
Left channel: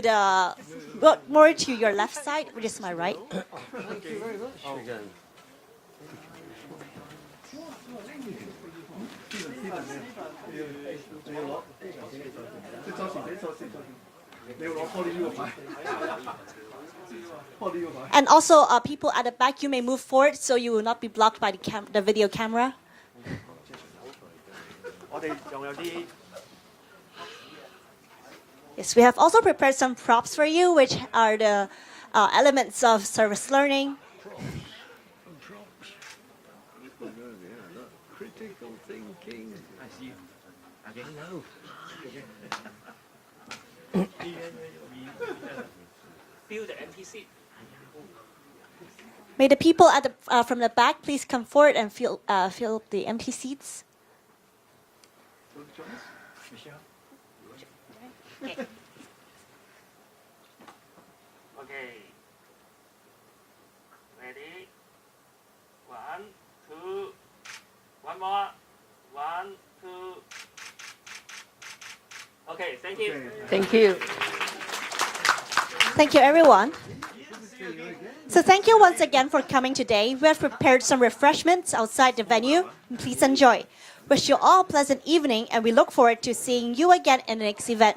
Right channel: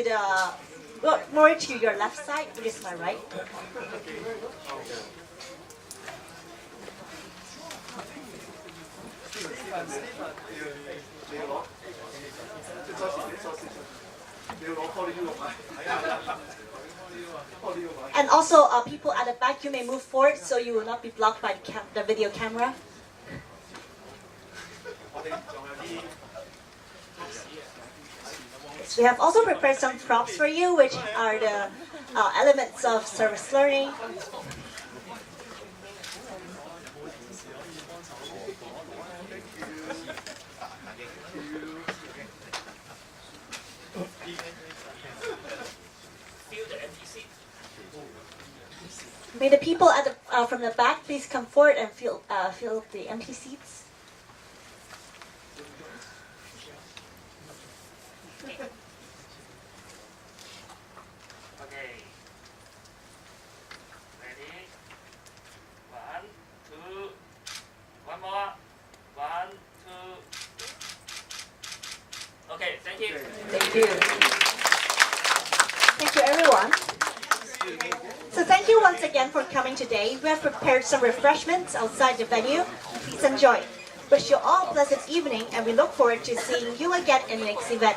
your left side, which is my right. And also, people at the back, you may move forward so you will not be blocked by the video camera. Yes, we have also prepared some props for you, which are the elements of service learning. Fill the empty seat. May the people at the from the back please come forward and fill the empty seats. Okay. Ready? 1, 2. One more. 1, 2. Okay, thank you. Thank you. Thank you, everyone. So thank you once again for coming today. We have prepared some refreshments outside the venue. Please enjoy. Wish you all a pleasant evening, and we look forward to seeing you again in the next event.